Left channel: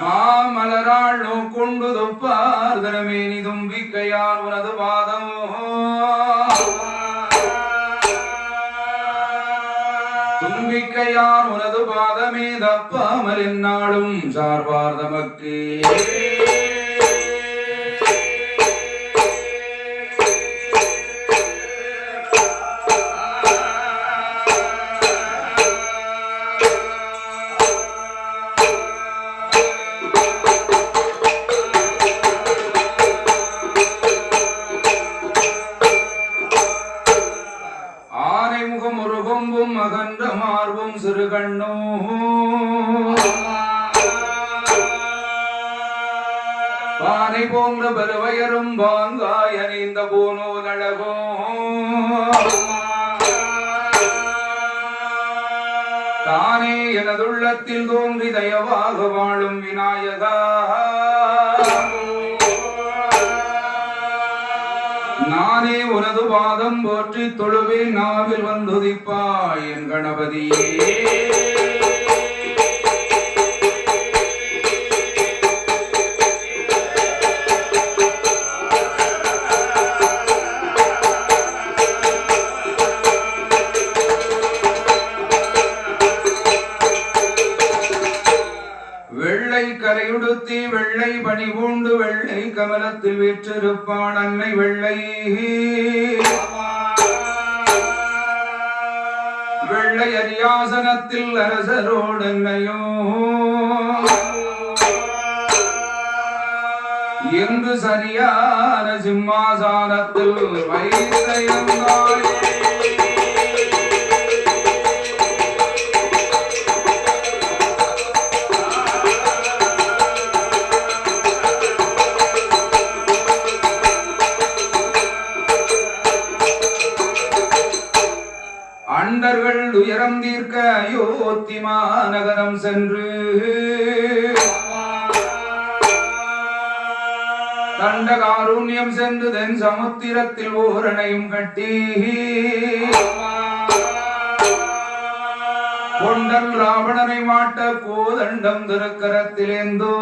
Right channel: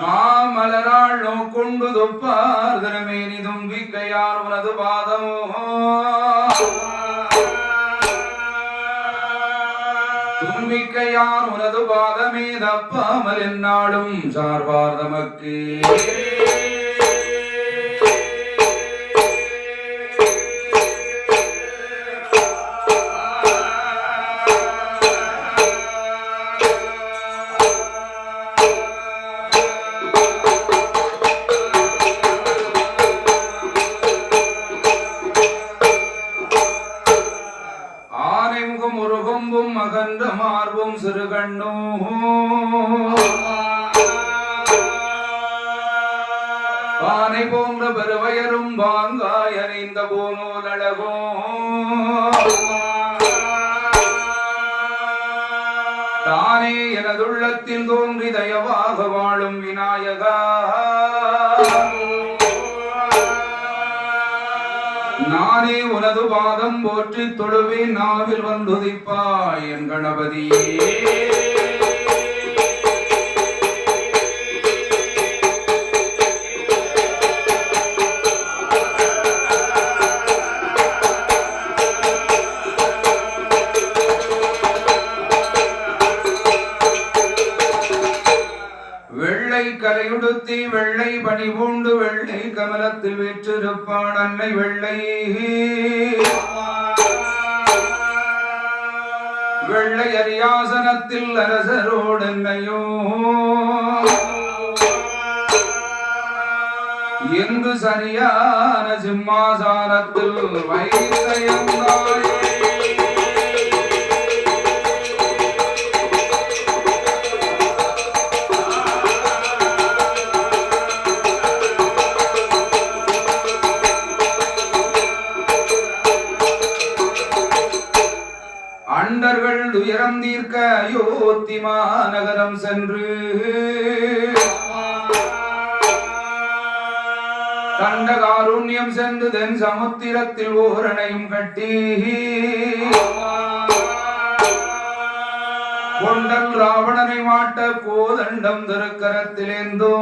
மாமலராள் நோக்கொண்டு தொப்பார் தனமேனி தும்பிக்கையான் உனது பாதமோ தும்பிக்கையான் உனது பாதமே தப்பாமல் என்னாலும் சார்பார் தமக்கே அகன்ற மார்பும் சிறு கண்ணோ பானை போன்ற பெருவயரும் வாங்காய் அணிந்த போனோல் அழகோ தானே எனதுள்ளத்தில் தோன்றி தயவாக வாழும் விநாயகா நானே உனது பாதம் போற்றி தொழுவே நாவில் வந்துதிப்பாய் என் கணபதியே வெள்ளை கலையுடுத்தி வெள்ளை பணி பூண்டு வெள்ளை கமலத்தில் வீற்றிருப்பான் அன்னை வெள்ளை வெள்ளை அரியாசனத்தில் அரசரோடன்னையோ என்று சரியான சிம்மாசானத்தில் வைத்தையந்தாய் அண்டர்கள் துயரம் தீர்க்க அயோத்தி மாநகரம் சென்று தண்டகாருண்யம் சென்று தென் சமுத்திரத்தில் ஓரணையும் கட்டி கொண்டல் ராவணனை மாட்ட கோதண்டம் திருக்கரத்திலேந்தோ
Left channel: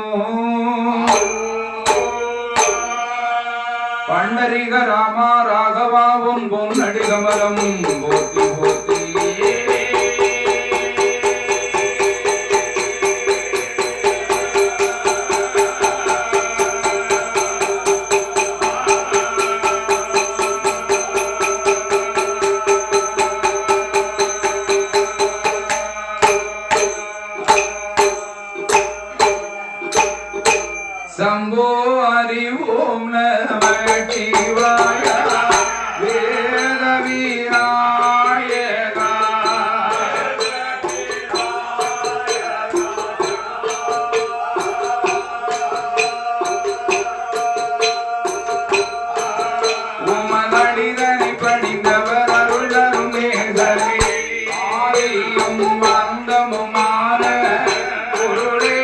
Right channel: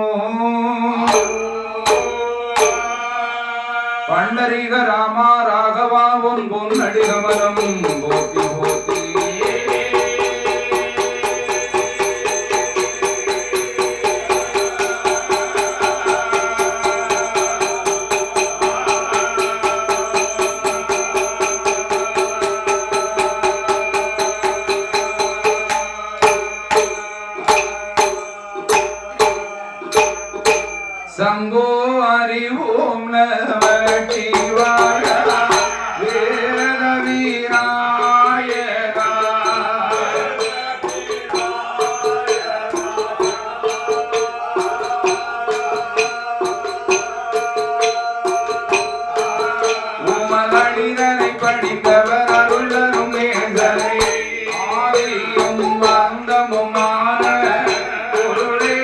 பண்டரிக ராமா ராகவா பொன் பொன்னடிகமலம் போத்தி போத்தி சம்போ ஹரி ஓம் நம சிவாய வேத விநாயகா உமதடிதனை படித்தவர் அருளரும் நேசரே ஆதியும் அந்தமுமான பொருளே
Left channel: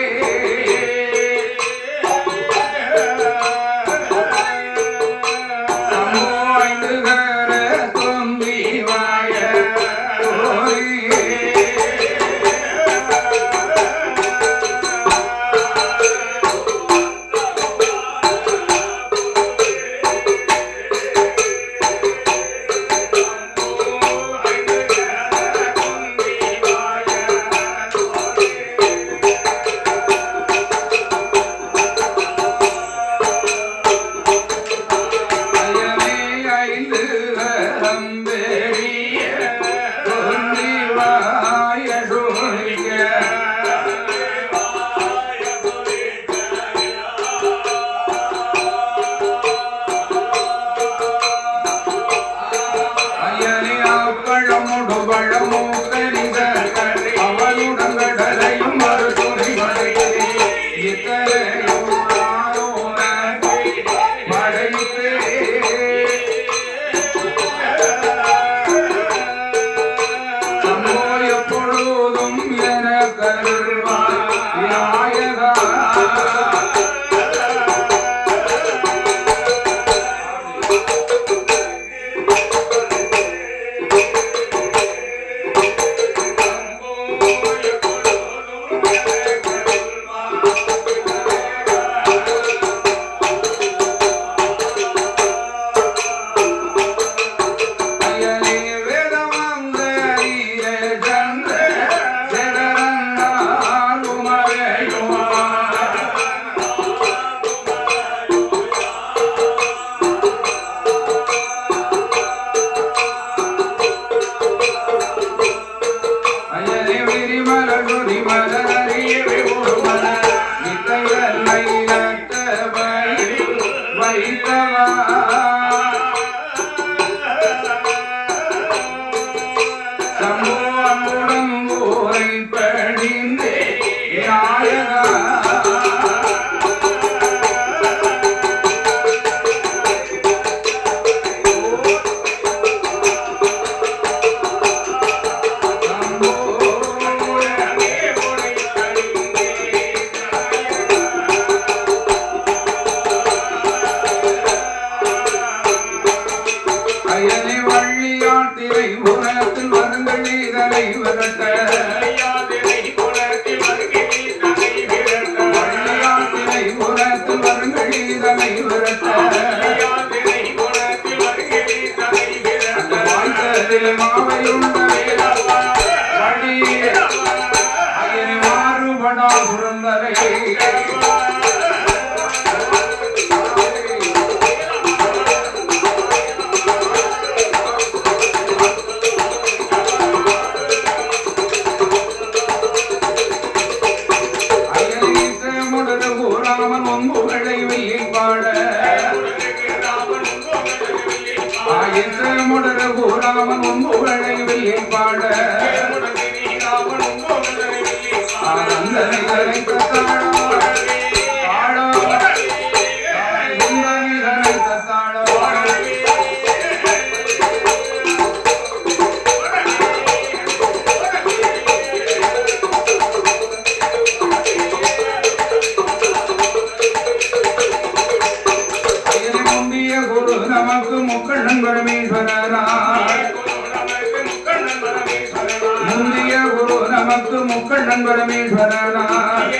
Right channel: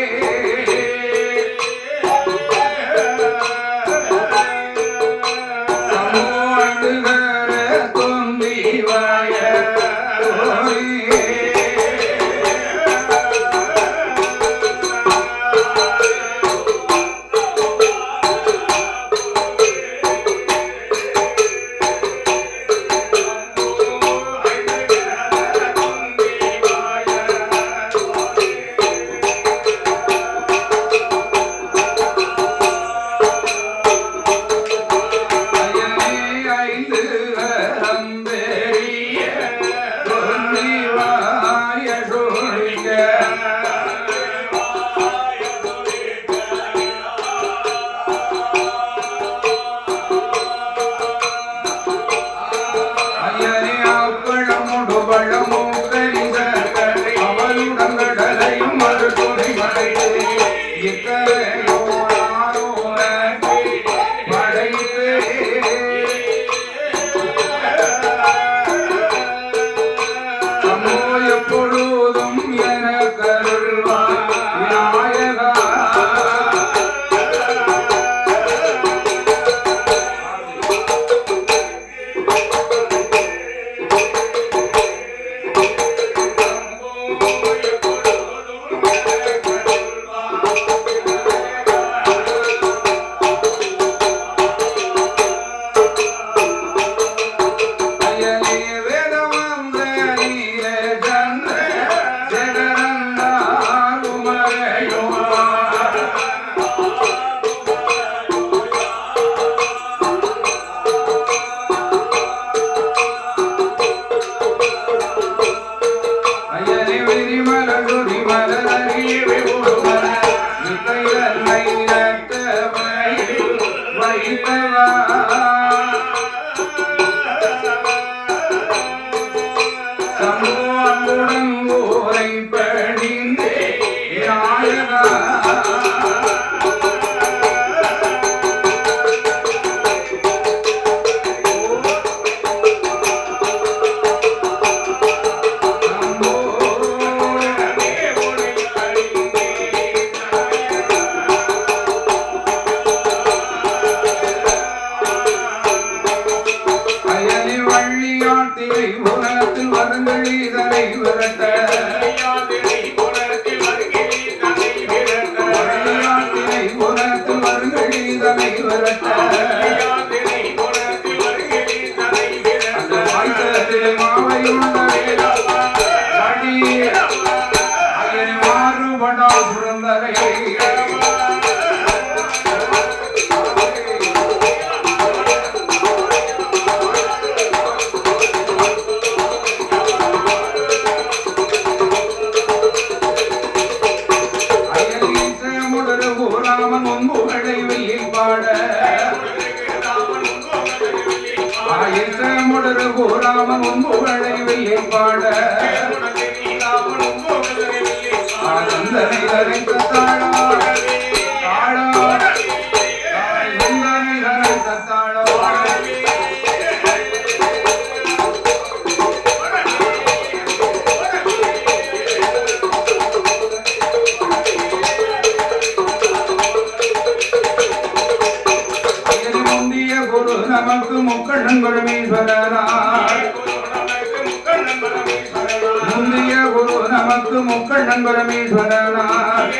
முக்கண்ணன் பரமேஸ்வரனார்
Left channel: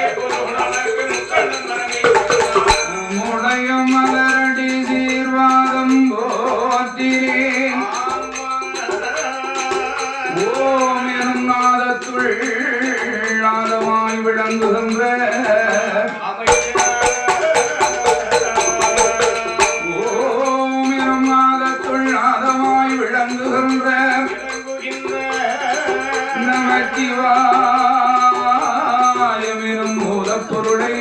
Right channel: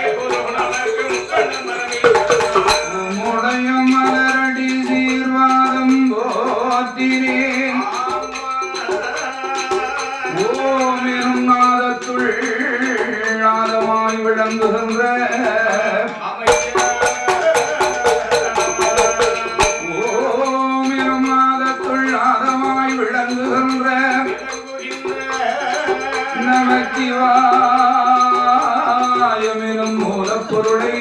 முடையும் மலரடி சீர்வாதம் போற்றினேன் ஓம் எனும் நாதத்துள் நாதமாய் விளங்குகின்ற ஓம் எனும் நாதத்துள் நாதமாய் விளங்குகின்ற நமச்சிவாயமெனும் மூலப்பொருளை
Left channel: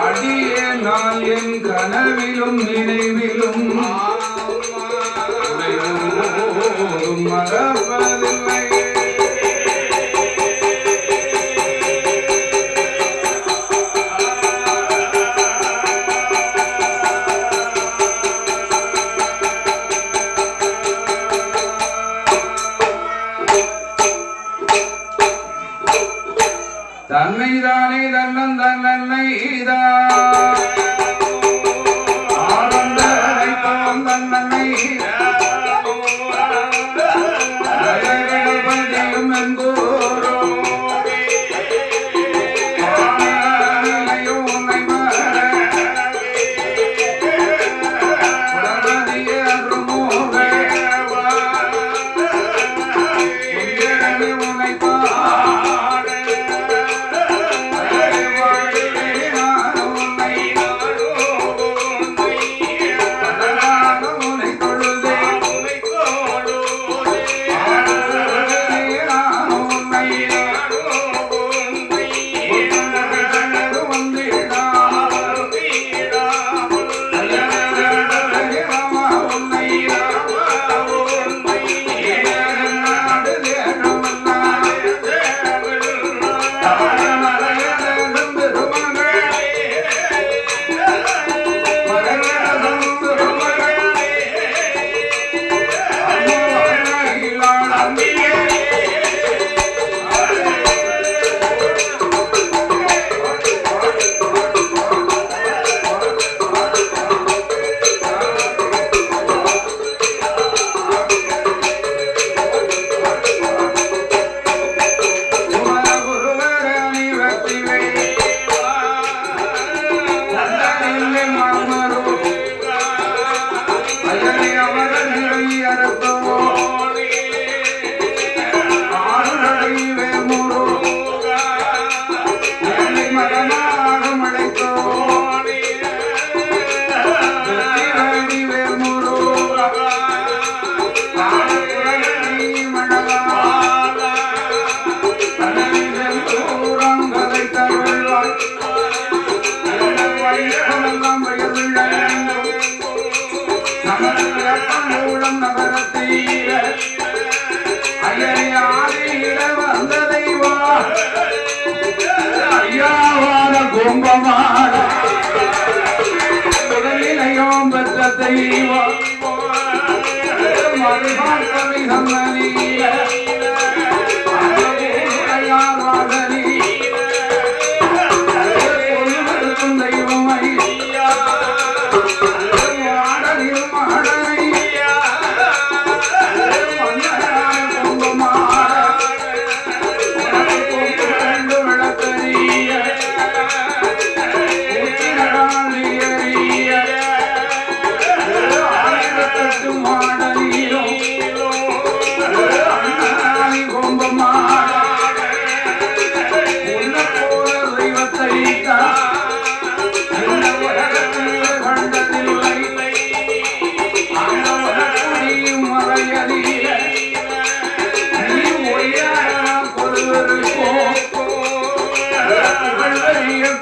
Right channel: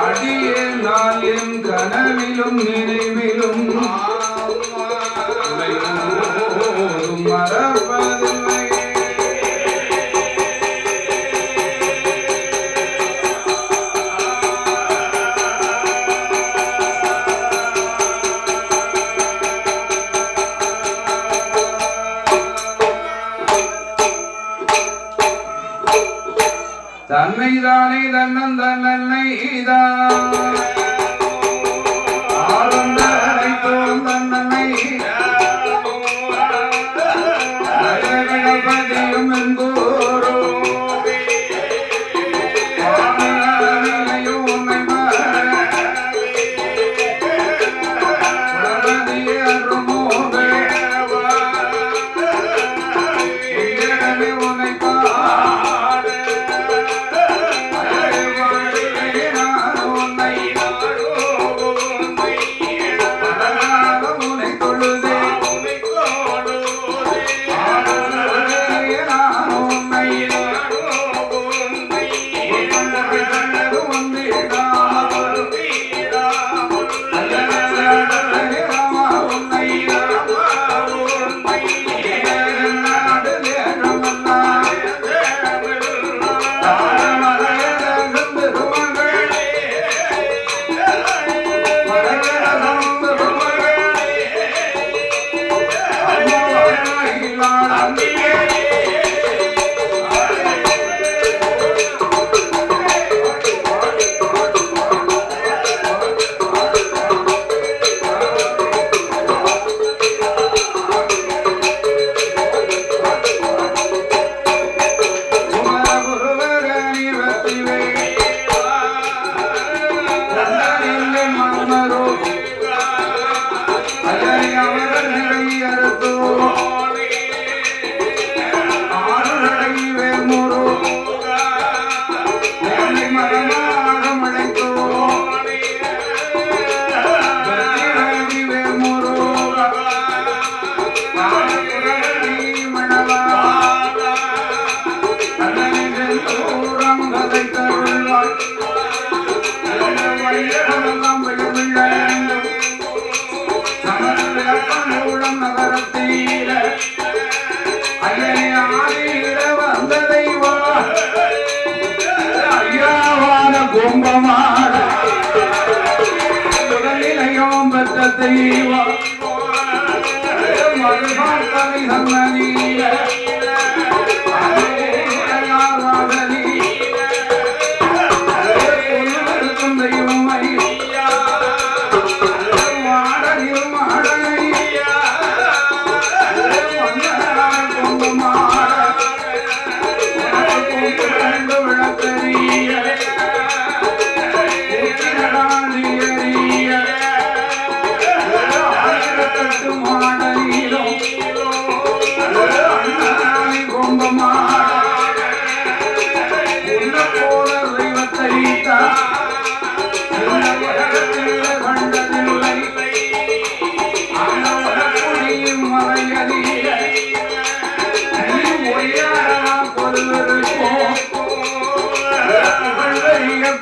அடியே நான் என் கனவிலும் நினைவிலும் மறப்பதில்லை. தன்னைதானே தன்னன் தன்னை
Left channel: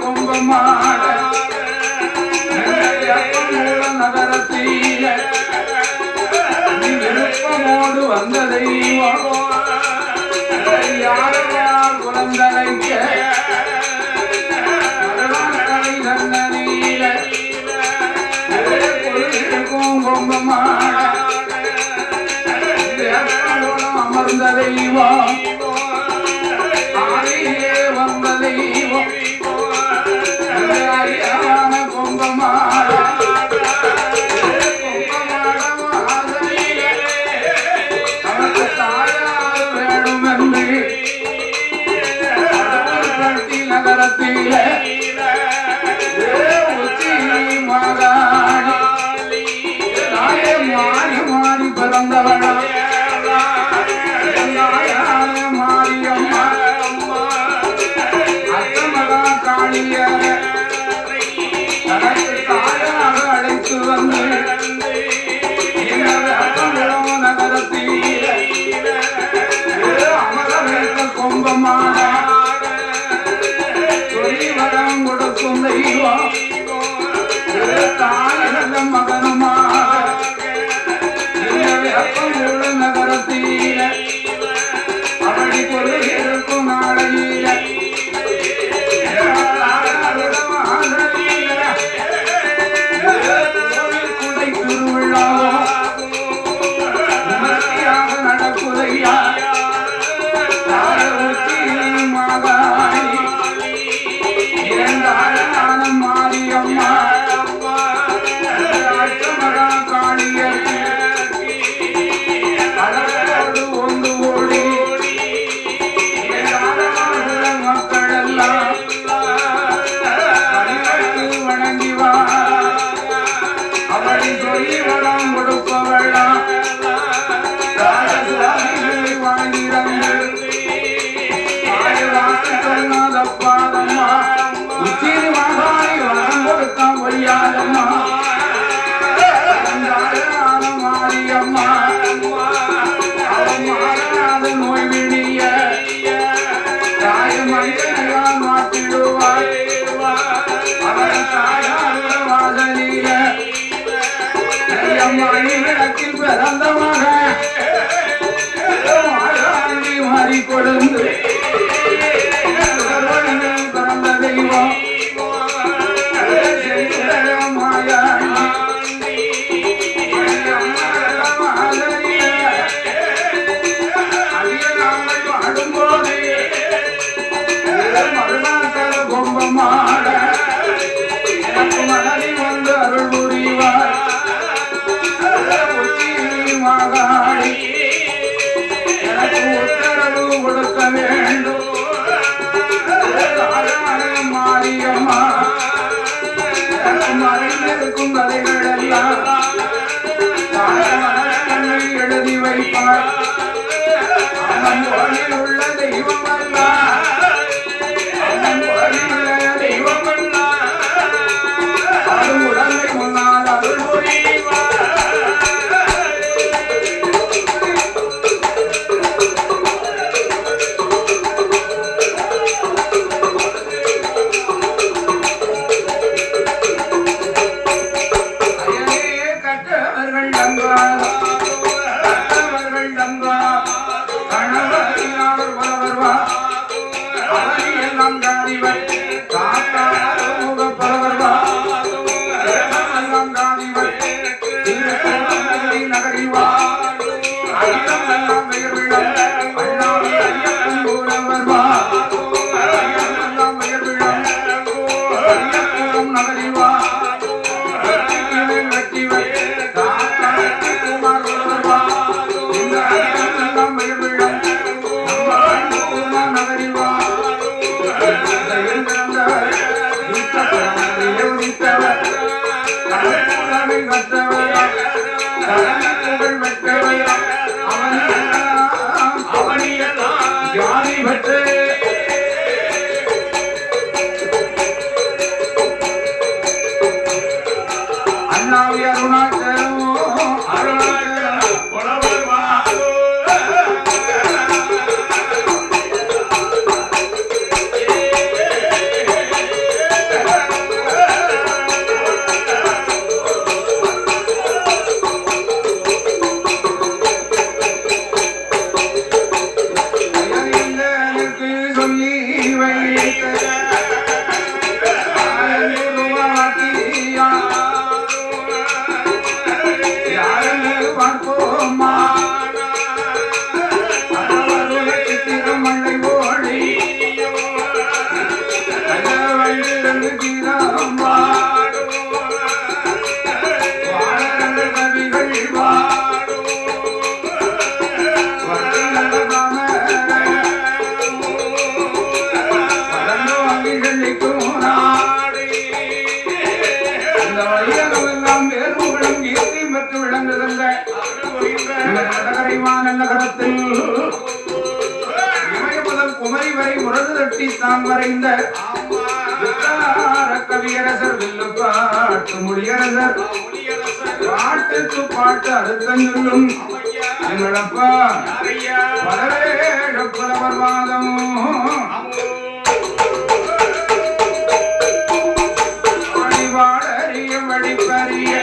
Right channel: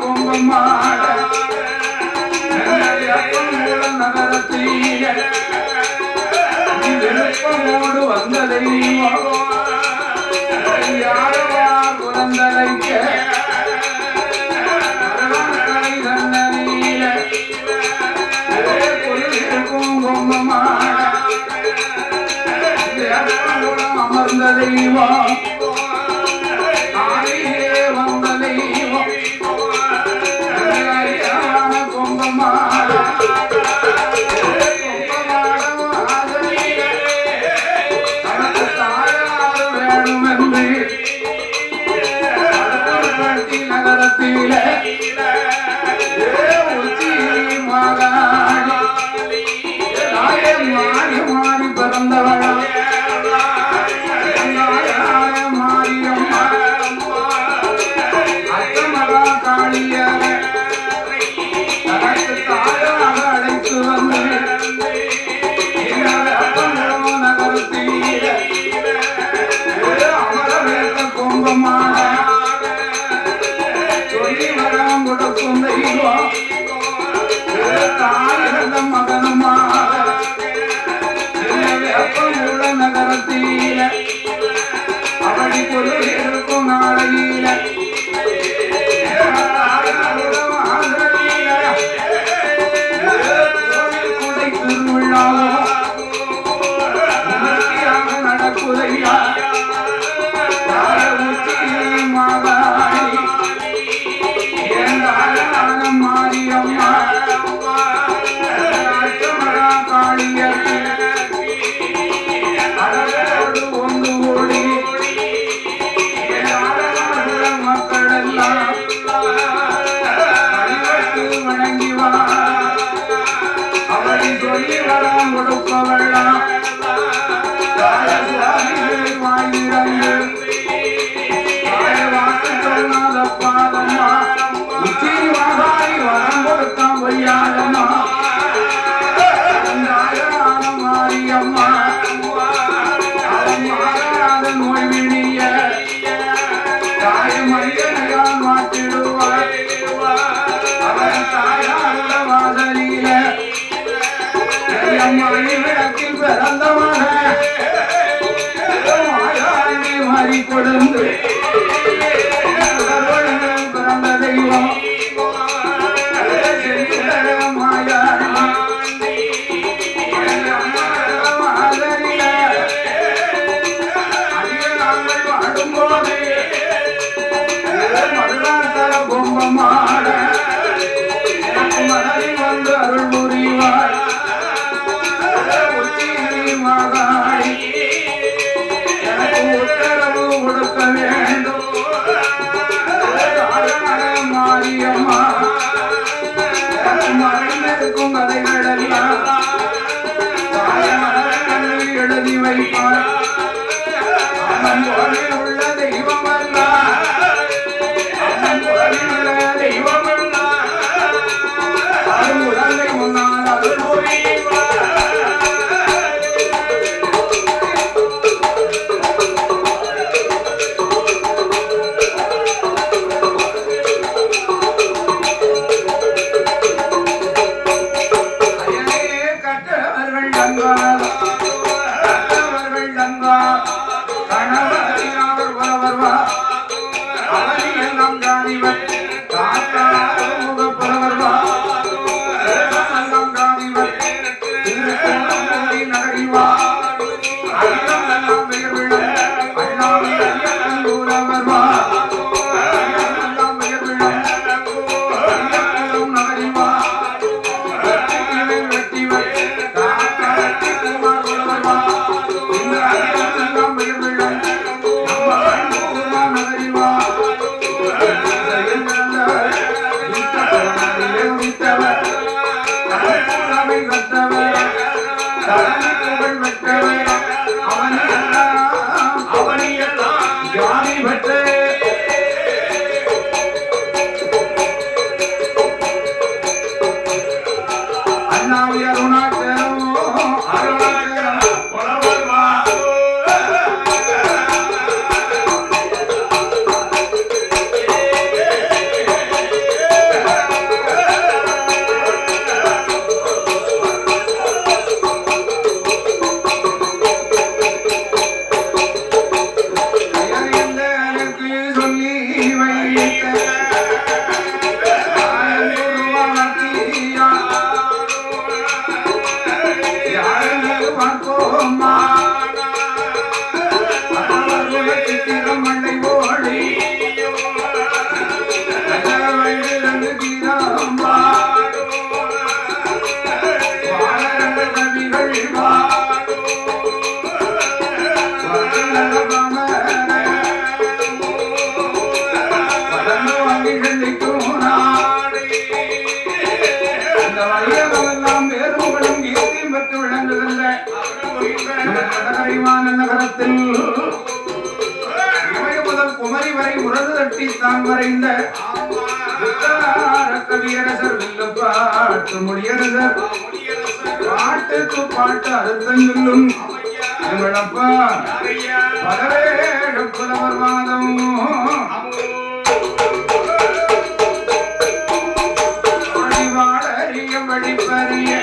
கொம்பமாக நகரத்தில் விருப்பமோடு வந்ததை யார் யார் குழந்தைக்க அமர்ந்த தெய்வம் ஆடியே வந்த தெய்வம் கும்பமாட தனக்கு தாயார் வேணும் என்று நகரத்தில உச்சி மாகாணி மாறி மாறி பிறந்தவளா மாரியம்மா அத்தமகா காளிய தனக்கு தாயாக அழைத்து வந்து நகரத்தில் அமர வைத்த கொம்பமான சொல்லி வரம் கொடுக்கும் தெய்வம் தாயிரதும் மகனுமாக உள்ள நகரத்தில் அவளி பொருள் இருக்கும் நாளையில குடை திருவிழாவோ நடக்குதையா மாகாணி இரண்டாலும் மாரியம்மா காளியர் ஒன்று ஓடி மக்களெல்லாம் வணங்கி அவளை சொல்லி வரம் கொடுப்பவளாம் வாங்கிடந்து வாக்கு சொன்னாத பாதம்மா உச்சி மகாய் வரம் கொடுத்த பொய்யாதம்மா மாரியம்மா நோய் விழிய தாய் மனிதனையா மாற்றிடுவார் அவன் தாயாருட வாசலில மணி விளக்கில் பிறந்த மகன் மாறி கொடுந்து பிறந்த தெய்வம் மரும பொழுது தட்டி தான் வரைந்த கவியரசர் வில்லுப்பாட்டு முடியரசர் பாட்டுக்கு பாட்டு அறுத்தம் சொல்லும் எங்களப்பா பலவேட புலவர் வாதம் வழிபாடறிய வழிப்பறிய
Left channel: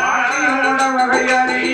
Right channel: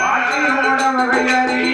பாட்டியோட வகையறிய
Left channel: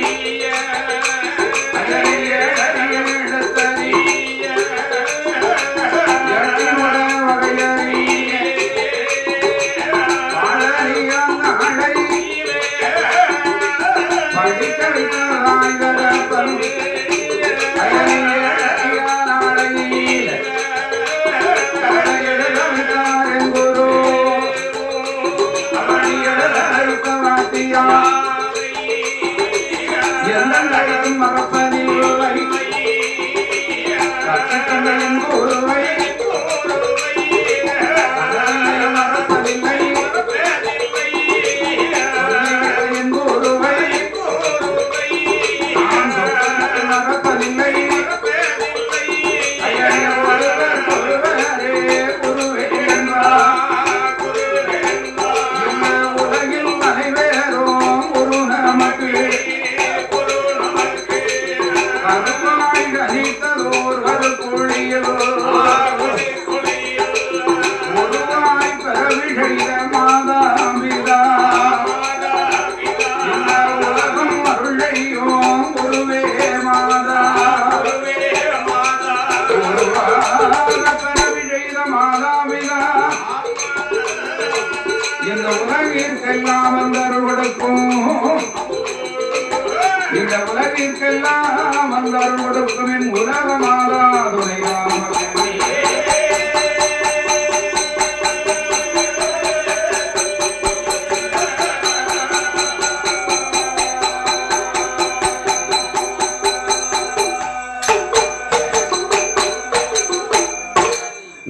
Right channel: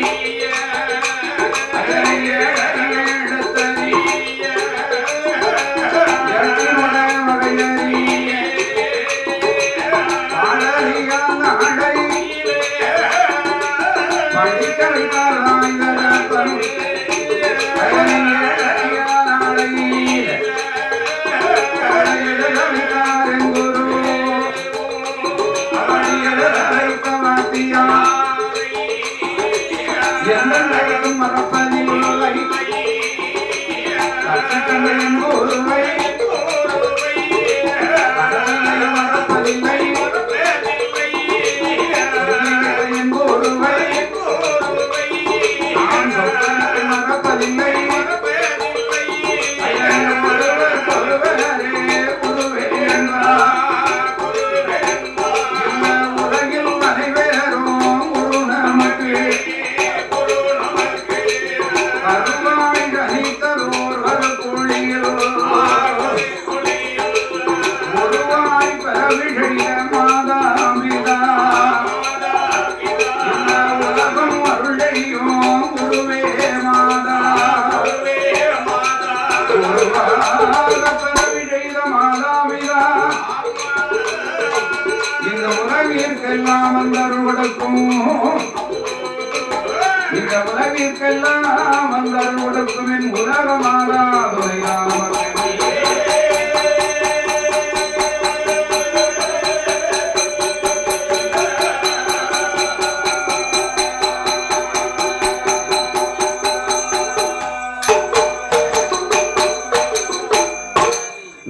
உலகிற்கெல்லாம் வந்தார் கொடுக்கும் உலகமாதா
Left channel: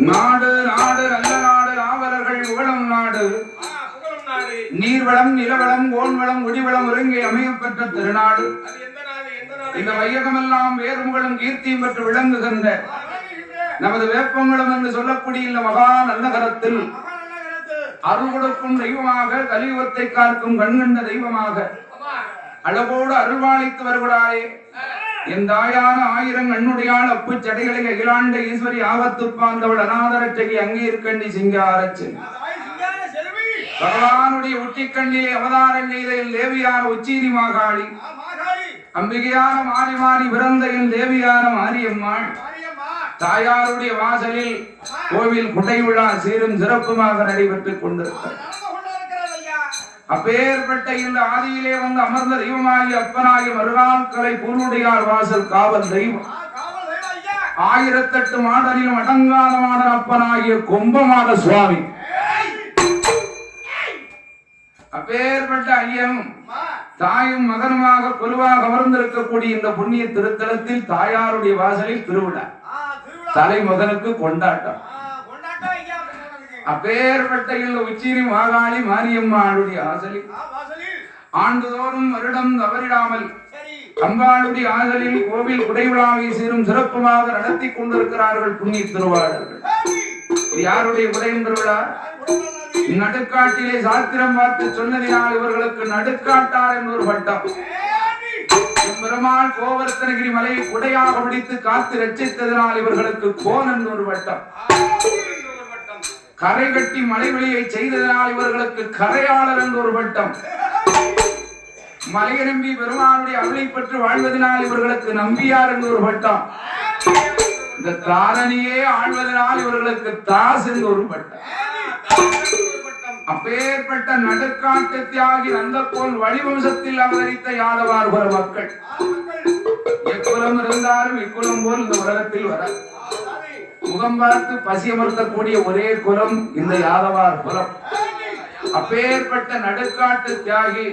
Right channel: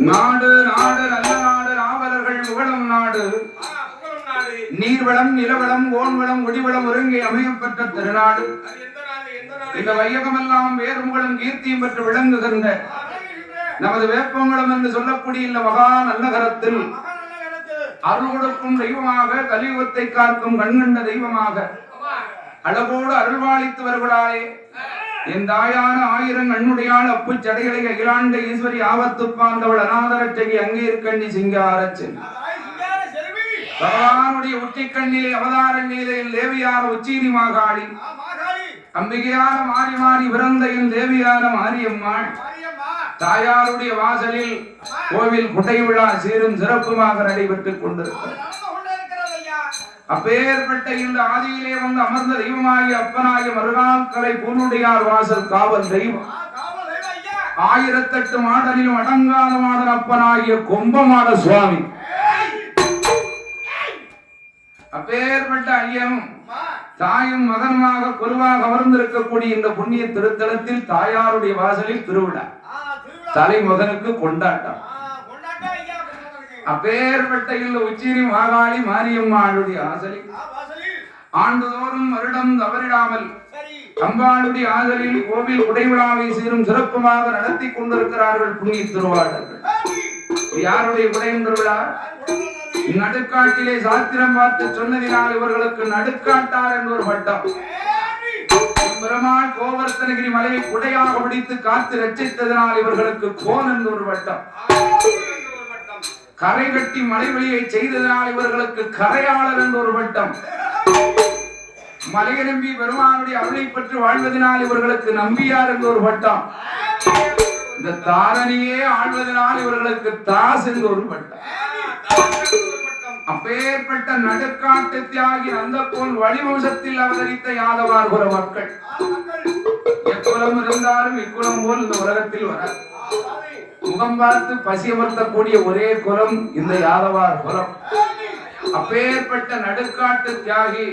நாடு நாடு நல்ல நாடு நாவலர்கள் புகழும் நாடு நீர்வளம் நிலவளம் ஓன்வளம் ஒளிவளம் ஒருங்கே அமையப்பட்ட திருநாடு இந்த வையகமெல்லாம் வேறுமுகளும் கீர்த்தியும் பெற்று விளங்குகின்ற நமது வேப்பங்குளம் என்று சொல்லக்கூடிய இந்த மகா நன்னகரத்தில் அருள் கொடுக்கும் தெய்வமாக கலியுகத்தை காக்கும் கண்கண்ட தெய்வமாக அழகோடு அருள்வாளித்து வருகிறாளே என் தாயான ஆயிரம் கண்ணுடையாள் அப்பு சடைகளை அகிலாண்ட ஈஸ்வரி ஆபத்து பாந்தவள் அநாதரட்சகி அங்கீர்கண்டி சிங்காரச்சன் பகவானுடைய உச்சிக்கண்ணிலே அவதாரம் செய்த என் தேவியான உச்சீரி மாகாளி அம்பிகையான மாறி மாறி பிறந்த என் தேவியான மாரியம்மாள் தாயாருடைய வாசலில் கோவில் குடை விழா சீரும் சிறப்புமாக நடைபெற்றுக் கொண்டிருக்கிறது. அப்பேற்பட்ட இந்த ஆதியிலே வந்து அமர்ந்த தெய்வமாகிய அப்பனாகிய மறுநாட்களை பூனுடையார் வாசல் காவல் தெய்வம் 1008 மாடலிலும் அடங்காத மாடல் அப்பனாகிய கொம்பமாட சுவாமி அப்பேற்பட்ட ஐயன் தாயும் மகனுமாக குருவாக அமர்ந்திருக்கக்கூடிய இந்த புண்ணிய திருத்தலத்தில் தாயாருடைய வாசலில் திருவிழா தலைமகனுக்கு கொண்டாட்டம். அப்பேற்பட்ட இந்த உச்சிரி மாகாளி மாரியம்மாளுடைய ஆசலில் ஆண்டுதோறும் வருடம் தவறிடாமல் அம்பாளுடைய ஆதலில் கோவில் குடைவிழாவை சீரும் சிறப்புமாக நடத்தி கொண்டிருக்கிறார்கள் புண்ணிய திருவாளர்கள். யாருடைய குடையும் திருவிழா? நடுக்காட்டிலே சாத்திரம் பார்த்து சொன்னதினால் இவர்களுக்கு நடுக்காட்டார் என்று ஒரு பட்டம். பெருமாள் கோவர்த்தனகிரி மலையை குடையாக பிடித்து காத்து ரட்சித்ததனால் இவர்களுக்கு கோன் என்று ஒரு பட்டம். கரை கட்டி மலைவெளியை செய்ததனால் இவர்களுக்கு கரையாளர் என்று ஒரு பட்டம். மலையை நம்பி பெருமானுடைய அருளை பெற்று வாழ்வதனால் இவர்களுக்கு நம்பியார் என்று ஒரு பட்டம். இந்த தாரணியே ஆழ்வதனால் இவர்களுக்கு தாஸ் என்று ஒரு பட்டம். அப்பேற்பட்ட நடுக்காட்டு தியாகி நந்தகோன் வழிவம்சத்தில் அவதரித்த யாதவார்புர மக்கள் எக்குலம் இருந்தாலும் இக்குலம் போல் இந்த உலகத்தில் வர முகம் பார்த்து பசி அமர்த்தக்கூடிய ஒரே குலம் இந்த யாதவார் குலம். அப்பேற்பட்ட நடுக்காட்டு தியாகி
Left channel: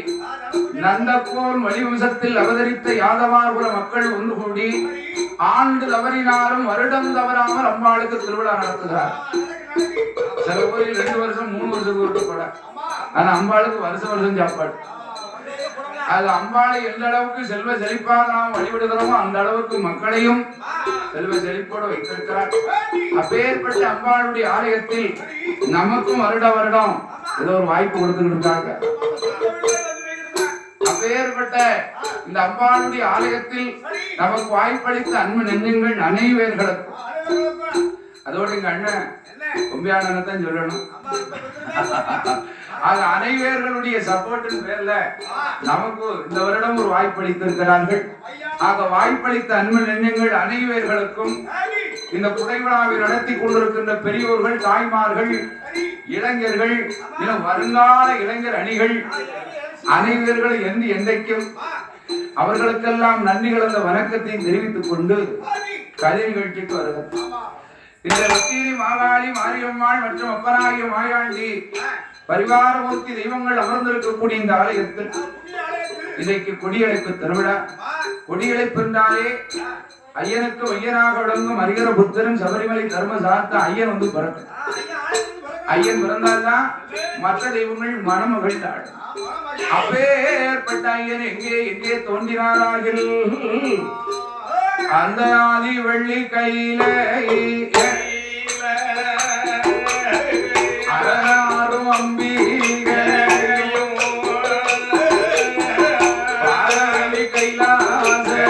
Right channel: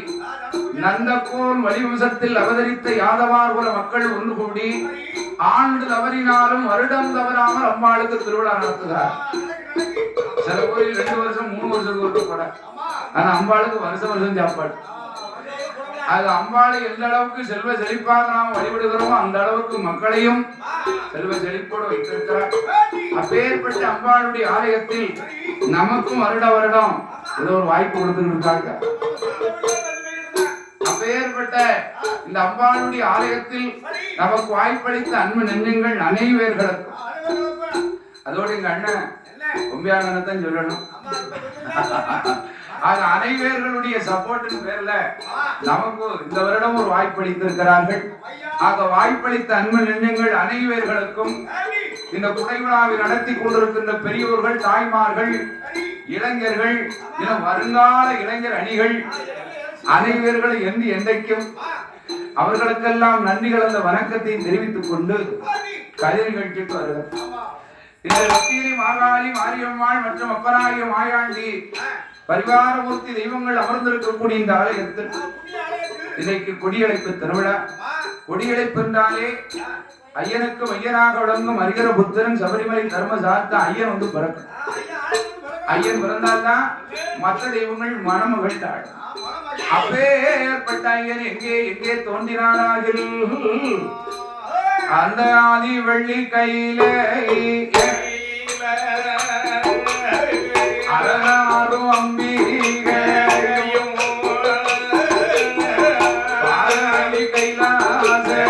நந்தகோன் வழிவம்சத்தில் அவதரித்த யாதவார்புர மக்கள் ஒன்று கூடி ஆண்டு தவறினாலும் வருடம் தவறாமல் அம்பாளுக்கு திருவிழா நடத்துகிறார். சில கோயில் 2 வருஷம் 3 வருஷத்துக்கு ஒரு கூட, ஆனா அம்பாளுக்கு வருஷம் சாப்பாடு. அது அம்பாளை எந்த அளவுக்கு செல்வ செழிப்பாக நாம் வழிபடுகிறோமோ அந்த அளவுக்கு மக்களையும் செல்வ செழிப்போடு வைத்திருக்கிறார். அப்பேற்பட்ட அம்பாளுடைய ஆலயத்தில் நமக்கும் வருடம் ஏதோ ஒரு வாய்ப்பு கொடுத்துக்கிட்டு இருக்காங்க. அப்பேற்பட்ட இந்த அம்பாளுடைய ஆலயத்தில் நமக்கு வாய்ப்பளித்த அன்பு நெஞ்சங்கள் அனைவர்களுக்கும், அதோடு எங்க அண்ணன் கும்பியானதான் சொல்லணும், அது அனைவர்களுடைய சப்போர்ட்டின் பேர்ல நமக்கு இந்த வருடம் ஒரு வாய்ப்பளித்திருக்கிறார்கள். ஆக வாய்ப்பளித்த அன்பு நெஞ்சங்கள் அனைவர்களுக்கும் இந்த குறைவிழாவை நடத்தி கொண்டிருக்கின்ற பெரியோர்கள், தாய்மார்கள், இளைஞர்கள், இன்னும் வருங்கால இளைஞர் அணிகள் அனைவர்கள் என்று என்றைக்கும் அவர்களுக்கெல்லாம் நன்றிகள் அந்த வணக்கத்தை தெரிவித்துக் கொண்டு கதை நிகழ்ச்சிக்கு வருகிறது. இந்த லட்சுமி, மாகாளி, மாரியம்மாள் மற்றும் அப்பராகிய மாயாண்டி பரிவாரமூர்த்தி தெய்வங்கள் அமர்ந்திருக்கக்கூடிய இந்த ஆலயத்தில் இன்றைக்கு கொடியழைப்பு திருவிழா. கொடியழைப்பு என்றாலே ஐயனுக்கு மையனாக விளங்கும் அரிகர புத்தரன் சபரிமலை தர்ம சார்த்த ஐயன் வந்து பிறக்கும். ஐயன் பிறந்தால்தான் மற்ற தெய்வங்கள் மனம் மகிழ்ந்தாள். அப்பேற்பட்ட ஐயன் எங்கே எங்கே தோன்றினாராகில் அந்த ஆதி வெள்ளி கையில அரணாரும் அம்பிகையும் பாரதி கைலாசத்தில்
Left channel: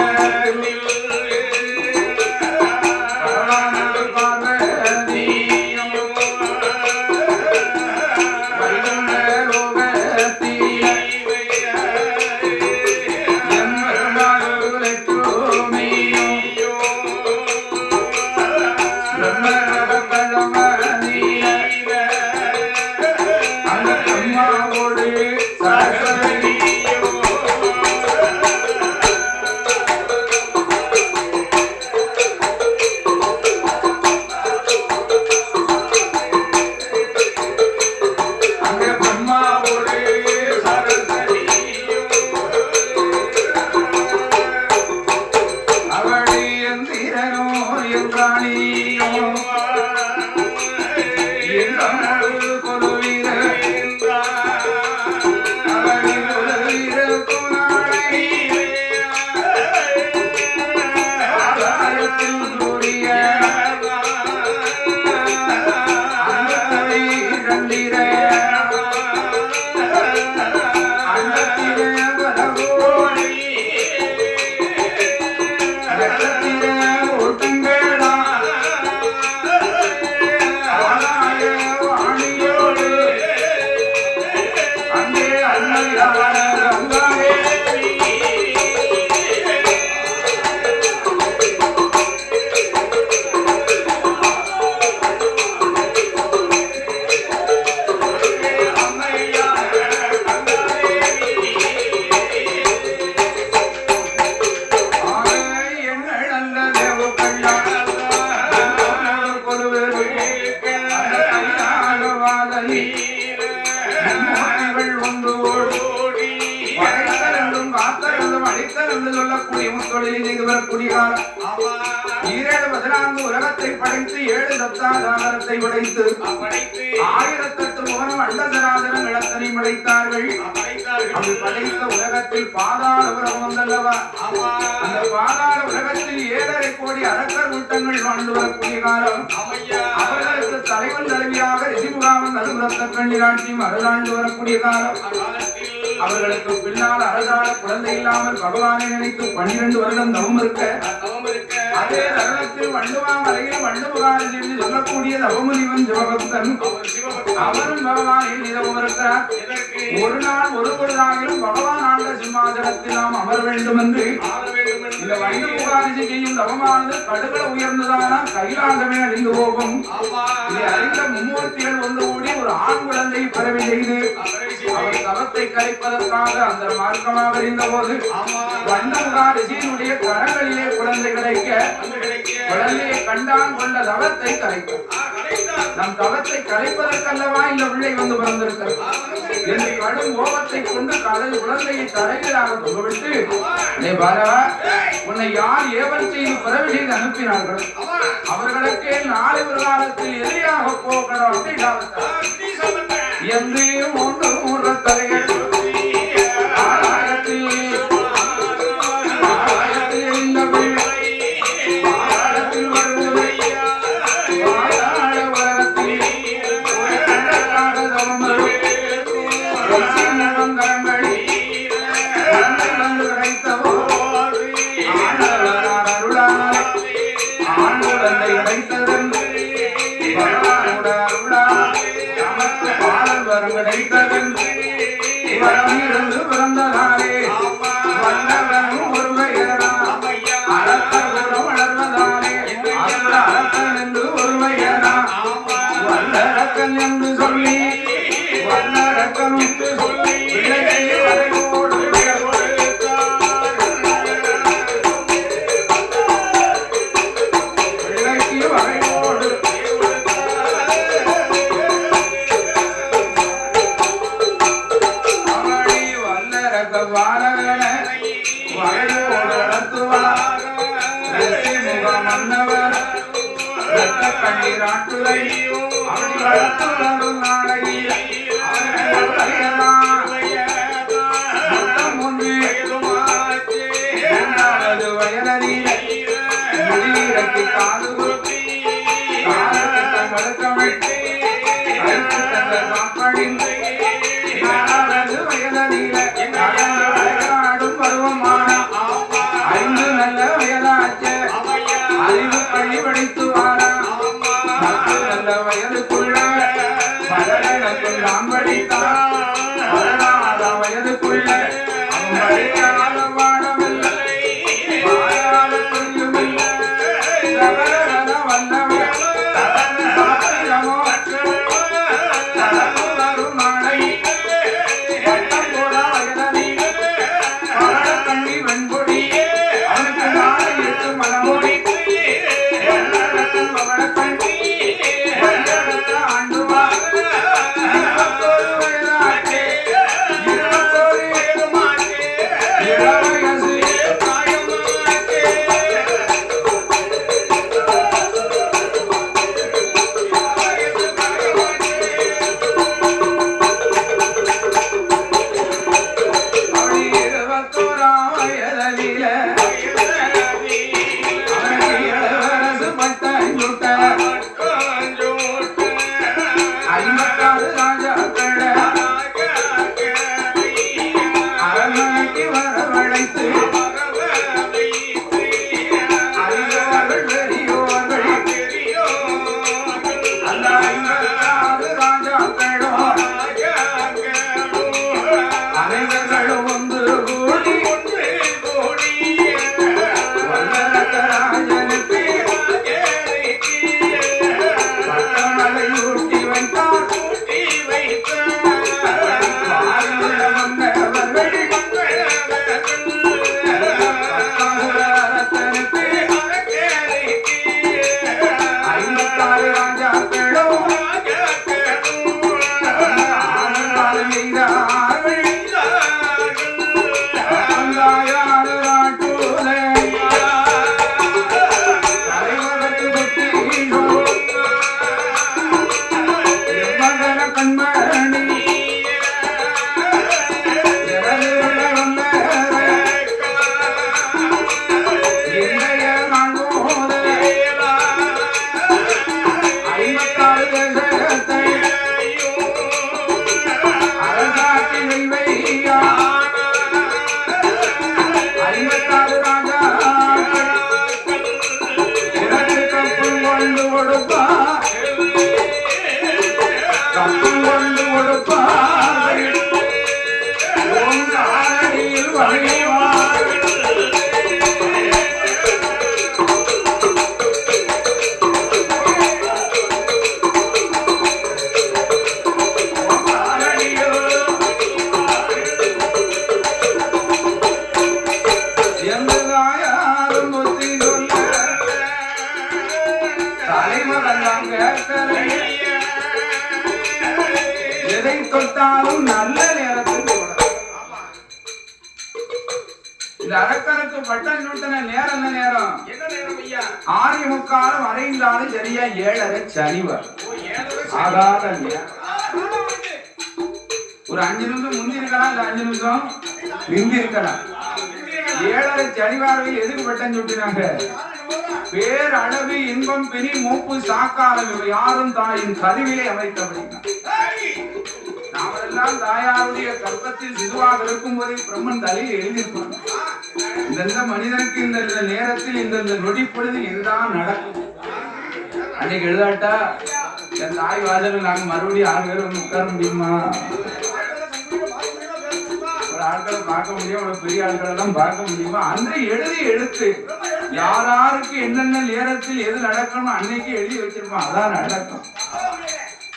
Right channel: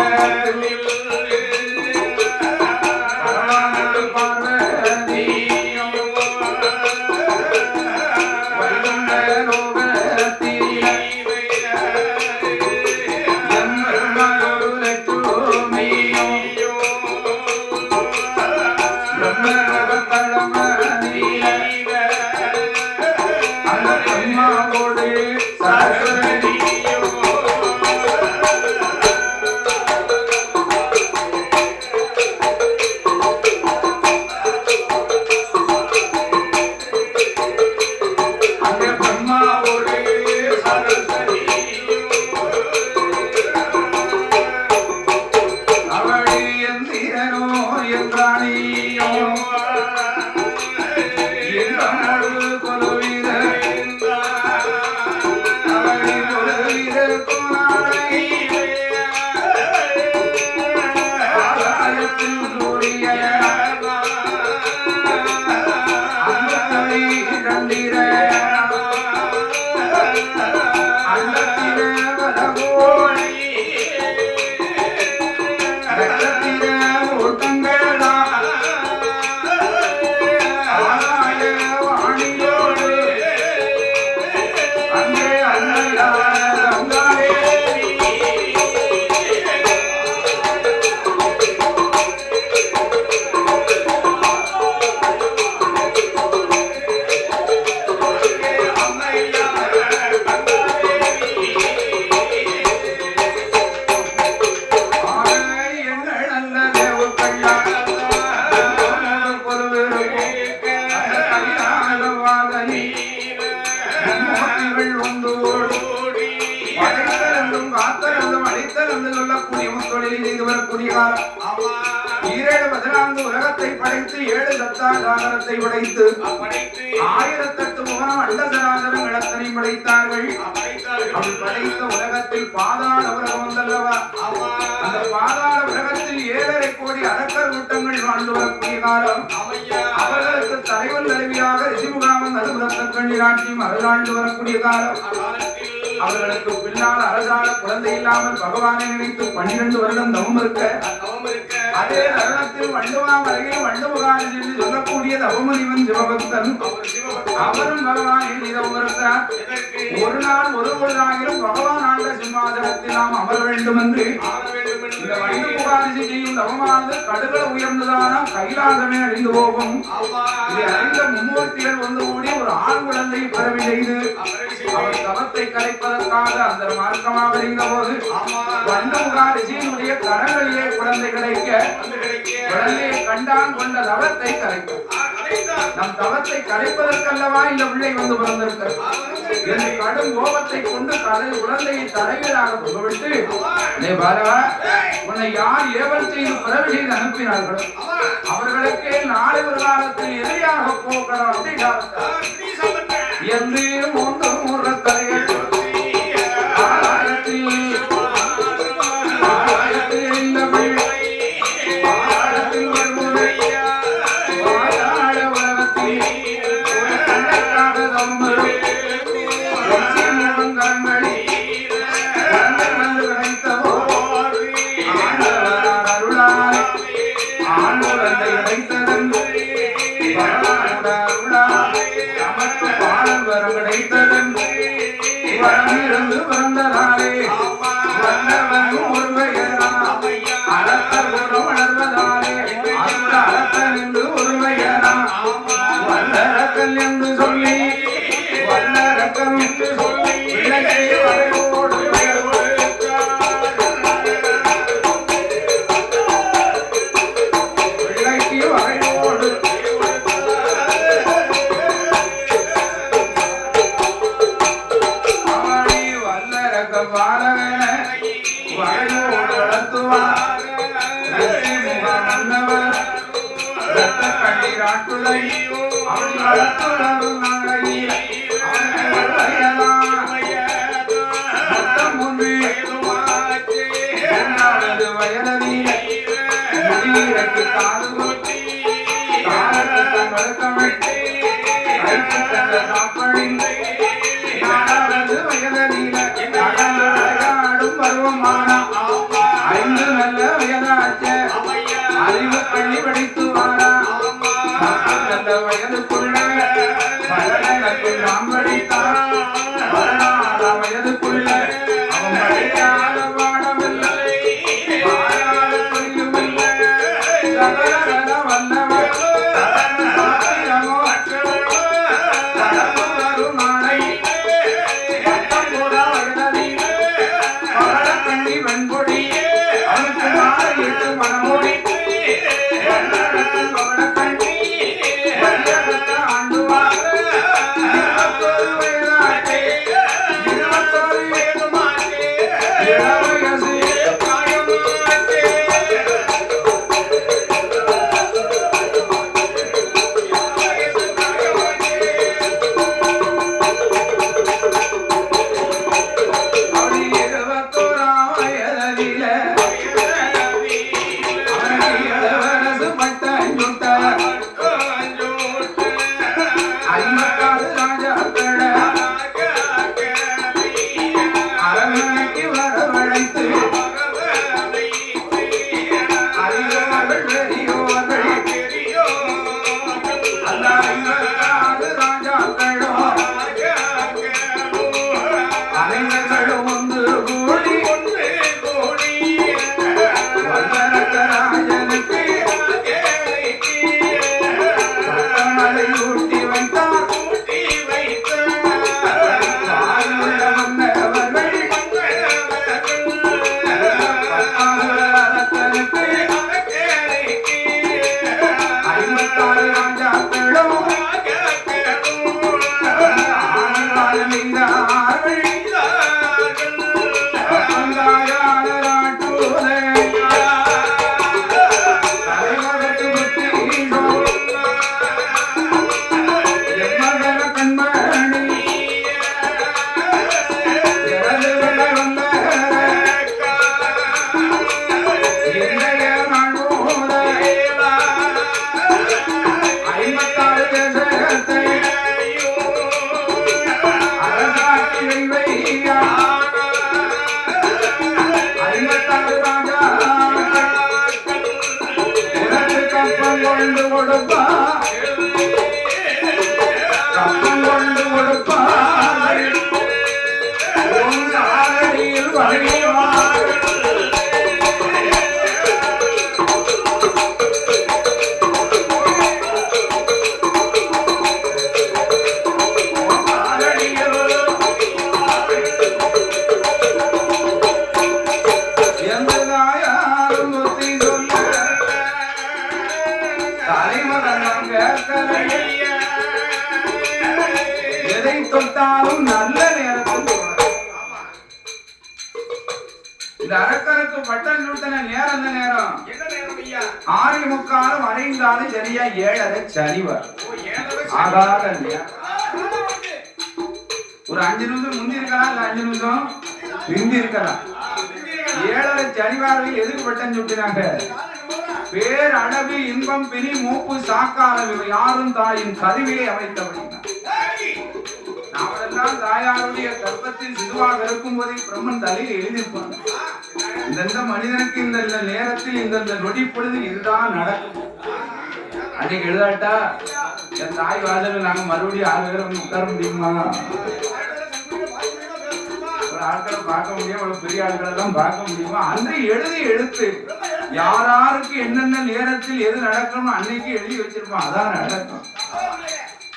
உலகத்தை படைத்து 7 தத்தாதாரத்தை உடைத்து 1008 முகனம் அண்டசராதனம் இடத்தனை படைத்தார்கள். அப்படி படைத்த உலகத்தில் பாதாள உலகம் வந்தல்லவா, அந்த பாதாள உலகத்தில் 7.5 கோடி அரக்கர் கூட்டங்கள் வாழ்ந்து வரக்கூடிய காலம். அவர்களுக்கு தலைவன் தலைவியாக ரிஷிமுகாமன் நடுவுலத்த கண்ணிராட்சியும் அருளாண்டு வரக்கூடிய காலம். அவர்களுக்கு பின்னால் அரசால குழந்தை இல்லாமல் பகவானை நினைத்து 12 வருடம் தவம் இருக்க, அதே தருணத்தில் வண்டுவாமலையில் வண்டுமுகாரி என்று சொல்லக்கூடிய தவமுனிவன் சிவபக்தன் அவரும் பகவானில் இரவு இருக்கிறார். ஒரு நாள் ஒரு பொழுதாகிலும் பகவான் ஆண்ட சிம்மாசனத்தில் நாம் அமர வேண்டும் என்று இந்த வண்டுமுகாரி செய்யும் தவமானது கடுகள உயர்ந்ததான கைலாசமே அழிந்து போகும். இதை அறிந்த மும்மூர்த்திகள் ஒன்று கூடி ஒரு ஆண் குழந்தை பிறவி செய்து அவர் தவத்தை கலைப்பதற்காக அந்த மார்க்கமாக இருந்த போது வண்டமுகாரிசியினுடைய கரங்களிலே குழந்தை கிடைக்க குழந்தையை கண்டான் கொண்ட தவத்தை கலைக்கும். நம் தவத்தை கலைப்பதற்கல்லவா இந்த பிள்ளை வந்து பிறந்திருக்கிறது என்று கடும் கோபத்தை கொண்டு குழந்தையை தலைவராக கொண்டுவிட்டு, உன்னை யார் ஏவல் செய்து பிறவி செய்து அனுப்பினார்களோ அவர்களுக்கே நாளை ஒரு காலத்தில் எதிரியாக போகணும் என்று மூன்று தலையில் நமக்கு பாடல் வரம் கிடைத்ததென்று வரமிருந்து பிறந்த நாளே வல்லவன் ஒருவையரா அறத்த உரம் வளர்வதாலே அத்த அறத்தன் என்று ஒருவையரா வல்லரக்கன் என்று சொல்லி வல்லரக்கம் என்று சொல்லி விளக்கை வரையோடு விளக்கி வரையோடு ஆடி வல்லரக்க வாழவன வரையோடு நடத்துவார் முக மன்னவர் ரத்த கண்ணீராட்டுதை அவன் வளர்த்து வரும் நாளையில் அறிவு பள்ளி படித்து வாரா நல்ல வயதுக்குள்ள பலனுக்கு நான் படித்தான் வயதுக்குள்ள அவன் படிக்காத பாடமில்லை வாராத புரியுமில்லை சகல வல்லவர் வரும் நாளை வயதில் கண்ணி வெண்பொடி அவனுக்கு நாளை எட்டு மனமொழி எதை தொட்டாலும் நல்ல நேரத்தில் இந்த அரக்கனுக்கு பட்டன் நூட்டன நேரம் என்ன நேரம்? என்ன நேரம் ஐயா? 6:45 அரைந்தாலும் சரியா 7:30 சரிவர். ஆகாத ஒரு 5 நிமிஷம் முந்தி இருக்கலாம், இல்ல 5 நிமிஷம் பிந்தி இருக்கலாம். 7:30 சரிவார்கள் எதுக்கு பட்டன் சுட்டினாங்க? பேரழகு இன்பம் பிணி மூப்பு சாக்காரம் யாரும் தாயின் கருவிலே அமைத்தபடினார். நாமெல்லாம் தாயாருடைய கர்ப்பத்தில் சிதுவாக இருக்கும் போதே பிரம்மன் தலையில் எழுதியிருப்பாங்க. இந்த மனிதனுக்கு இந்த நேரத்தில் இந்த நொடி பொழுது இதுதான் நடக்கும். அன்னைக்கு எழுதாட்டா என் தாய் வாசல நாங்க மறுபடியும் 6 பேரும் உட்கார முடியுமா? ஒரு ஆட்களை பார்க்க முடியும், ஒரு பெரிய ஆட்களை தான் பார்க்க முடியுமா? அன்று எழுதி எடுத்து யாராருக்கு என்னென்ன நேரத்தில் எது நடக்கணும் அன்னைக்கு எழுதி வச்சிருப்பான். அதான் நடக்கும்.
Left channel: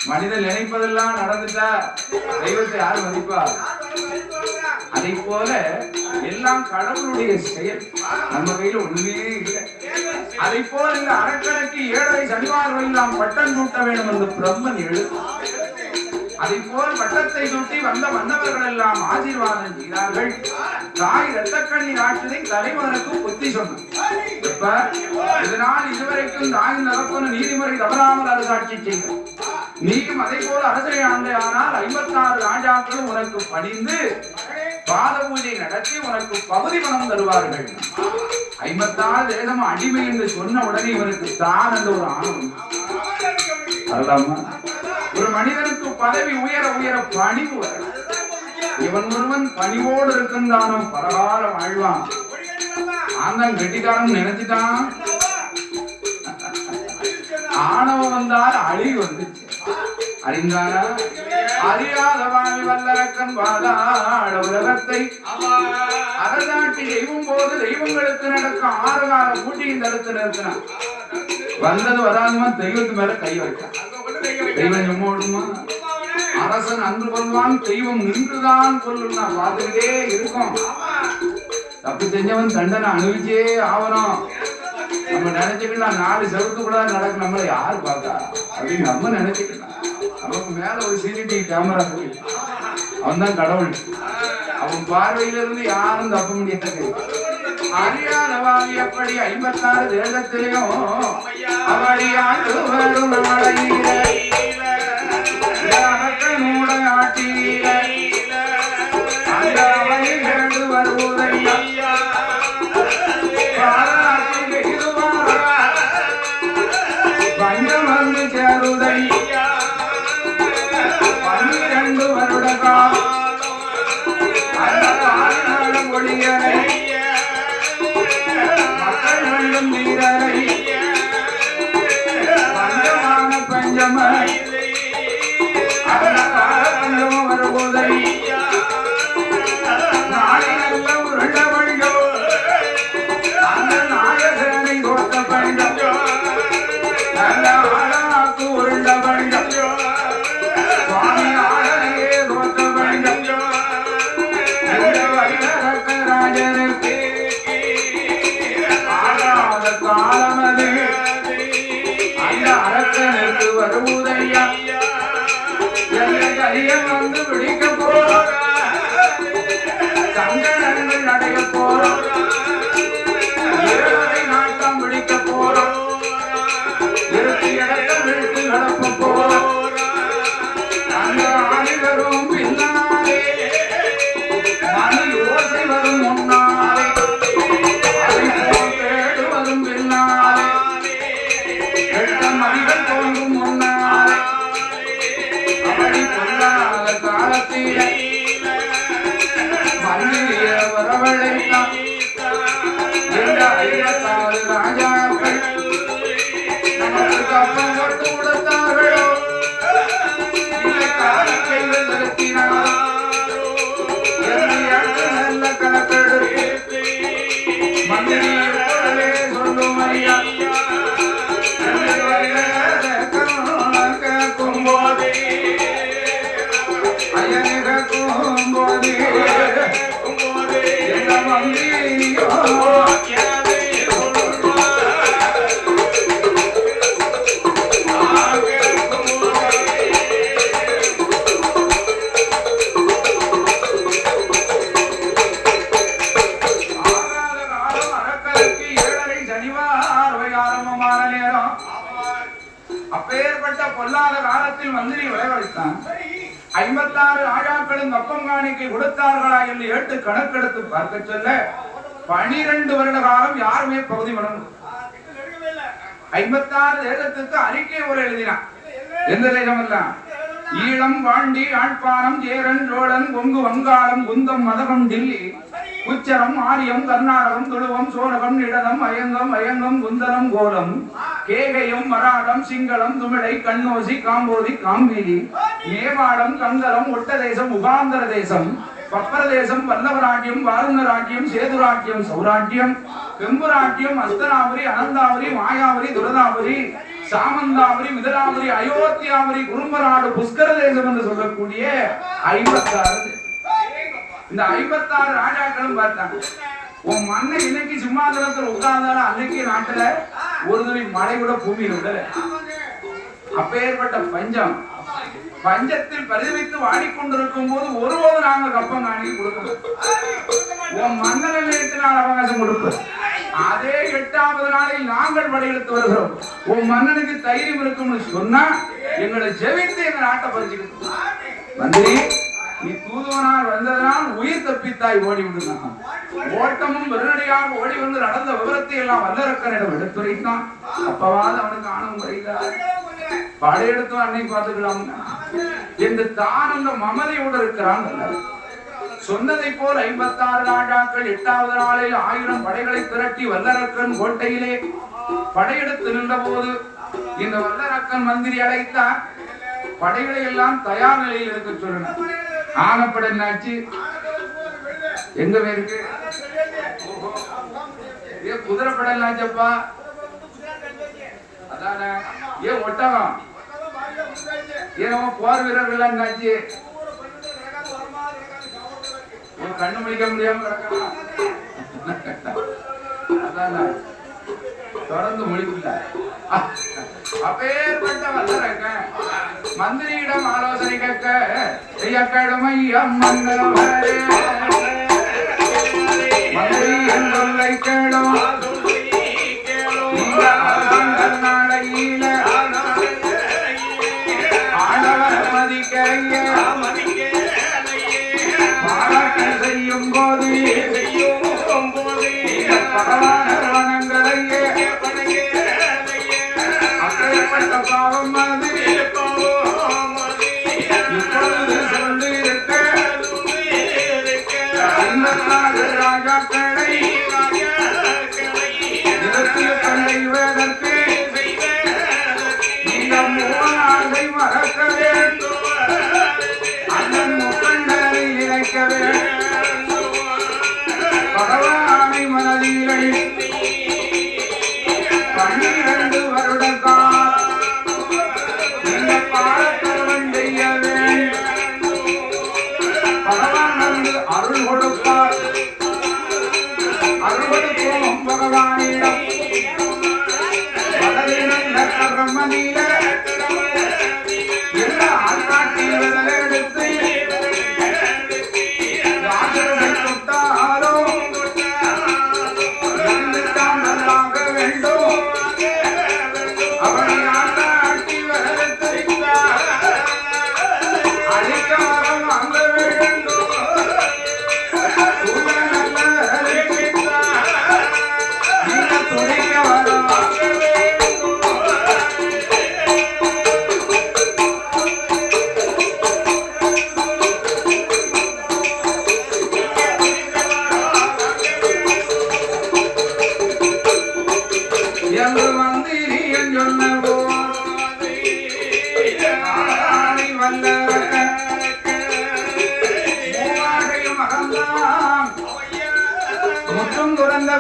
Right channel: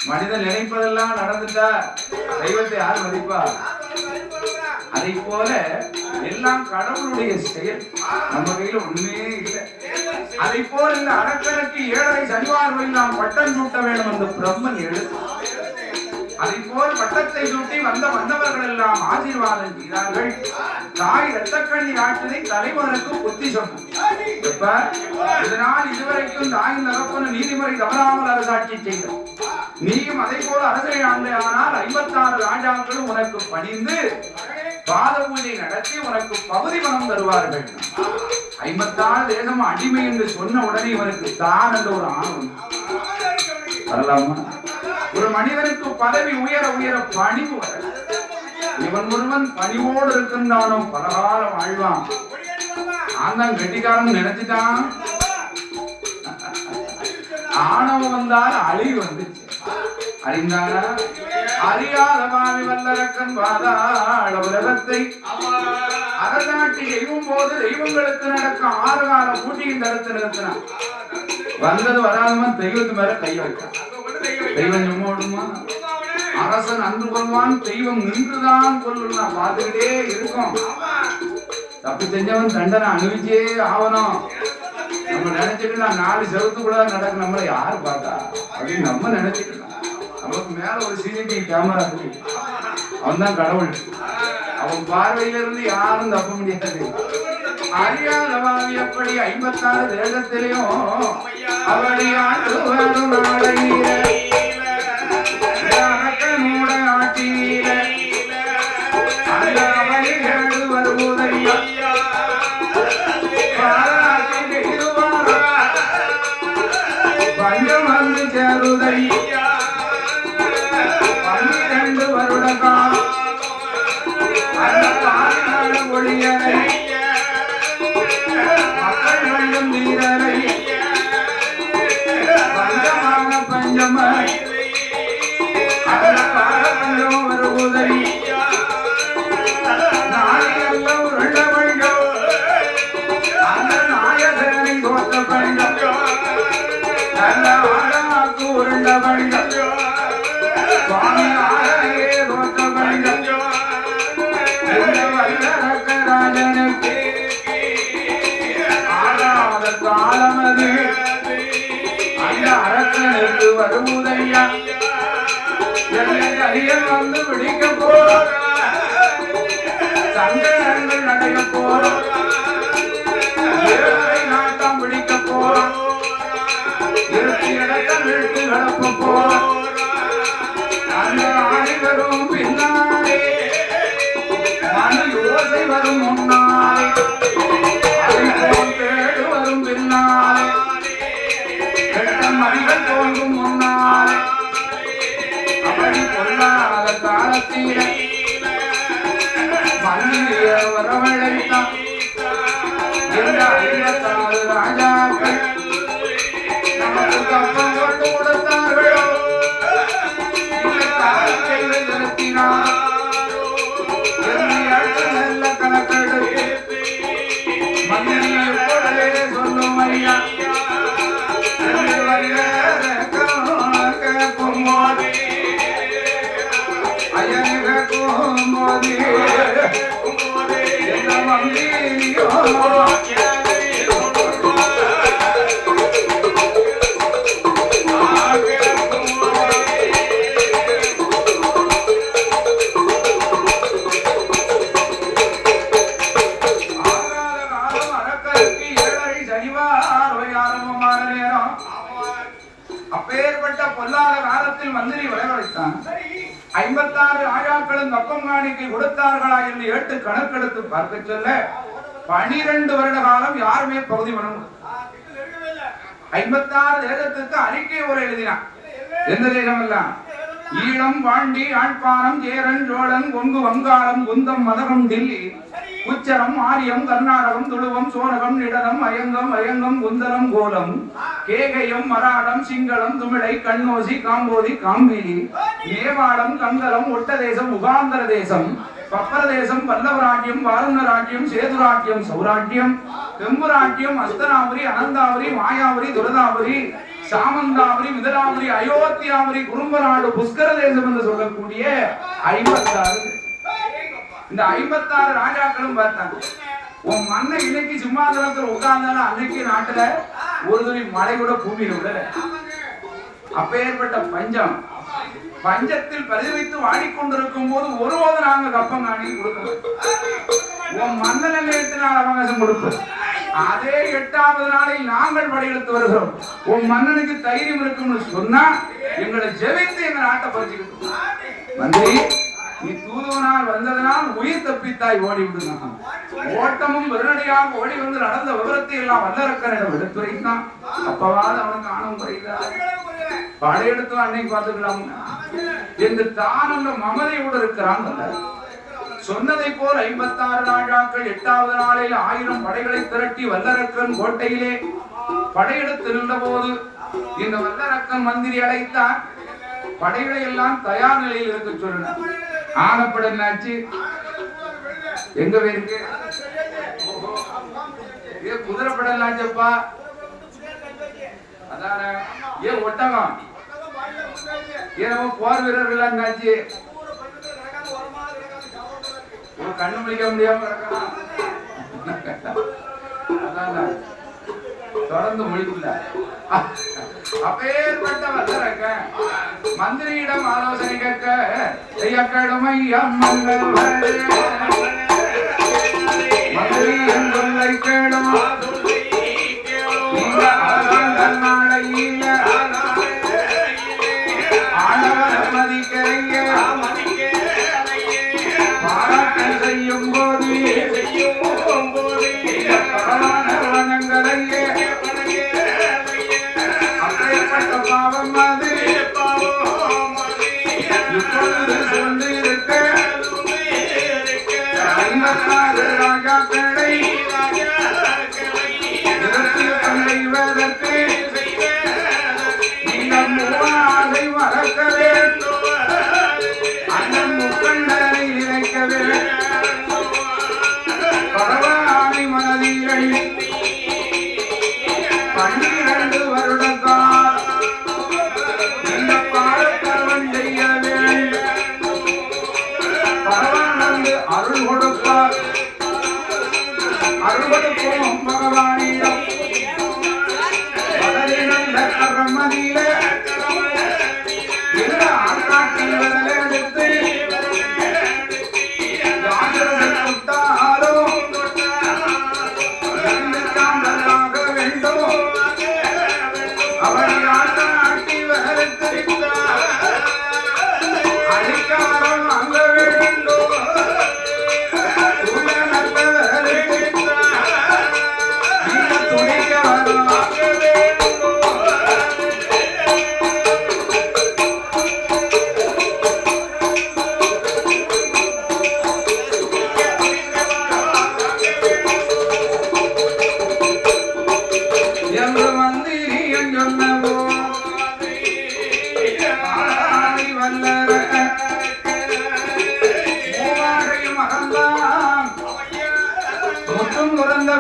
மனிதன் நினைப்பதெல்லாம் நடந்துட்டா தெய்வத்தை யார் மதிப்பா? அதை போல எல்லாம் கடவுளுடைய செயல், நம்ம கையில ஒண்ணுமே இல்லை. அதை போல இந்த அரக்கனுக்கு 7.5 சனிவாரம் நாம் பட்டம் சூட்ட வேண்டும் என்று பிரம்மன் எழுத்து. அதை போல் பட்டத்தை சுட்டி வந்த மன்னவர்கள் எல்லாம் ஆசீர்வாதம் செய்தார்கள். தாய் இரத்தக்கண்ணி ஆட்சியை தலைவனுக்கு புத்தி சொன்னார். இதனால் இதுவரைக்கும் தாயின் தரப்புன நீதிமுறை தவறாமல் அரசாட்சி செய்தார். நீயும் அதை போல அரசரை ஆண்டையானால் 56 ராஜாக்களும் உனக்கு பணிந்து பாத பூஜை நடத்தி உனக்கு பகுதி பணம் தருவார்கள். 56 தேசம் அடிமை என்று சொன்ன உடனே இவனுக்கு தான் என்ற ஒரு ஆணவம் வரலாமா? ஒரு மனிதனுக்கு பதவி உயர உயர பணிவு வர இவன் ஒருவன் பணிவோடு இருக்கின்றானோ பரகாலம் வாழ்வான். ஆந்தான் கெட்டிக்காரன் நினைச்சிட்டான். ஆணவம் வந்தால் அழிவு வந்துச்சு. அறிந்தானா? அறியாதவாமி வல்லரக்கன் வாதாட உலகத்தை அரசாட்சி செய்யும் போது தெய்வங்களுக்கு நடக்கும் 6 கால பூட்டியின் தடுத்து நிறுத்தினான். வந்தது வராதமா தெய்வத்து மேல கை வைத்தான். தெய்வம் எம்மோடுமா? அரசன் அன்று கொள்வான், தெய்வம் நின்றுதான் கொள்ளும். பார்த்துக்கிட்டே இருக்கும். தப்பு செஞ்சவன் தண்டனை அனுபவிச்சே ஆகணும். நம்ம நினைச்சுக்கலாம் 4 செவத்துக்குள்ள நடக்கும், நம்மளை யாரு பார்த்தா அப்படின்னு நம்ம நினைச்சுக்கலாம். நமக்கு மேல ஒரு சிசிடிவி கேமரா இருக்கு. அவன் தான் கடவுள். அவன் பார்வையிலிருந்து யாரும் தப்ப முடியாது. அறியாதவாமி எப்படி 56 தேசத்திலையும் அவடி ஆண்டு வரும் நாளையில அரக்கனோட ஆட்டியில அந்த அவனிகள் வருவதையா பஞ்சம் வந்து சேருதை 12 வருட காலம் அந்த காலம் ஒளியனை மக்கள் வேண்டும் நீரனை பஞ்சமான பஞ்சமாய் அந்த காலம் வருவதை நாளையல்ல உருள வேண்டும் அந்த நாயகனை கொடுத்த பஞ்சம் நல்ல ஆழமாக்கு உருள பஞ்சம் சுவாமி ஆளையே கொடுத்த பஞ்சம் இந்த வல்லரக்க ராஜனுக்கு ஆகாத காலமது அந்த அரசனுக்கு வருவதையா அரியன் வந்து பிடிக்க போறோம். சங்கடங்கள் அடைய போறோம். ஏழரை நாட்டம் பிடிக்க போறோம். 2 இடத்தை விட்டு நடக்க போறோம். அந்த ஆணிகளும் பின்னாலே மணி ஓசை வரும் முன்னாலே அதை போல் தேடு வரும் பின்னாலே 8 மணிகள் தோன்றும் முன்னாலே அப்படி பொல்லாத காலத்திலே மன்னிய வரவழைத்தான் இந்த 56 ராஜாக்கள் நமக்கு கப்பம் போட்டு கொடுத்தார்கள். இந்த காலத்தை நிறுத்தினார். நல்ல கணக்கெடுத்து மந்திரியை போலவே சொல்லும் ஐயா கேட்கும் போதே அப்பேற்பட்ட பொல்லாத காலத்தில் மந்திரி வரவழைத்தான். 56 ராஜாக்களும் கப்பம் காணிக்கை கொடுத்தார்களா என்று 8 கணக்கெடுத்து பார்க்க சொல்ல 12 வருட காலம் யாருமே பகுதி பணம் 56 தேசத்துக்கு அறிக்கை ஒரு எழுதினான். எந்த தேசம் எல்லாம் ஈழம் பாண்டி யாழ்ப்பாணம் சேரன் சோழன் கொங்கு வங்காளம் குந்தம் மதகம் டில்லி உச்சரம் ஆரியம் கர்நாடகம் துளுவம் சோழகம் நிடலம் அயங்கம் குந்தரம் கோலம் கேகயம் மராடம் சிங்களம் துமிழை கண்ணோசி காம்போதி காம்பிலி மேவாடம் கங்கலம் ஒட்டதேசம் உகாந்தர தேசம் பப்பரதேசம் வல்லவராட்சியம் வாருணராட்சியம் சேதுராட்சியம் சௌராட்சியம் வெம்புராட்சியம் அஸ்தனாபுரி அனந்தாபுரி மாயாபுரி துரதாபுரி சாமந்தாபுரி மிதராபுரி அயோத்தியாபுரி குறும்பநாடு புஷ்கர தேசம் என்று சொல்லக்கூடிய 56 இந்த 56 ராஜாக்களும் பார்த்தாங்க. உன் மண்ணை இன்னைக்கு சிம்மாசனத்தில் உட்கார்ந்தாலும் அன்னைக்கு நாட்டுல ஒரு துளி மழை கூட பூமியில் விடல. அப்பேற்பட்ட பஞ்சத்தில் பரிதவித்து வாடிக்கொண்டிருக்கும் போது ஒருபோது நாங்கள் கப்பம் காணி கொடுக்கிறோம். உன் மன்னன் நிலையத்தினால் அவகாசம் கொடுப்போம். அதே 8வது நாளில் நாங்கள் படையெடுத்து வருகிறோம். உன் மன்னனுக்கு தைரியம் இருக்கும்னு சொன்னா எங்களை ஜெபித்து எங்க நாட்டை பறிச்சுக்கிட்டு மந்திரி நீ தூதுவனால் வந்ததனால் உயிர் தப்பித்தாய் ஓடி விடுங்க. ஓட்டமும் வெறுநடியாக ஓடி வந்து நடந்த விவரத்தை எல்லாம் வல்லரக்கனிடம் எடுத்துரைத்தான். அப்பவாது அவனுக்கு ஆணவம் குறைந்தார். படையெடுத்தோம் அன்னைக்கு பார்த்துக்கலாம் என்று தான் அந்த மமதையோடு இருக்கிறான். சொன்னதை போல் 56 ராஜாக்கள் 8வது நாளில் 1000 படைகளை திரட்டி வல்லரக்கன் கோட்டையிலே படையெடுத்து நின்ற போது இந்த வல்லரக்கன் மந்திரி அழைத்தார். படைகளை எல்லாம் தயார் நிலையில் இருக்க சொல்லணும். ஆனப்பட என்னாச்சு? எங்க இருக்கு? குதிரைப்பட என்னாச்சப்பா? அதான ஏன் ஒட்டகம்? ஏன் போர் வீரர்கள் என்னாச்சு? கண்ணு முடிக்க முடியாம தொடர்ந்து முடிக்கல. அப்பேற்பட்ட வல்லரக்க மந்திரியிடம் ஆலோசனை கேட்க மந்திரி என் சொல்லை கேளும்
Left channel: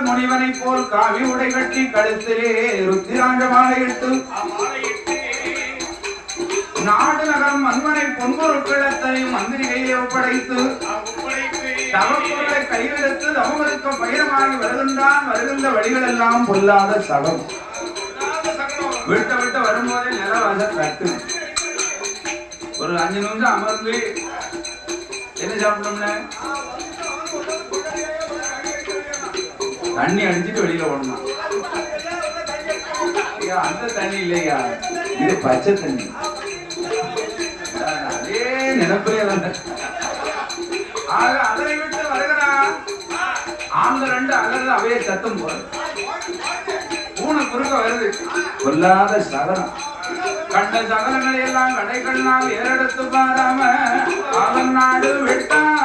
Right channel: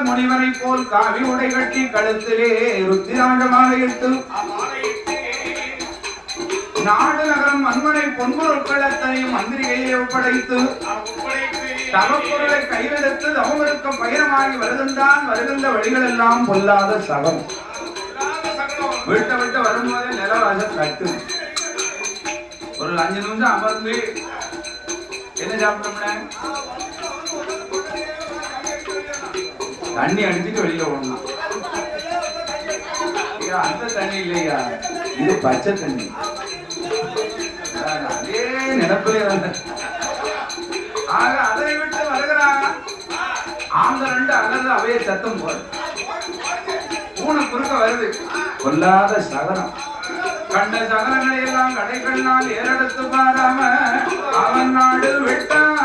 முனிவனை போல் காவி உடை கட்டி கழுத்திலே ருத்திராண்டமாக இட்டு நாடு நகரம் மன்மனை பொன்பொருட்களத்தை மந்திரிகையை ஒப்படைத்து தவப்பொருளை கையெடுத்து தவங்களுக்கு பயணமாகி வருகின்ற வழிகள் எல்லாம் பொல்லாத சகம். விட்டு வரும்போதே நிலவாச கட்டு ஒரு 5 நிமிஷம் அமர்ந்து என்ன சாப்பிட்டோம்னா தண்ணி அடிச்சுட்டு வெளியில ஓடணும். அந்த தண்ணி இல்லையா, இது பச்சை தண்ணி. அதே நினைப்பே வந்து ஆக அதனை விட்டு வருகிறாங்க. ஆங்க 2 அலர்ந்து அவைய சத்தம் போறது. பூனை குறுக்க வருது. கொல்லாத சகனம் கண்ட சகலங்களை எல்லாம் கடை கண்ணால் ஏறெடுத்து பாராம அவன் நாடு விட்டான்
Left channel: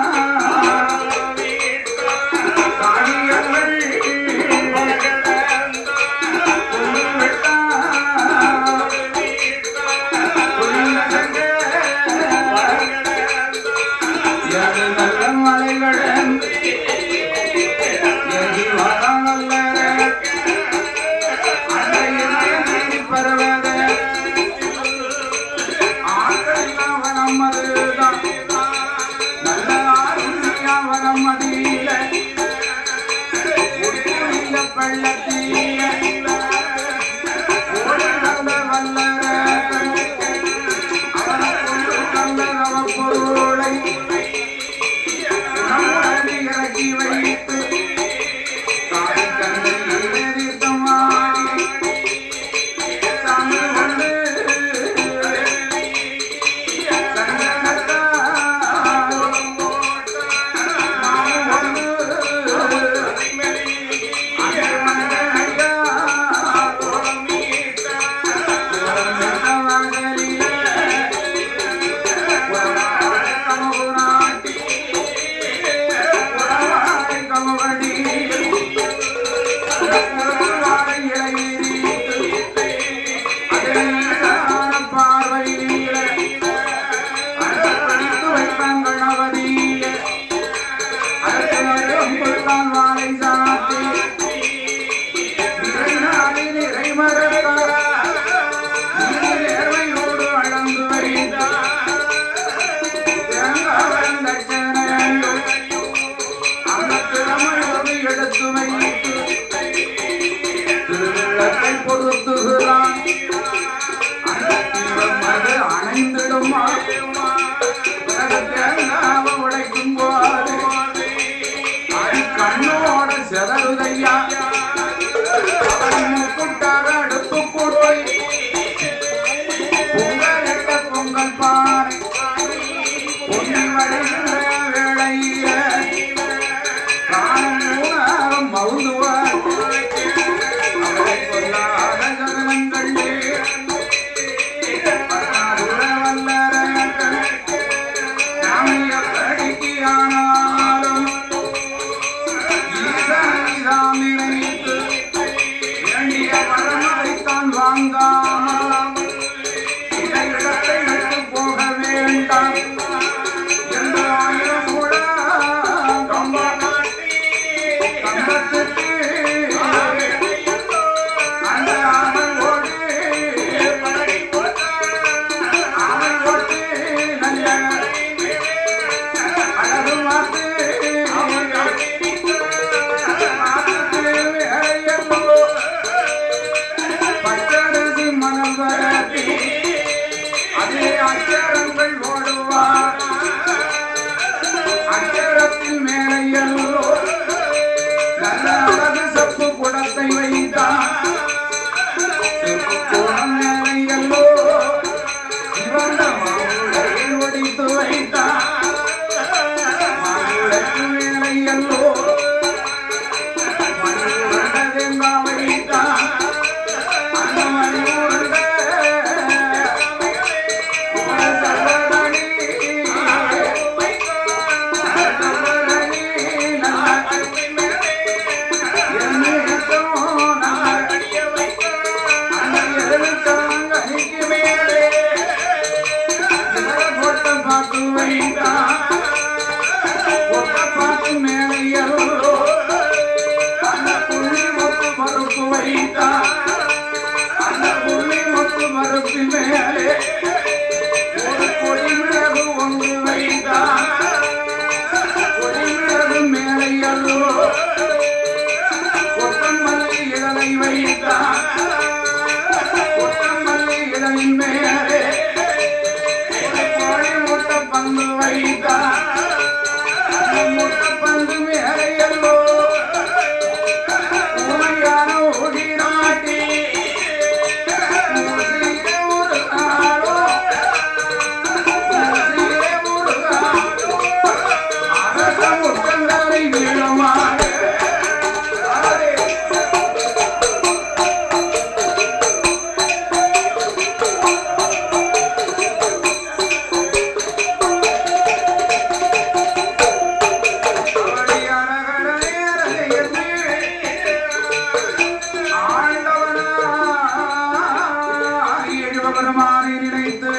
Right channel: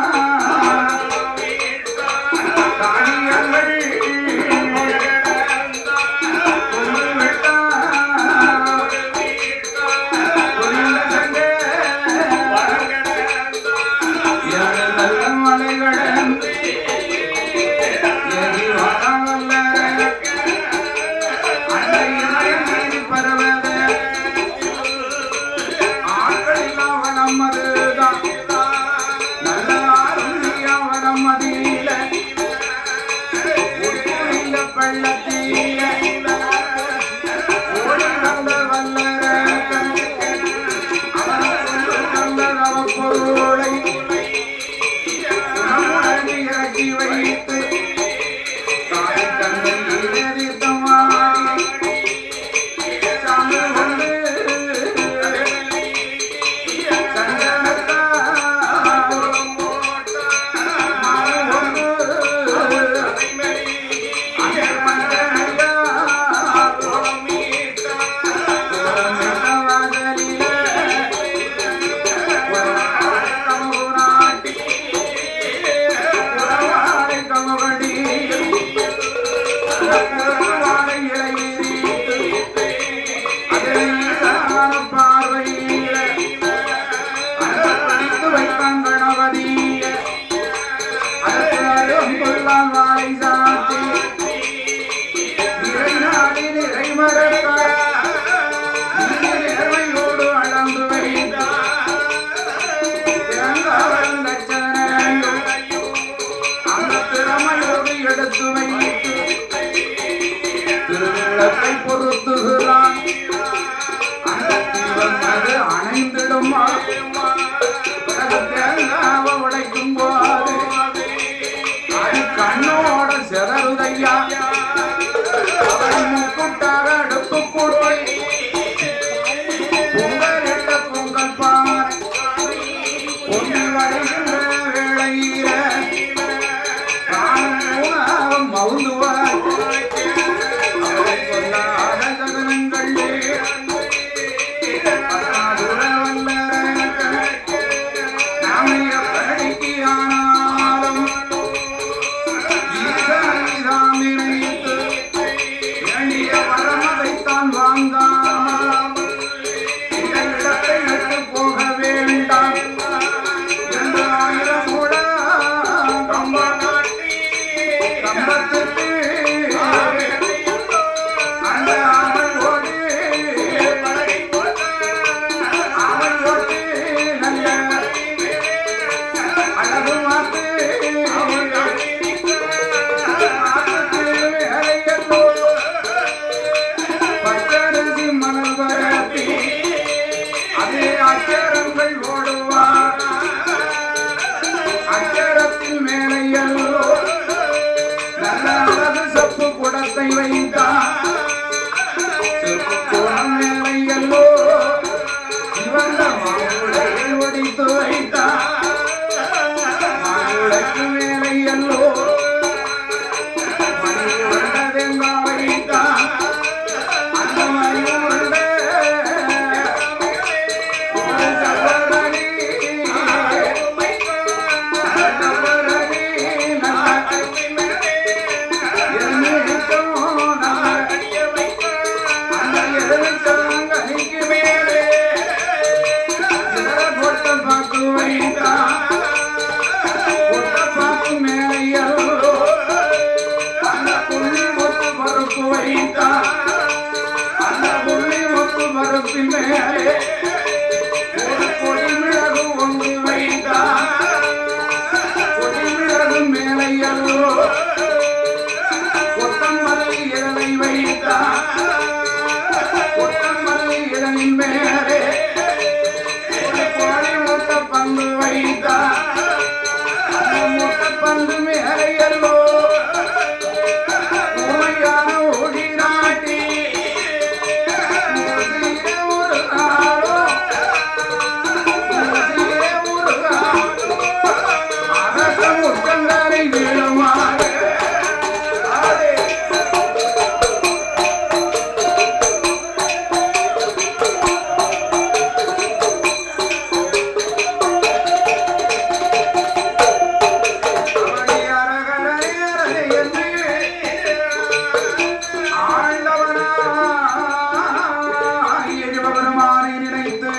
பகவானை நினைத்து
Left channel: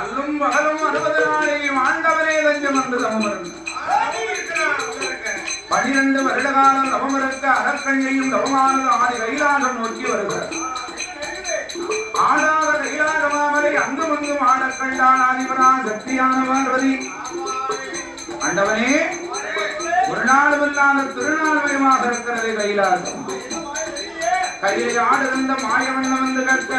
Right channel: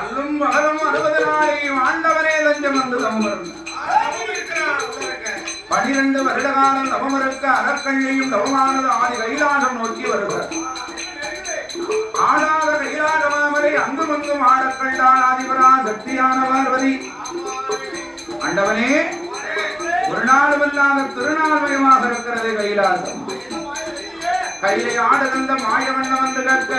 அல்லும் பகலும் 60 நாளையும் ஆண்டவனே தஞ்சம் வந்து தமர்ந்தார். 12 வருட காலம் தவமிருக்க அறக்கண்ணையும் தவமானது ஆதி கைலாசம் நோக்கி வருகிறார். ஆடாத கைலாசமாமரை அங்கும் அங்கும் ஆடக்கண்டான் ஆதிபரா சக்தியான பார்வதி. ஆண்டவனே, ஒரு நாளுமில்லாத திருநாள்மயமாக இருக்கிறது கைலாசம். கையிலே ஆடுகின்ற மாயவண்ணம் வந்து கற்க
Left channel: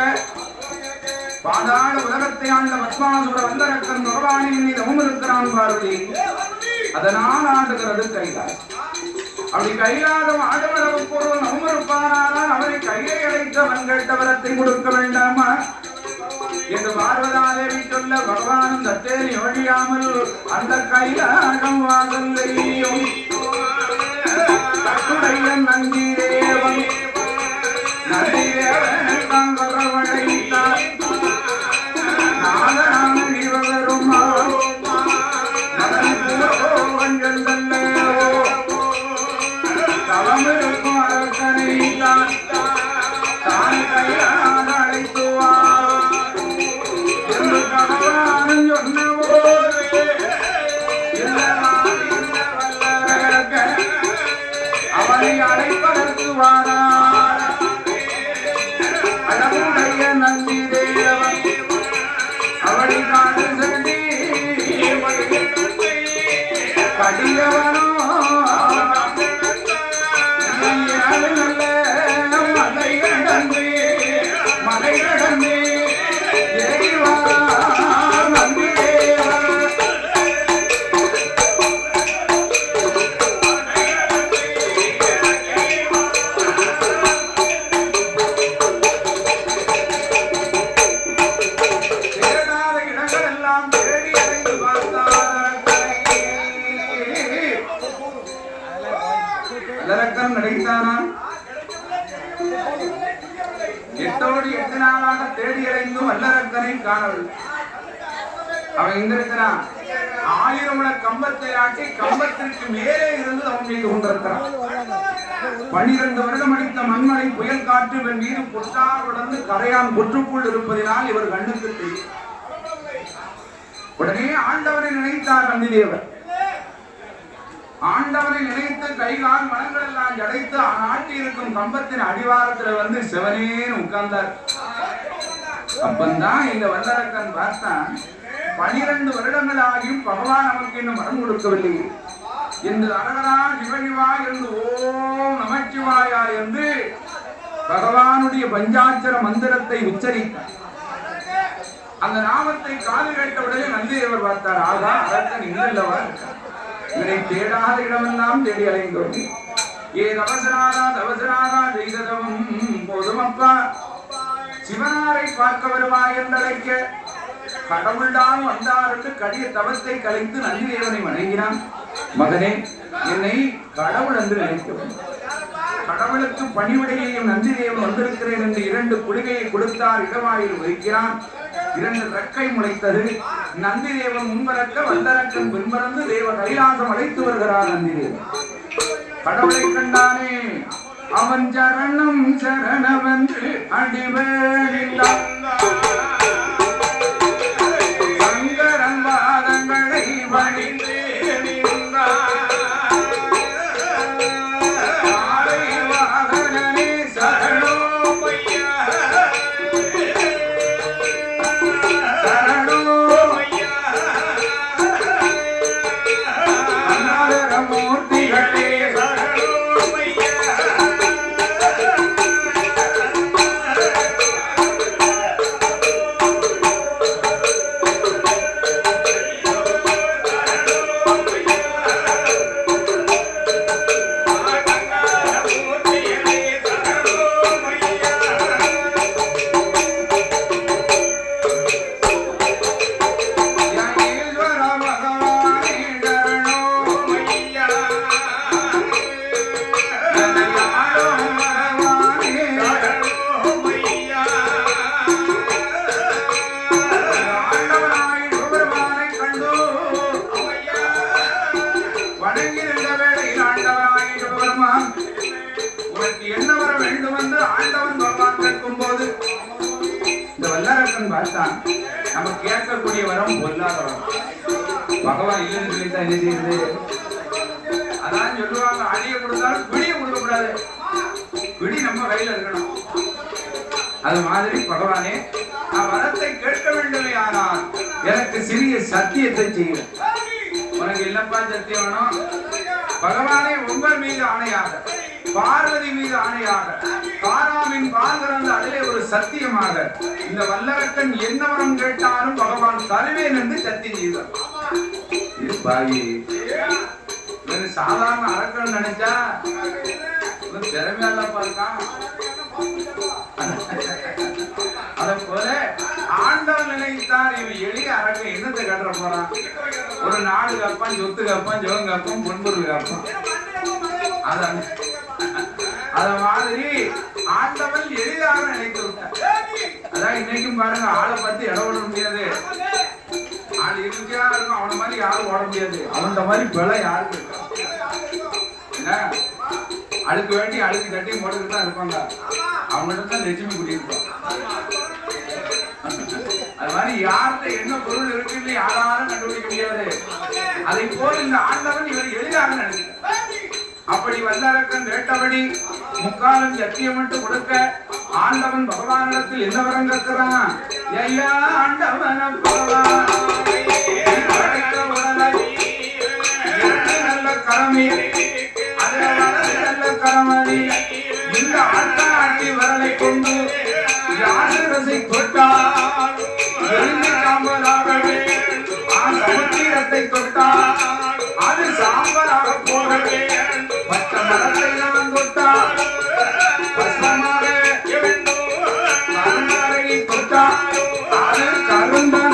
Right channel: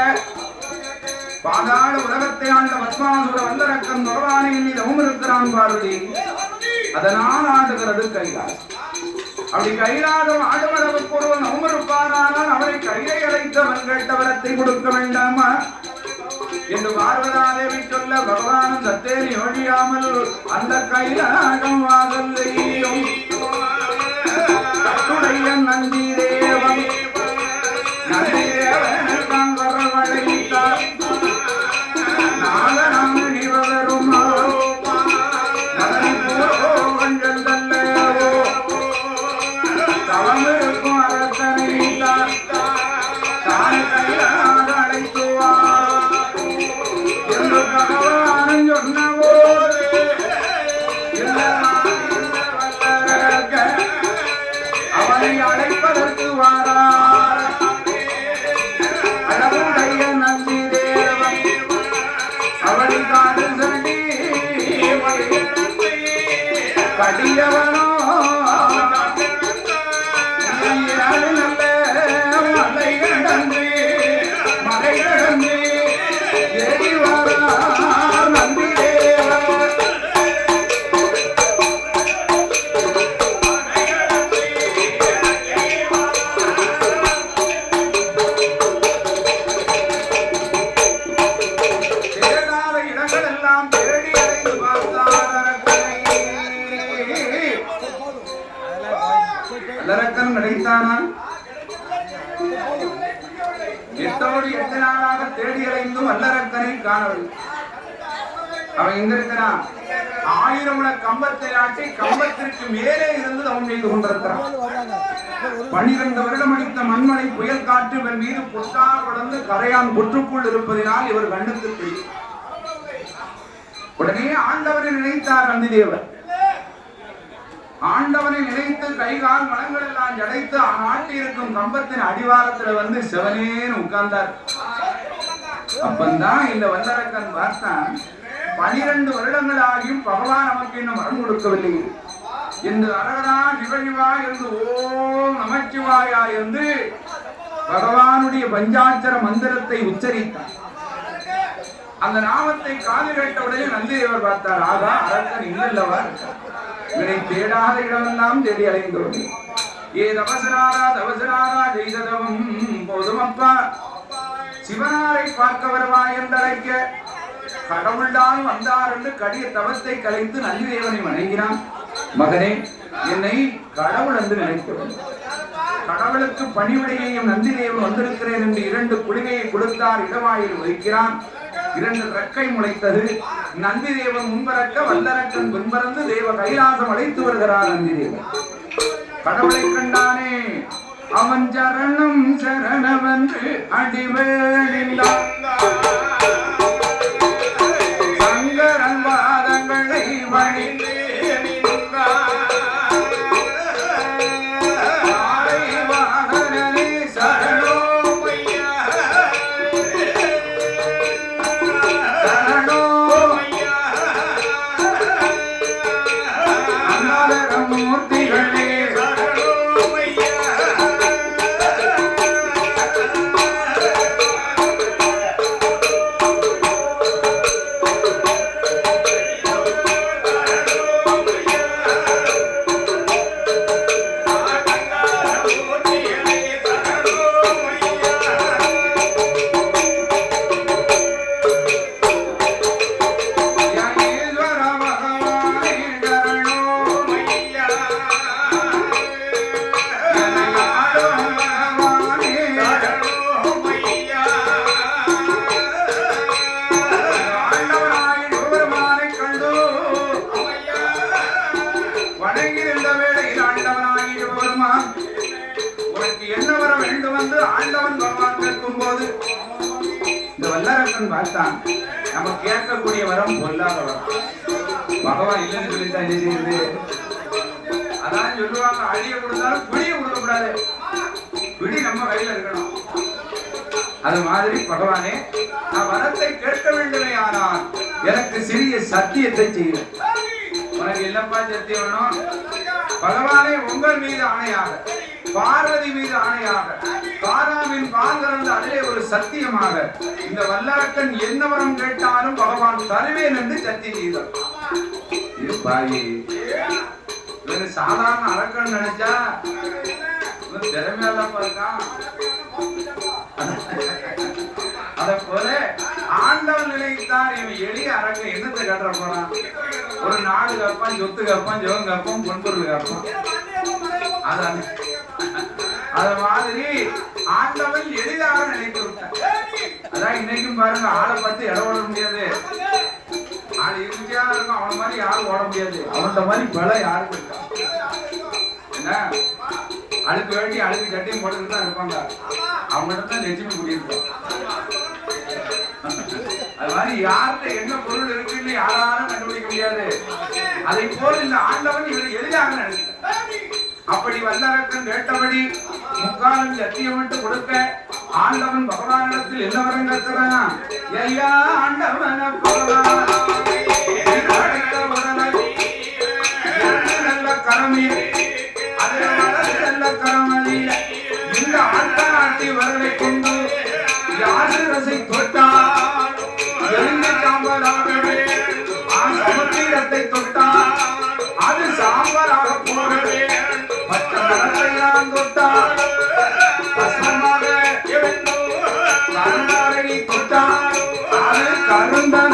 பாதாள உலகத்தை ஆண்ட பத்மாசுர வல்லரக்கன் பகவானை எண்ணி தவமிருக்கிறான் பார்வதி. அதனால் ஆடுகிறது கைலாசம். அப்படி கைலாசம் ஆடவரவு பொருள் நவமருப்பானால் அவரை கையை அடைத்தவன் கேட்டவரத்தை கொடுக்க வேண்டாமா என்று பார்வதாதேவி சொல்ல பகவானும் சத்தேரி ஒழியாமல் அந்த கைலாகம் வாங்கல்லையும் கட்டுடைய நந்திதேவன் நந்திதேவனை வரவழைத்தார். நாகராமன் இவரும் தவமிருக்கும் அரசனை தானே கையாக அழைத்துவார் என்று பகவான் சொன்னவோடு அவனை அழைப்பதற்கு வாரார். அழகுடைய நந்தி தேவன் அவளை காது சொல்லி படியவனோ எட்டோடு 8 நாளாக தேடி அடைந்து வல்லரக்கனை காணவில்லை. அவன் எங்க இருக்கிறான்? 1000 முழ கம்பத்தை ஆட்டி கம்பத்திற்கு மேலே இருந்து அவன் செய்து கொண்டிருக்கிறான். 12 வருடம் அடித்த மண்மலை புயல் காற்று இவன் மீது பொட்டார் உடந்து கரையான் புற்றுக்குள் இருப்பதினால் இவர் கண்ணுக்கு தெரியும். உடனே ஆண்டவனை நினைத்தார் நந்திதேவர். ஆண்டவனை நினைத்து கைகால் மலங்கள் எல்லாம் ஜடைத்து ஆட்டி இருக்கும் கம்பத்தின் அடிவாரத்துல வந்து சிவனேன்னு உட்கார்ந்தார். அப்பந்தான் இந்த வல்லரக்கன் பார்த்தான், 12 வருடங்கள் ஆகியும் பகவான் நமக்கு இன்னும் வரம் கொடுக்கவில்லை என்று அரகரா சிவசிவா என்று ஓம் நமச்சிவாயா என்று பகவானுடைய பஞ்சாட்சர மந்திரத்தை உச்சரித்தார். அந்த நாமத்தை காது கேட்டவுடனே நந்திதேவர் பார்த்தார். ஆகா, அரக்கன் இன்னல்லவா இவனை தேடாத இடமெல்லாம் தேடி அலைந்தோம். ஏ தவசராகா தவசராகா செய்ததவும் போதுமப்பா, சிவனாரை பார்க்க வருவாய் என்றழைக்க கடவுள்தான் வந்தார் என்று கடிய தவத்தை கலைத்து நந்திதேவனை வணங்கினான். மகனே, என்னை கடவுள் என்று நினைத்தவன், கடவுளுக்கு பணிவுடையையும் நந்திதேவன் வந்திருக்கிறேன் என்று 2 குளிகையை கொடுத்தார். இடவாயில் வைக்கிறான். 2 ரெக்கை முளைத்தது. நந்திதேவன் முன்பறக்க வல்லரக்கன் பின்பறந்து தேவ கைலாசம் அழைத்து வருகிறார். நந்திதேவன் கடவுளை கண்டானே, அவன் சரணம் சரணவென்று அடிவேலில்லா சங்கரன் வாதங்களை வணிந்தே வேண்டும் என்று ஆண்டவன் பகவான் கேட்கும் போது இந்த வல்லரசன் பார்த்தான், நம்ம கேட்கக்கூடிய வரம் பொல்லாத வரம். பகவான் இல்லைன்னு சொல்லித்தான் என்ன செய்யுது? அதான் சொல்லுவாங்க, அடிய கொடுத்தாலும் பிடிய கொடுக்க கூடாது, பிடி நம்ம கையில இருக்கணும். அது மாதிரி பகவானே, நான் வரத்தை கேட்க வேண்டுமே, ஆனால் எனக்கு சிறிய சத்தியத்தை செய்ய. உனக்கு இல்லப்பா சத்தியம் வேணும்? பகவானே, உங்கள் மீது ஆணையாக, பார்வதி மீது ஆணையாக, காராமின் பால் கறந்த அதிலே ஒரு சத்தியமாக இந்த வல்லரக்கன் என்ன வரம் கேட்டாலும் பகவான் தருவேன் என்று சத்தியம் செய்தார். இது பாயி சாதாரண அரக்கன் நினைச்சா திறமையாலப்பா இருக்கான். அத போல ஆண்டவன் நினைத்தான், இவன் எளிய அரக்கன் என்னத்தை கட்டுற போறான்? ஒரு நாடு கப்பான், சொத்து கப்பான், ஜோன் கப்பான், பொன்பொருள் கப்பான். அத மாதிரி ஆண்டவன் எளிதாக நினைத்து விட்டான். அதான் இன்னைக்கும் பாருங்க, ஆளை பார்த்து இடம் ஓட முடியாது. ஆள் இருக்கையா இருக்கும், அவன மாதிரி யாரும் ஓட முடியாது. அவன் மாதிரி பல யாருக்கு இருக்கா? என்ன அழுக்கு வேண்டி அழுக்கு கட்டியும் போட்டுக்கிட்டு தான் இருப்பாங்க. அவங்கள்ட்ட தான் லட்சுமி கூட்டியிருப்பான். அது மாதிரி யார்கிட்ட என்ன பொருள் இருக்குன்னு யாராலும் கண்டுபிடிக்க முடியாது. அதை போல் இந்த ஆண்டவன் இவர் எளிதாக நினைக்கிறார். அப்படி வல்லரக்கன் கேட்டபடி முக்காலும் சத்தியமிட்டு கொடுக்க ஆண்டவன் பகவானிடத்தில் என்ன வரம் கேட்கிறான்? ஐயா ஆண்டவன் நல்ல கரமி, நல்ல கரமதி, இந்த ஆட்டாட்டி வரலை கொண்டு யாரு ரசை தொட்டார், எரிந்து சாம்பலாகவே சமுத்திரத்தை தொட்டார், அது சாம்பலாக போகவே பச்சை மரத்தையான் தொட்டார், பசமாக கருணாகை தொட்டார், அது கருந்தன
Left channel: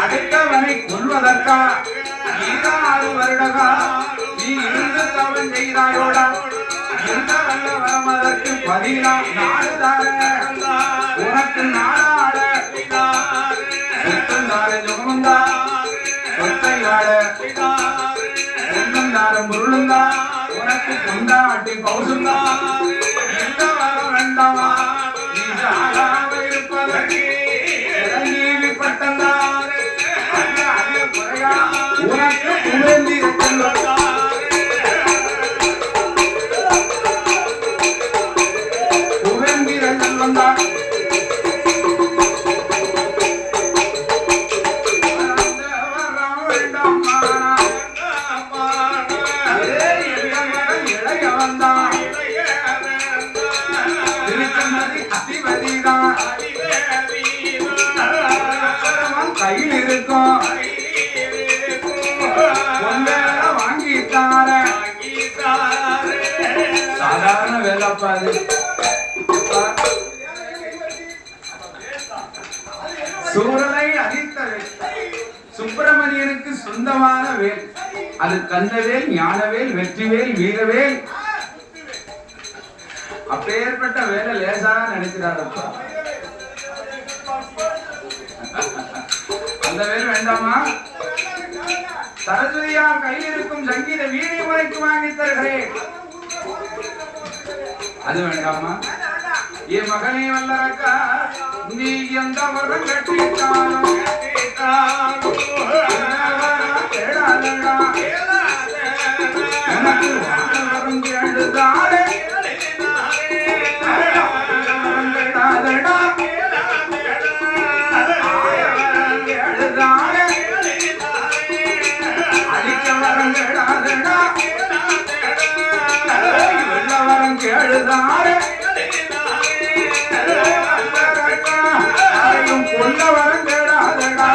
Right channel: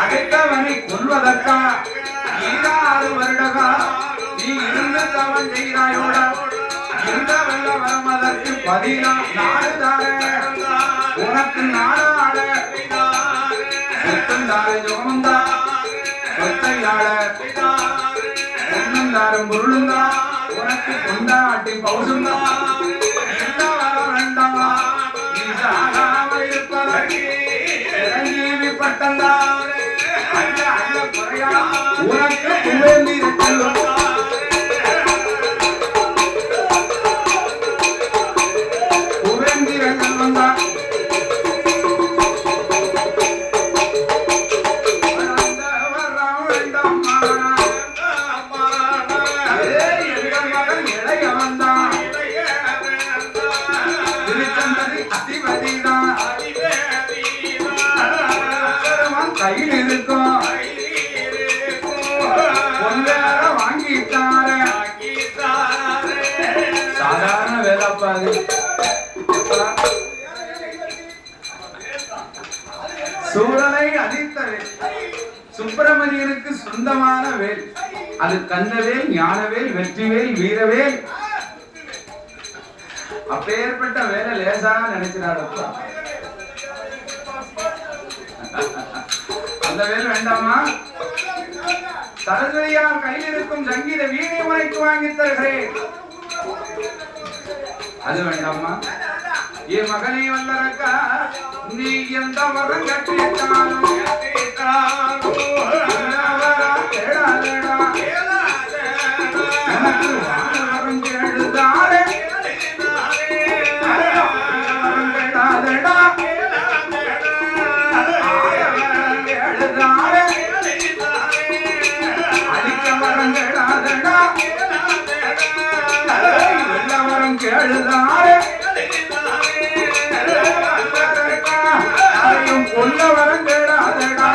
அடுத்தவனை கொல்வதற்கா 6 வருடகா நீ இருந்து தவன் செய்தாயோடா, எந்த வல்ல வரமதற்கு பதிலா நாடுதார உனக்கு நாடாட சொத்தந்தார ஜோமந்தா சொத்தையாட பொன்னந்தார முருளுந்தா உனக்கு கொண்டாட்டி பௌசுந்தா, எந்த வர வேண்டாமா நீ சாகாம இருப்பதற்கு இறங்கி பட்டந்தா உனக்கு புவேந்தி புவேந்தி ரங்கன் வந்தா அதிபதிதான் கையில் இருக்கும் சாதாரண வேலைப்பாது. சூரனை அழித்தவே சுப்பிரமணியனுக்கு சொந்தமான வேல், அது கந்தவேல், ஞானவேல், வெற்றிவேல், வீரவேல். அப்பேற்பட்ட வேலை லேசாக நினைக்கிறாரப்பா. அந்த வேல் வேண்டாமா? சரஸ்வதியார் கையில் இருக்கும் சங்கீத வீணை முறைக்கு வாங்கி தருகிறேன், அது வேண்டாமா? என் மகனே வல்லரக்கா, நீ எந்த வரம் கட்டிட்டாலும் எனக்கு வரம் கேடுதாரே, கேளுதாரே கொல்ல வரம் கேடாதடா,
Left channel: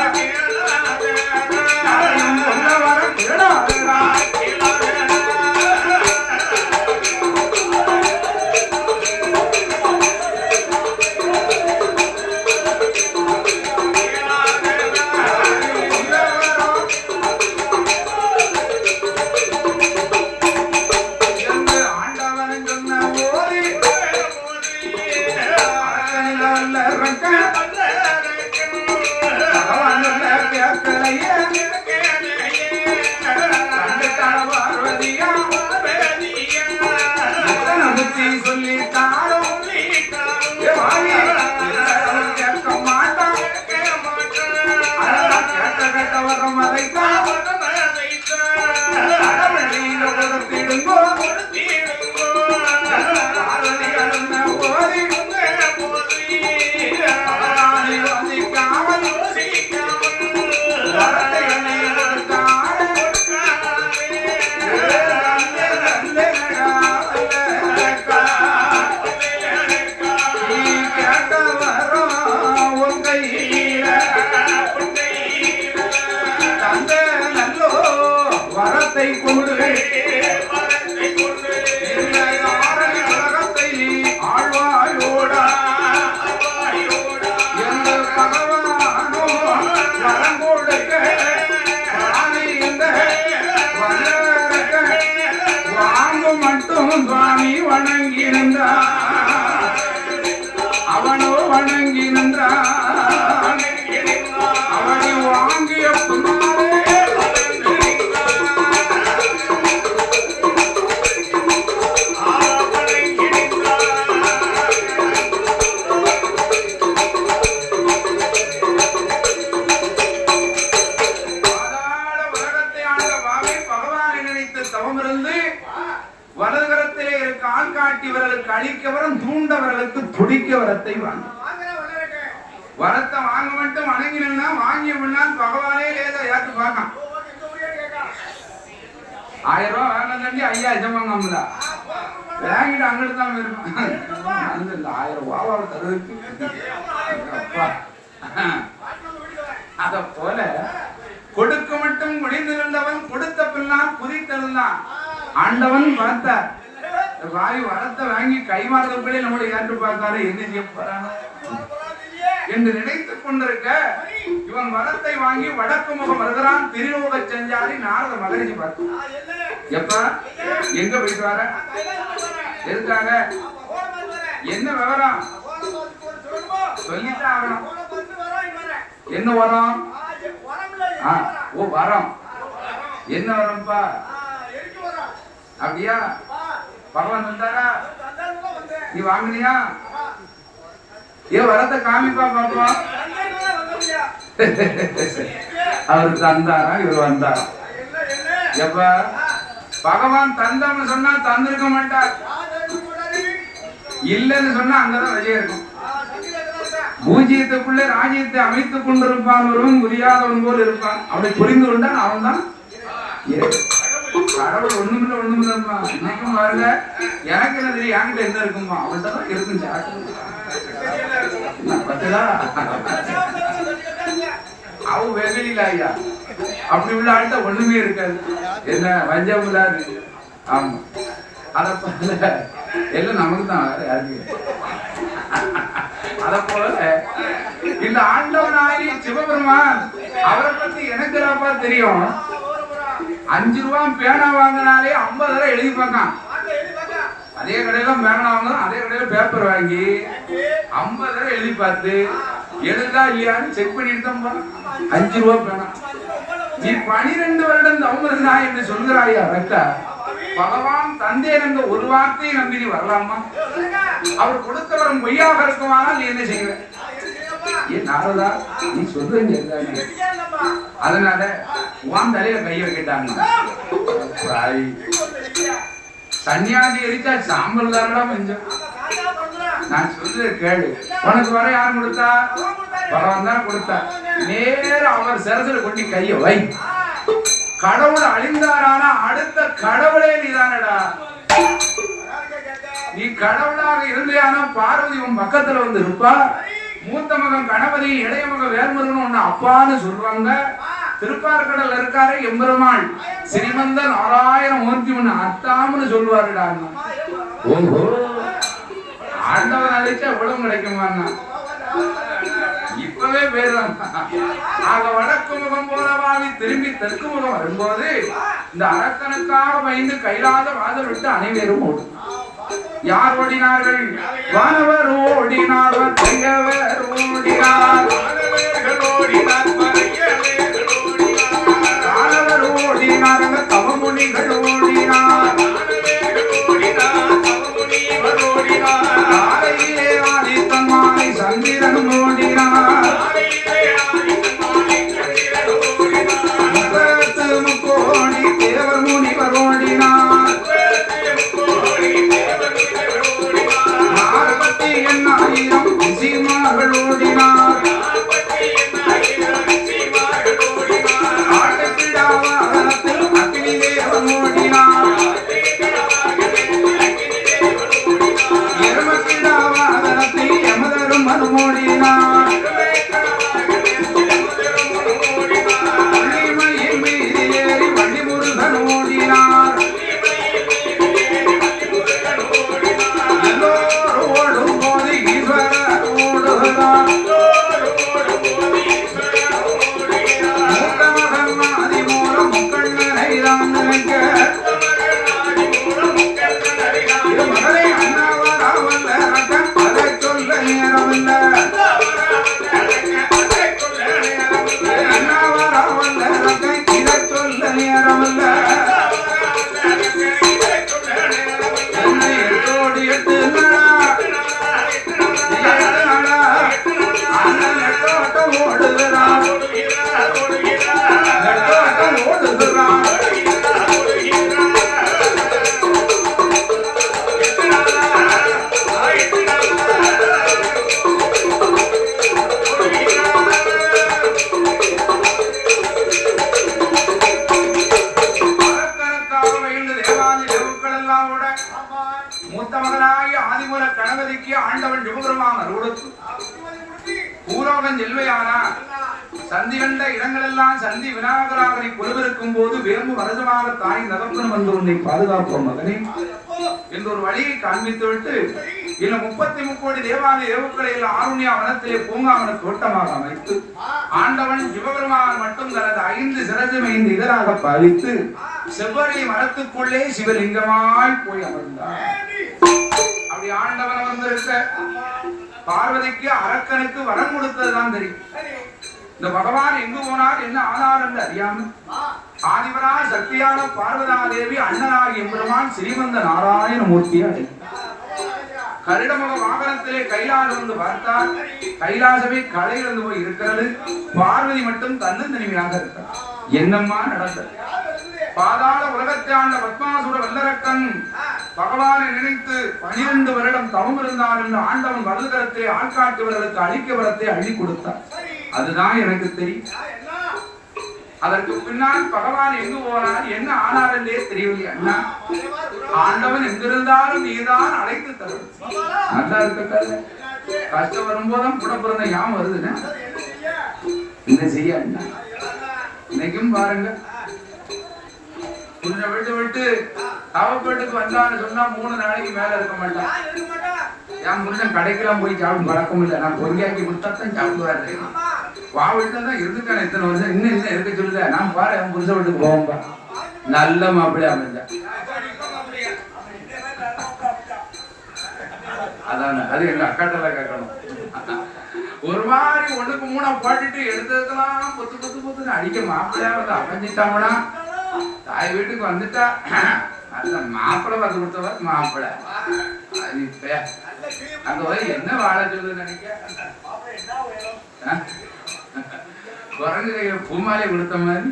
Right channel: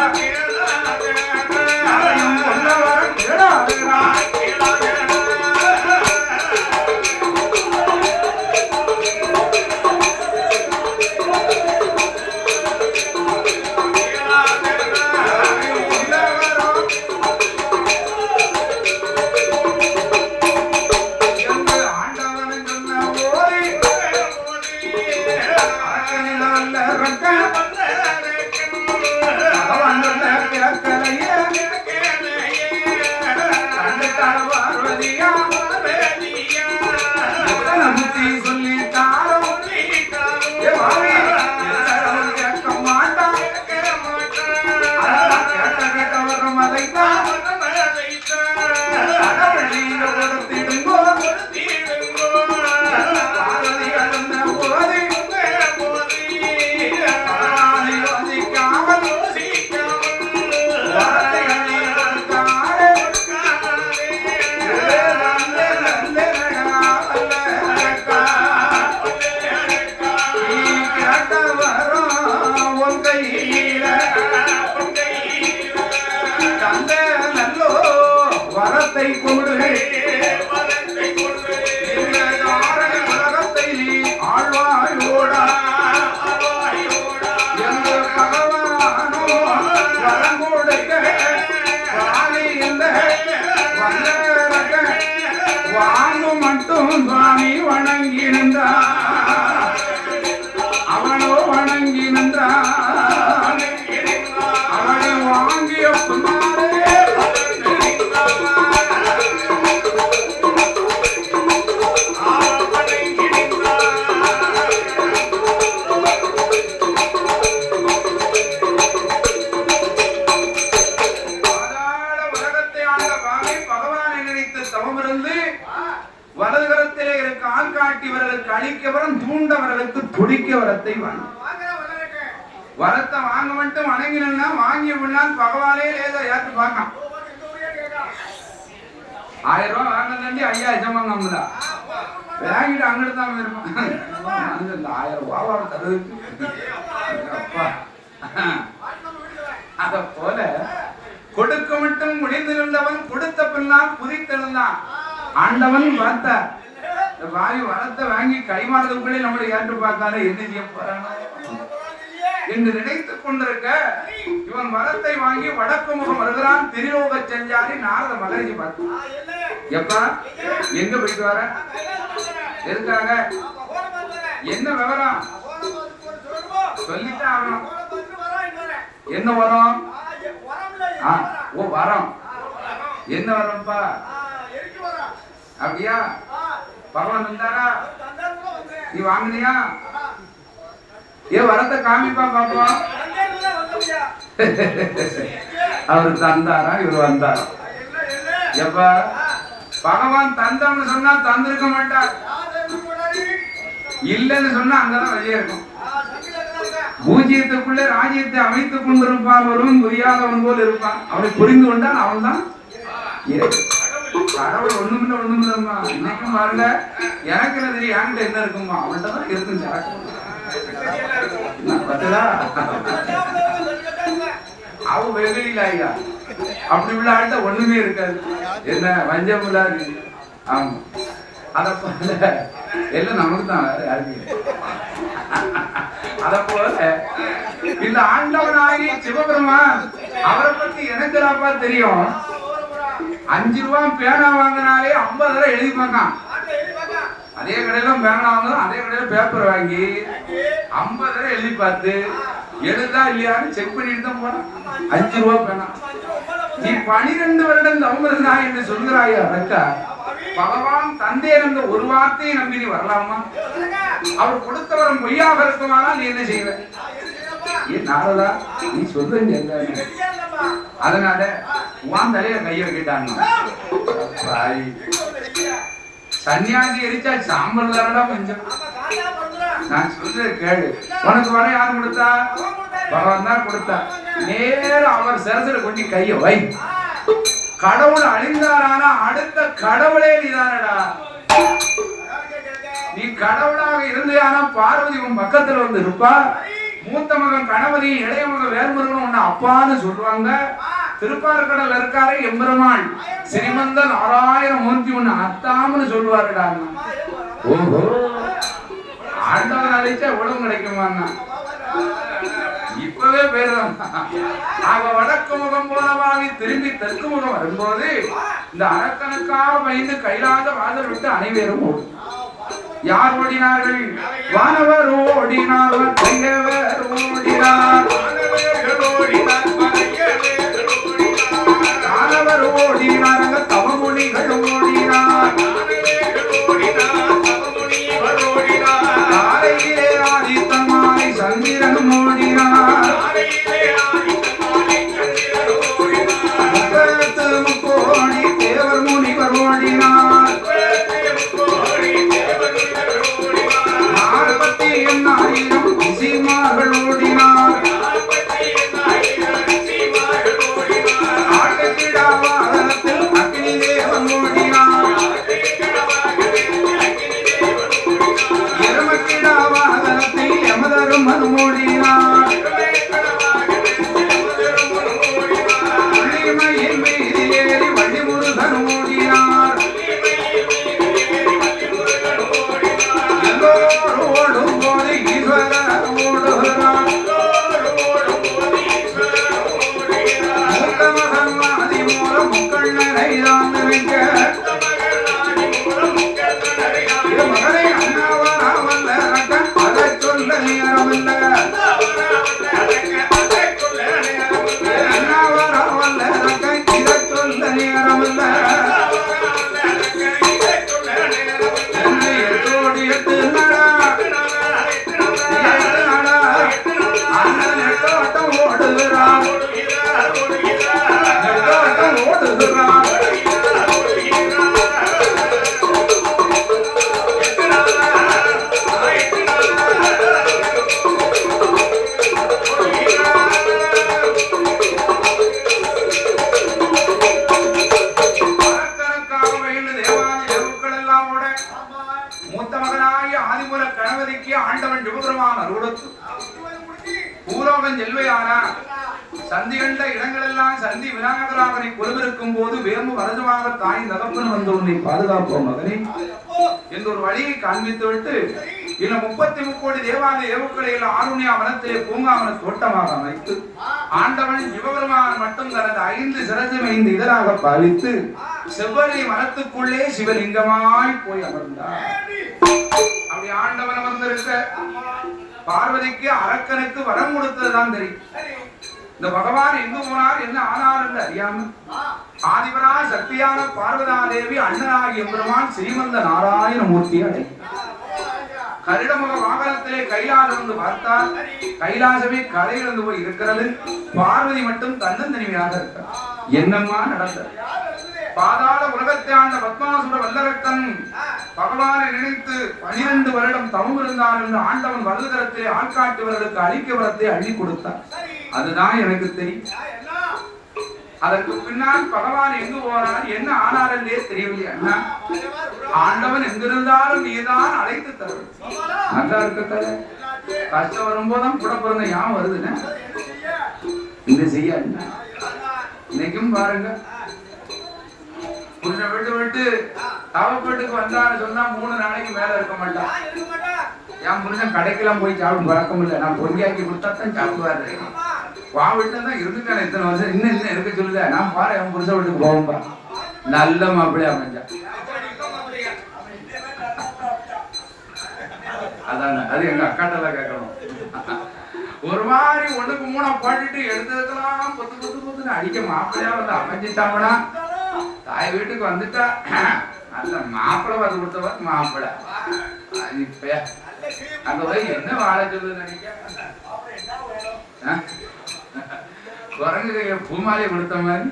வரத்தை வாங்க மட்டும் வணங்கினா வாங்கி விடலாம் பகவானே லேதா யாருக்கு பார்க்கலாம் 1000 ரூபாய் வாங்கினது 5000 வாங்கம்ல வாங்கிட்டு அங்கிட்டு தான் இருக்கும் அந்த 1000 ரூபாய் தருவதுக்கு அத போல கொடுக்க மட்டும் ஒளிந்திருந்தவன் கொடுத்த பின்னால் குதித்தெழுந்தான் ஆண்டவன் வரத்த வாயு வரத்தை வாங்கி கைமாறதுக்குள்ளே நம்மளை ஏற்று பார்க்காத என்ன செய்ய போறான் என்று நினைத்துக் கொண்டிருக்க இவன் வரத்தை வாங்கி வடக்கு முகம் வருகிறான். திரிலோக செஞ்சாரி நாரத மகரிஷி பார்த்து எப்ப எங்க போயிட்டு வர எதுக்காக என்ன விவரம் சொல்லித்தான் ஆகணும். என்ன வரம்? ஓ வரம். என்ன வரம்பா? அப்படியா? பகவான் வந்தாரா? நீ வாங்கினியா? ஏன் வரத்தை காமிப்பா பாப்பா. அவர் தந்தாரா இவர் வந்தாரா? எப்ப பகவான் தந்தான்னு சொன்னா தந்திருக்க மாட்டார். இல்லன்னு சொன்னா அங்கதான் வெளியே இருக்கும். பூஜ்யத்துக்குள்ளே ராஜ்யத்தை அமைத்துக் கொண்டிருப்பான். புரியாதவன் போல் இருப்பான். அவனை புரிந்து கொண்டான் அவன் தான் கடவுள். ஒண்ணுமில்லம்மா இன்னைக்கும் பாருங்க. எனக்கு என்ன தெரியும் என்கிட்ட என்ன இருக்குமா? அவன்கிட்ட தான் இருக்கும். அவ வெகுளில ஐயா அப்படி உள்ள ஆள்கிட்ட ஒண்ணுமே இருக்காது. என்ன வஞ்சம் இல்லாது. ஆமா அத போல எல்லாம் நமக்கு தான் யாருக்கு. அத போல இந்த ஆண்டவனாகி சிவபெருமான் அவரை பத்தி எனக்கு அப்பா தெரியும். 5 ரூபாய் பேனா வாங்கினாலே 50 ரூபாய் எழுதி பார்க்கான். அதே கடையில பேனா வாங்கணும். அதே கடையில பேப்பர் வாங்கி 50 ரூபாய் எழுதி பார்த்து எழுதா இல்லையான்னு செக் பண்ணிட்டு தான் போறான். 5 ரூபாய் பேனா. நீ 12 வருடம் தவமிருந்தா என்று சொல்கிறாயா? கரெக்டா? பகவான் தந்தே என்ற ஒரு வார்த்தையை நம்பி நீ வரலாமா? அவர் கொடுத்தவரும் பொய்யாக இருக்குமானால் நீ என்ன செய்வ? ஏன் நாரதா நீ சொல்றீங்க. அதனால உன் தலையில கைய வைக்கிட்டாங்க. சன்னியாசி எரிச்சா சாம்பல் தானடா கொஞ்சம். நான் சொல்ற கேளு. உனக்கு வர யார் கொடுத்தா? பகவான் தான் கொடுத்தா. நேரம் அவர் சரசர கொண்டு கைய வை. கடவுள் அழிந்தாரானா அடுத்த கடவுளே நீதானடா. நீ கடவுளாக இருந்தேனா பார்வதி உன் பக்கத்துல வந்து இருப்பா. மூத்த மகன் கணபதி, இளைய மகன் வேல்முருகன் உன்னை அப்பான்னு சொல்லுவாங்க. திருப்பார்கடல் இருக்காரு எம்பெருமாள் ஸ்ரீமந்த நாராயண மூர்த்தி உன்னை அத்தாம்னு சொல்லுவாருடா. ஓஹோ ஆண்டவன் அழிச்சா எவ்வளவு கிடைக்குமாண்ணா? இப்பவே பேரலாம். ஆக வடக்கு முகம் போலவாவி திரும்பி தெற்கு முகம் வரும்போது இந்த அரக்கனுக்காக பயந்து கைலாத வாசல் விட்டு அனைவரும் ஓடும். யார் ஓடினார்கள்? வானவர் ஓடினார், கையவர் ஓடினார், வானவர் ஓடினார், தவமுனிகள் ஓடினார், காலையிலே ஆதித்தன் மாலை சந்திரன் ஓடினார், முப்பத்து முக்கோடி தேவர் முனிவர் ஓடினார். முருகன் ஓடினார் எல்லோரோடும் போது ஈஸ்வரர் ஓடுகிறார் ஆண்டவன் சிவபெருமான் அருளுக்கு பூலோகம் செல்வையானா சந்தி கண்ட இடங்களெல்லாம் சந்தி விநாயகராகனை கொலுவிருக்கும் போது வேம்பு வரதுமாக தாய் நகர்ப்பன் வந்து உன்னை பாதுகாப்போம் மகனே என்று ஒரு வழியை காண்பித்து விட்டு இன்னும் 33 கோடி தேவாலய ஏவுக்களையில் ஆருண்யா வனத்திலே பூங்காவன தோட்டமாக அமைத்து ஆண்டவன் சிவபெருமான் மட்டும் தனது 5 சிரஜம் 5 இதழாக பாலித்து செவ்வழி மரத்துக்குள்ளே சிவலிங்கமாய் போய் அமர்ந்தார். அப்படி ஆண்டவன் வந்திருக்க பார்வதிக்கு அரக்கனுக்கு வரம் கொடுத்ததுதான் தெரியும். இந்த பகவான் எங்கு போனார் என்ன ஆனார் என்று அறியாமல் ஆதிவராய் சக்தியான பார்வதாதேவி அண்ணனாகி எம்பெருமான் ஸ்ரீமந்த நாராயண மூர்த்தியை அழைத்தார். கருடமுக வாகனத்திலே கைலாசம் வந்து பார்த்தால் கைலாசமே கலையிலிருந்து போய் இருக்கிறது. பார்வதி மட்டும் தன்னந்தனிமையாக இருக்கிறார். என்னம்மா நடந்தது? பாதாள உலகத்தை ஆண்ட பத்மாசுர வல்லரக்கன் பகவானை நினைத்து 12 வருடம் தவம் இருந்தார் என்று ஆண்டவன் வலதுகரத்தை ஆட்காட்டுவர்களுக்கு அழிக்க வரத்தை அள்ளி கொடுத்தார். அதுதான் எனக்கு தெரியும். அதற்கு பின்னால் பகவான் எங்கு போனார் என்ன ஆனார் என்றே தெரியவில்லை. அண்ணா ஆண்டவன் எங்கிருந்தாலும் நீதான் அழைத்து தரும். நல்லா இருக்க கஷ்டம் வரும்போதும் கூட பிறந்த ஞாபகம் வருதுன்னு இந்த செய்ய அண்ணா இன்னைக்கும் பாருங்க. புருஷனை விட்டு விட்டு தவப்பேட்டுக்கு வந்தான்னு சொன்னா 3 நாளைக்கு மேல இருக்க மாட்டான். என் புருஷன் கடைக்கெல்லாம் போய் சாப்பிடும் பழக்கம் இல்லை. நான் பொங்கியாக்கி கொடுத்தாத்தான் சாப்பிடுவாரு. வா வீட்டுல இருந்துட்டான இத்தனை வருஷம் இன்னும் இருக்க சொல்லுத. நான் பாரு என் புருஷன் வீட்டுக்கு போவோம்பா. நல்ல மாப்பிள்ளை அமைஞ்ச அதான அது எங்க அக்காட்டெல்லாம் கேட்கணும். ஒரு மாதிரி 1க்கு 3 பாட்டுட்டு எடுத்ததுக்கெல்லாம் பொத்து பொத்து பொத்துன்னு அடிக்க மாப்பிள்ளையா வந்து அமைஞ்சிட்டாங்கடா. தாய் வீட்டுக்கு வந்துட்டா நல்ல மாப்பிள்ளை வர கொடுத்தவர் மாப்பிள்ளை. இப்ப அங்க போய் என்ன வாழ சொல்லுது நினைக்க குரங்கு பூமாலை கொடுத்த மாதிரி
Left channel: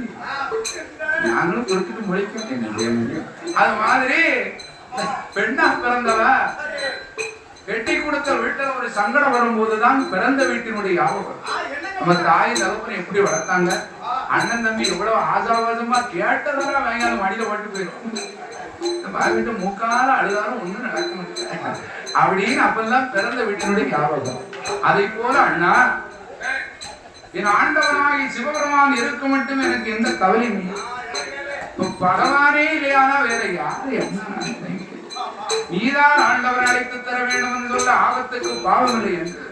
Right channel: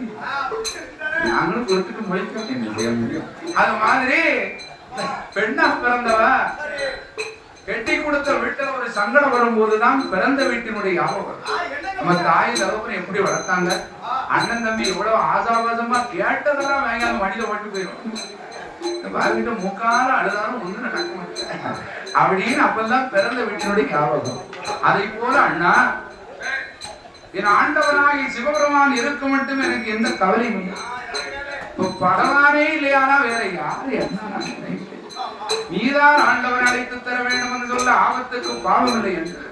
நாங்களும் கொடுத்துட்டு முடிக்கும் என்ன செய்ய முடியும். அது மாதிரி பெண்ணா பிறந்தவ வெட்டி கொடுத்த வீட்டுல ஒரு சங்கடம் வரும்போதுதான் பிறந்த வீட்டினுடைய ஞாபகம். நம்ம தாய் தகப்பனை எப்படி வளர்த்தாங்க, அண்ணன் தம்பி எவ்வளவு ஆசாபாசமா கேட்டதெல்லாம் வேங்காலும் மடியில பட்டு போயிடும். பாருக்கிட்ட மூக்கால அழுதாலும் ஒண்ணும் நடக்க முடியல அப்படின்னு அப்பெல்லாம் பிறந்த வீட்டினுடைய ஞாபகம். அதை போல அண்ணா என் ஆண்டவனாகி சிவபெருமான் இருக்க மட்டும் எனக்கு எந்த கவலையும் இல்லை. இப்ப பகவானே இல்லையானா வேற யாரு என்ன நீதான் ஆண்டவன் அழைத்து தர வேண்டும் என்று சொல்ல ஆபத்துக்கு பாவம் இல்லை என்று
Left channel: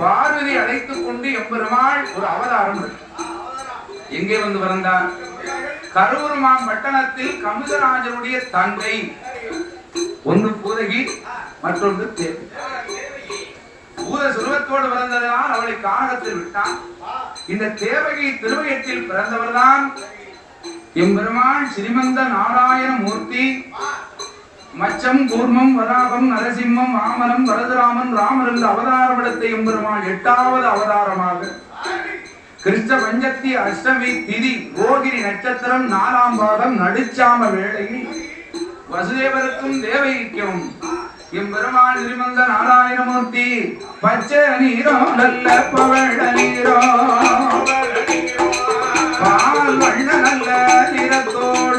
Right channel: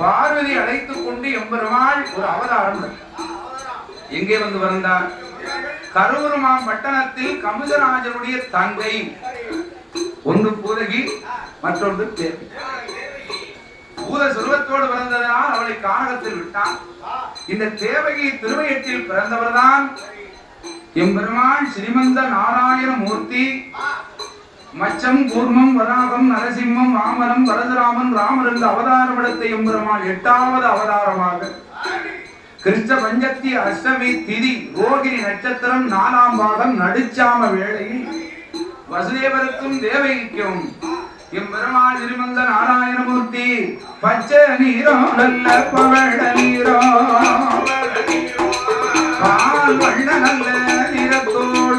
பார்வதி அழைத்துக் கொண்டு எம்பெருமாள் ஒரு அவதாரம் எங்கே வந்து வந்தார்? கரூர்மான் பட்டணத்தில் கமுதராஜனுடைய தங்கை ஒன்று பூதகி மற்றொன்று தேவி. பூத சுருவத்தோடு பிறந்ததனால் அவளை கானகத்தில் விட்டான். இந்த தேவகி திருவயத்தில் பிறந்தவர்தான் எம்பெருமான் ஸ்ரீமந்த நாராயண மூர்த்தி. மச்சம் கூர்மம் வராகம் நரசிம்மம் வாமனம் வரதுராமன் ராமர் என்ற அவதாரமிடத்தை எம்பெருமான் 8வது அவதாரமாக கிருஷ்ண பஞ்சத்தி அஷ்டமி திதி ரோகிணி நட்சத்திரம் 4ஆம் பாகம் நடுச்சாம வேளையில் வசுதேவருக்கும் தேவகிக்கும் எம்பெருமான் ஸ்ரீமந்த நாராயணமூர்த்தி பச்சை நீரோ நல்ல பவழ நீரோ பால் வண்ண நல்ல நிறத்தோடு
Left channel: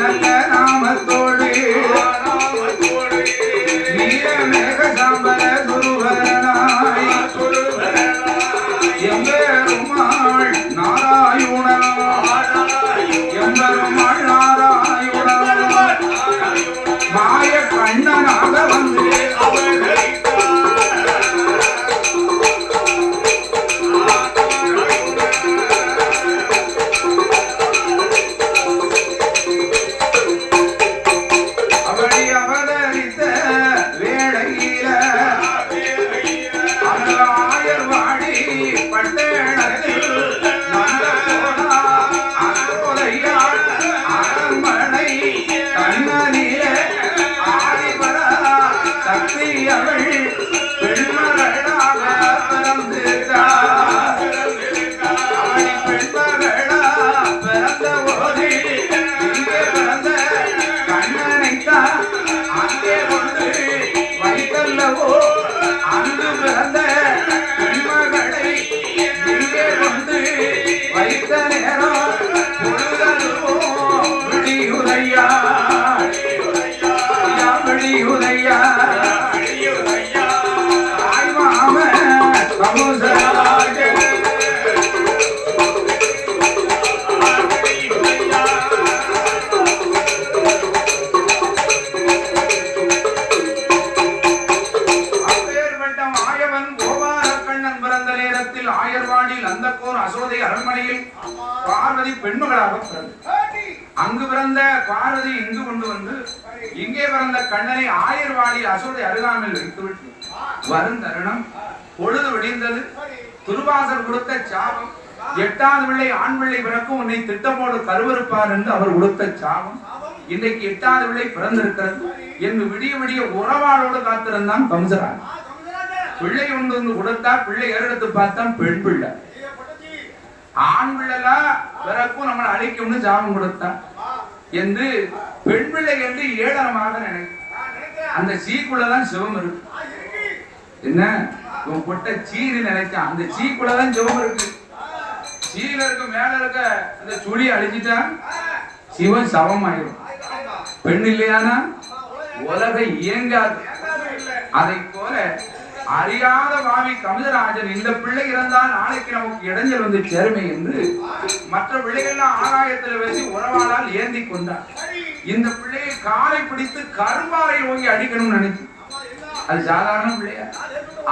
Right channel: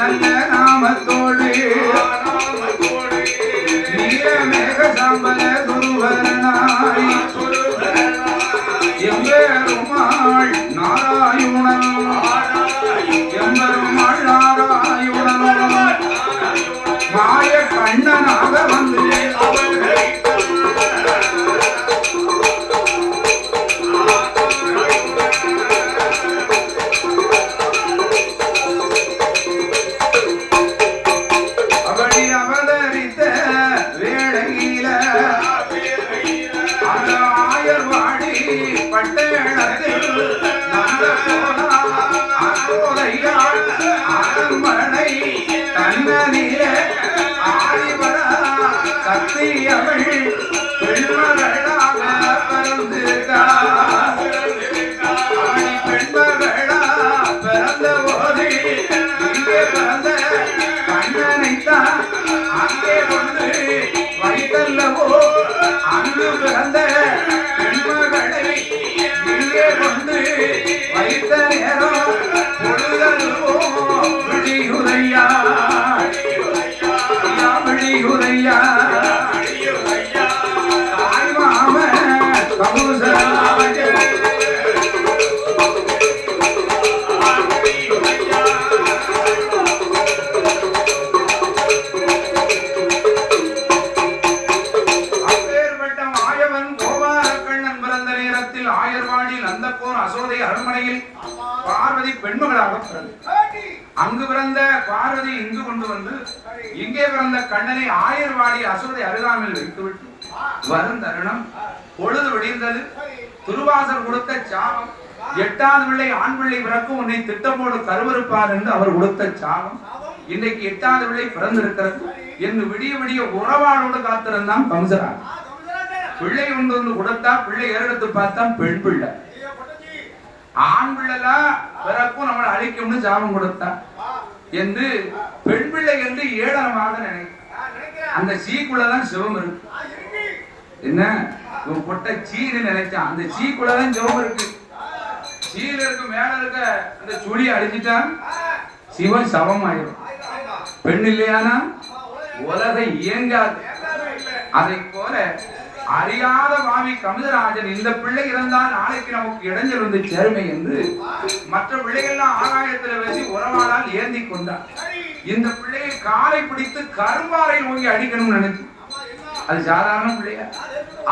நல்ல நாமத்தோடு நீரமேக சாம்பல சுருவரனாய் எம்பெருமாள் நாராயண அரண்மனையில் பார்வதி பெண்மகளாக பிறந்தார். அங்கு பிறந்த பார்வதி இங்கு கொண்டு வந்து இங்கே பிறந்த கண்ணனை ஆயர்வாடி அசுரனை அருகாமையில் வைத்துவிட்டு வரும் தருணம் பொழுது விடிந்தது. துருவாசர் கொடுத்த சாபம், 8வது பிள்ளை ஆண் பிள்ளை பிறக்கும் உன்னை திட்டமோடு கருவறுப்பார் என்று அவர் கொடுத்த சாபம் இன்றைக்கு 8வது பிள்ளை பிறந்திருக்கிறது என்று விடிய விடிய உறவாளோடு காத்திருந்தான் கம்சராஜ். பிள்ளை கொண்டு வந்து கொடுத்தா பிள்ளை ஏறெடுத்து பார்த்தா பெண் பிள்ளை. ஆண் பிள்ளைலா பிறக்கும் நம்மளை அழிக்கும்னு சாபம் கொடுத்தா என்று பெண் பிள்ளை என்று ஏளனமாக நினைக்க. அந்த சீக்குள்ளதான் சிவம் இருக்கு. என்ன இவன் பொட்ட சீன்னு நினைச்சான். அந்த சீக்குள்ளதான் சிவம் இருக்கு. சீல இருக்கு மேல இருக்க அந்த சுழியை அழிச்சிட்டா சிவன் சவம் ஆயிடும். பெண் இல்லையானா உலகம் இயங்காது. அதை போல அறியாத மாமி கமிதராஜன் இந்த பிள்ளை இருந்தால் நாளைக்கு நமக்கு இடைஞ்சல் வந்து சேருமை என்று மற்ற பிள்ளைகள்லாம் ஆகாயத்தில் வச்சு உறவாளால் ஏந்தி கொண்டார். இந்த பிள்ளையை காலை பிடித்து கரும்பாறை நோக்கி அடிக்கணும்னு நினைச்சு. அது சாதாரண பிள்ளையா?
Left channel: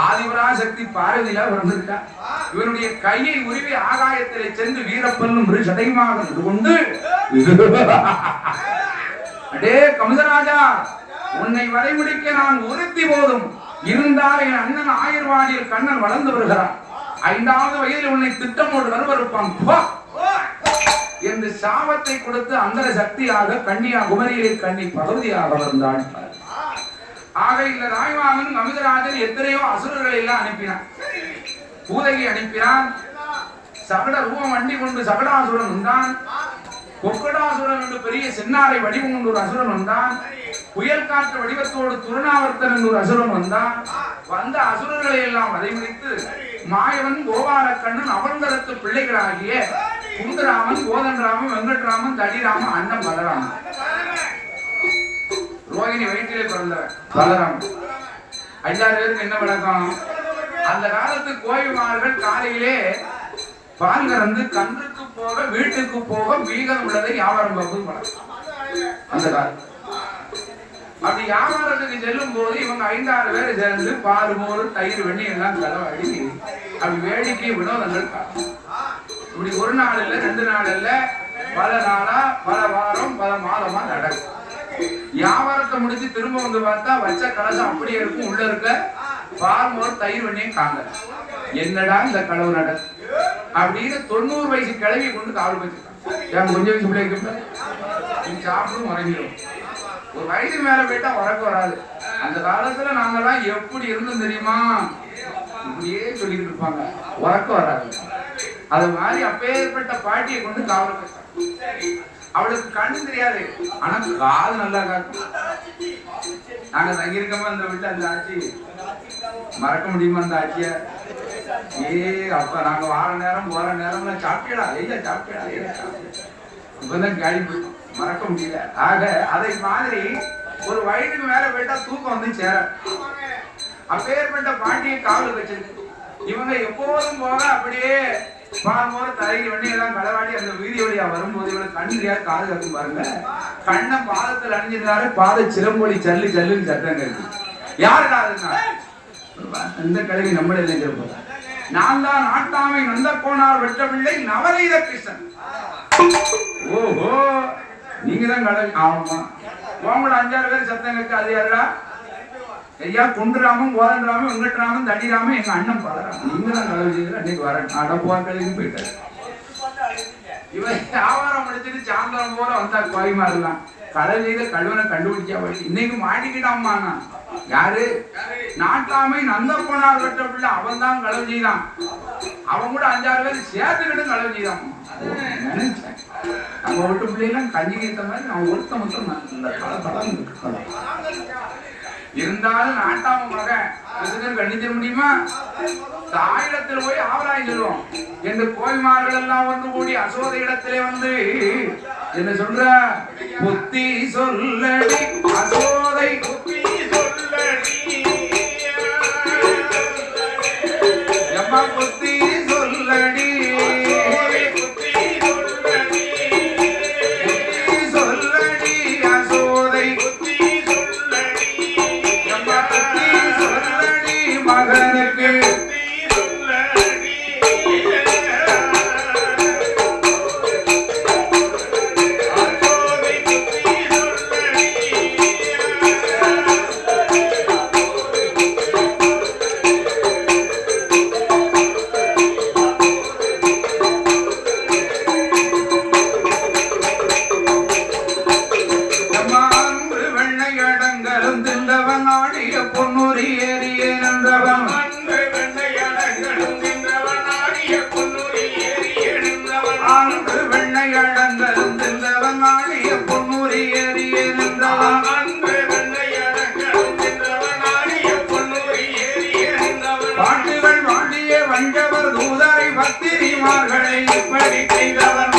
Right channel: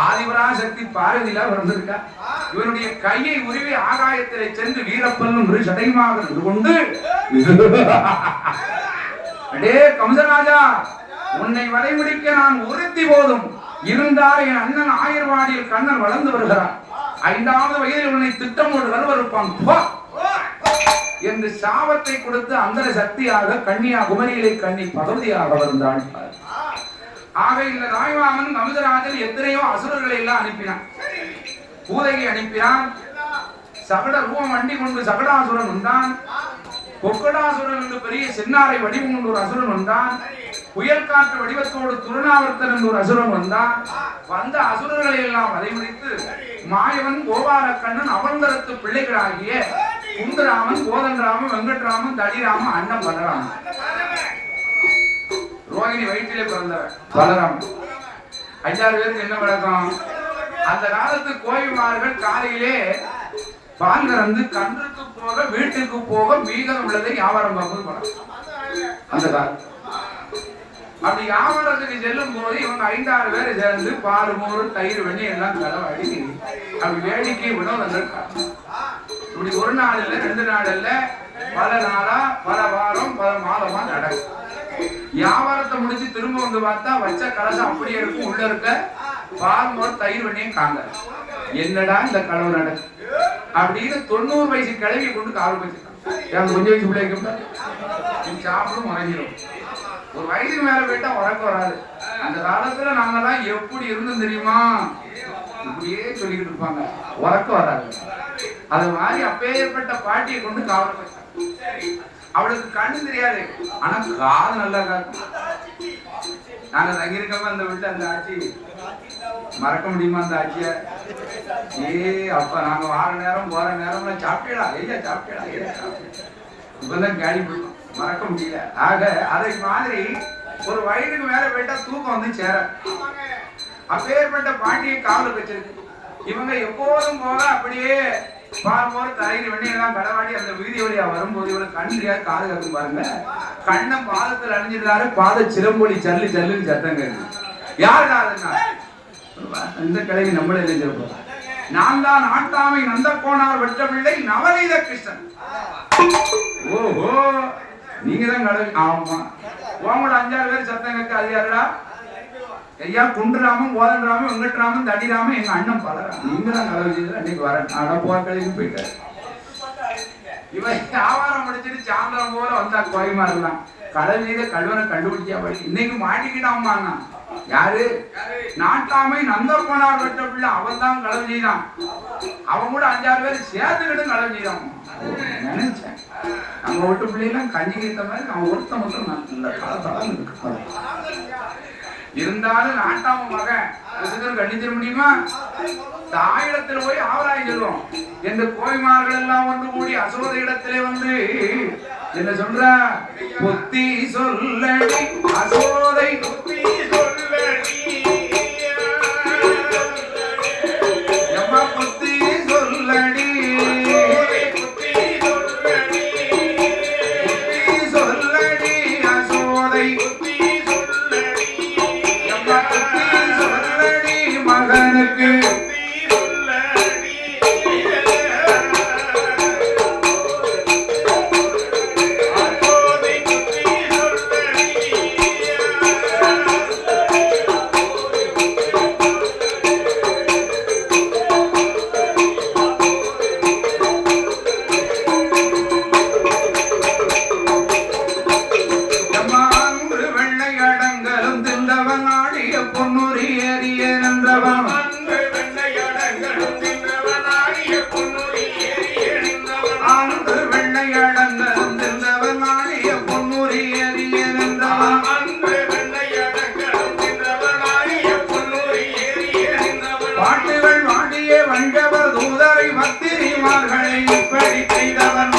ஆதிபராசக்தி பார்வதியில வந்திருக்கா. இவனுடைய கையை உருவி ஆகாயத்திலே சென்று வீரப்பன் சடைமாக கொண்டு அடே கமிதராஜா, உன்னை வரைமுடிக்க நான் உறுத்தி போதும் இருந்தால் என் அண்ணன் ஆயர்வாடியில் கண்ணன் வளர்ந்து வருகிறான். 5வது வயதில் உன்னை திட்டமோடு கருவறுப்பான் என்று சாபத்தை கொடுத்து அந்த சக்தியாக கன்னியாகுமரியிலே கன்னி பகவதியாக வந்தாள். ஆக இந்த ராய்வாமன் கமிதராஜன் எத்தனையோ அசுரர்களை எல்லாம் அனுப்பினான். பூதகி அனுப்பினான். சகட ரூபம் வண்டி கொண்டு சகடாசுரன் வந்தான். கொக்கடாசுரன் என்று பெரிய சென்னாரை வடிவம் கொண்டு ஒரு அசுரன் வந்தான். புயல் காற்று வடிவத்தோடு துருணாவர்த்தன் என்று ஒரு அசுரன் வந்தான். வந்த அசுரர்களை எல்லாம் வதைமுடித்து மாயவன் கோபாலக்கண்ணன் அவங்கரத்து பிள்ளைகளாகிய குந்தராமன், கோதண்டராமன், வெங்கட்ராமன், தடிராமன், அண்ணன் பலராமன். ரோகிணி வயிற்றிலே பிறந்தவர் பலராமன். 5-6 பேருக்கு என்ன விளக்கம்? அந்த காலத்து கோயில்மார்கள் காலையிலே பால் கறந்து கன்றுக்கு போக வீட்டுக்கு போக மீதம் உள்ளதை வியாபாரம் பார்ப்பது பழக்கம். அந்த காலம் அப்படி வியாபாரத்துக்கு செல்லும் போது இவங்க 5-6 பேரை சேர்ந்து பால், மோர், தயிர், வெண்ணெய் எல்லாம் செலவழி அப்படி வேடிக்கை வினோதங்கள். இப்படி ஒரு நாள் இல்ல, 2 நாள் இல்ல, பல நாளா, பல வாரம், பல மாதமா நடக்கும். வியாபாரத்தை முடிச்சு திரும்ப வந்து பார்த்தா வச்ச கலசம் அப்படியே இருக்கும். உள்ள இருக்க பால், மோர், தயிர், வெண்ணெய் காங்க. என்னடா இந்த களவு நடக்கும் அப்படின்னு 90 வயசு கிளவி கொண்டு காவல் வச்சிருக்கான். என் கொஞ்சம் வயசு பிள்ளைக்கு சாப்பிடும் உறங்கிடும். ஒரு வயசுக்கு மேல போயிட்டா உறக்க வராது. அந்த காலத்துல நாங்கெல்லாம் எப்படி இருந்தோம் தெரியுமா? இப்படியே சொல்லிக்கிட்டு இருப்பாங்க, உறக்க வராது. அது மாதிரி அப்பேற்பட்ட பாட்டியை கொண்டு காவல் வச்சாங்க. அவளுக்கு கண்ணு தெரியாது, ஆனா காது நல்லா காக்கும். நாங்க தங்கியிருக்கோம் அந்த வீட்டுல. அந்த ஆட்சி மறக்க முடியுமா? அந்த ஆட்சிய அப்ப நாங்க வார நேரம் போற நேரம் சாப்பிட்டா ஐயா சாப்பிட்டா இப்பதான் கேள்வி போயிட்டோம், மறக்க முடியல. ஆக அதை மாதிரி ஒரு வயதுக்கு மேல போயிட்டா தூக்கம் வந்து சேர. அப்பேற்பட்ட பாட்டியை காவல் வச்சிருக்கு. இவங்க எப்போதும் போக அப்படியே பால், மோர், தயிர், வெண்ணெய் எல்லாம் களவாடி அந்த வீதி வழியா வரும்போது இவளுக்கு கண் தெரியாது, காது கட்டும் பாருங்க. கண்ணை பாதத்தில் அணிஞ்சிருந்தாரு. பாத சிலம்பொலி சல்லு சல்லுன்னு சத்தம் கேட்கு. யாரு காதுன்னா இந்த கிழவி நம்மளே நினைச்சிருப்போம். நான் தான் நாட்டாமை நந்த போனார் வெற்ற பிள்ளை நவநீத கிருஷ்ணன். ஓஹோ, நீங்க தான் கடல். ஆமா, உங்களோட 5-6 பேர் சத்தம் கேட்க. அது யாருடா? ஐயா குண்டுராமன், கோதண்டராமன், வெங்கட்ராமன், தடிராமன், எங்க அண்ணன் பலராமன். நீங்க தான் கடவுள் செய்யல. அன்னைக்கு வரேன் அடப்போக்களையும் போயிட்டாரு. இவன் வியாபாரம் முடிச்சுட்டு சாயந்தரம் போல வந்தா கோயமா இருக்கலாம். கடல் செய்த கல்வனை கண்டுபிடிச்சா வழி. இன்னைக்கு மாட்டிக்கிட்டாமா. யாரு? நாட்டாமை நந்த போனார் வெட்ட பிள்ளை. அவன் தான் களவு செய்தான். அவன் கூட 5-6 பேர் சேர்த்துக்கிட்டு களவு செய்தான். நினைச்சேன் நம்ம வீட்டு பிள்ளைலாம் கஞ்சி கேட்ட மாதிரி அவன் ஒருத்த மட்டும் நல்ல பலம் இருந்தாலும் நாட்டாம மகன் கண்டிச்சிட முடியுமா? தாயிடத்தில் போய் ஆவராய் சொல்லுவோம். எந்த கோய்மார்கள் எல்லாம் வந்து கூடி அசோத இடத்திலே வந்து என்ன சொல்ற? புத்தி சொல்லடி அசோதை, புத்தி சொல்லடி எம்மா புத்தி சொல்லடி, புத்தி சொல்லடி, புத்தி சொல்லடி அசோதை, புத்தி சொல்லடி எம்மா புத்தி சொல்லடி மகனுக்கு, புத்தி சொல்லடி வெள்ளை அடங்கலும் சென்றவன் ஆடிய பொன்னூரி ஏறிய நின்றான் பாட்டுகள் வாடிய வஞ்சவர் தூதரை பத்திரிமார்களை இப்படி செய்தவன்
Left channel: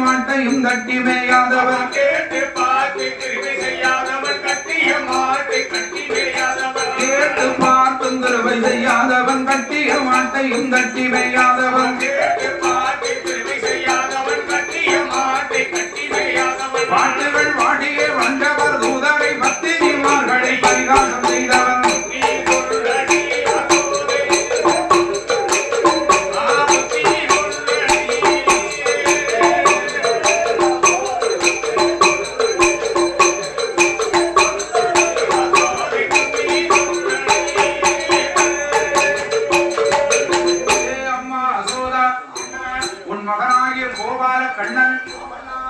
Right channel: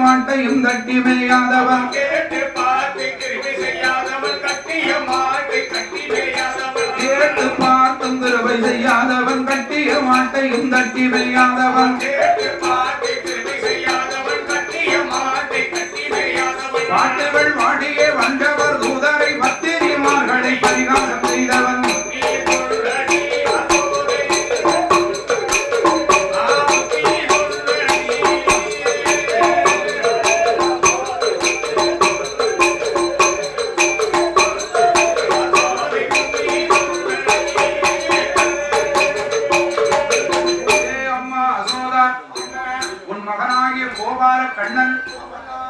மாட்டையும் கட்டி மேயாதவன் கேட்டு பார்த்து கிருபை செய்யாதவன் கட்டிய மாட்டை கட்டி மேயாதவன் கேட்டு பார்த்தும் கிருபை செய்யாதவன் கட்டிய மாட்டையும் கட்டி மேயாதவன் கேட்டு பார்த்து கிருபை செய்யாதவன் கட்டிய மாட்டை கட்டி மேயாதவன் பாட்டுகள் வாடியே வந்தவர் தூதரை பத்திரிமார்களை பரிகாசம் செய்தவன்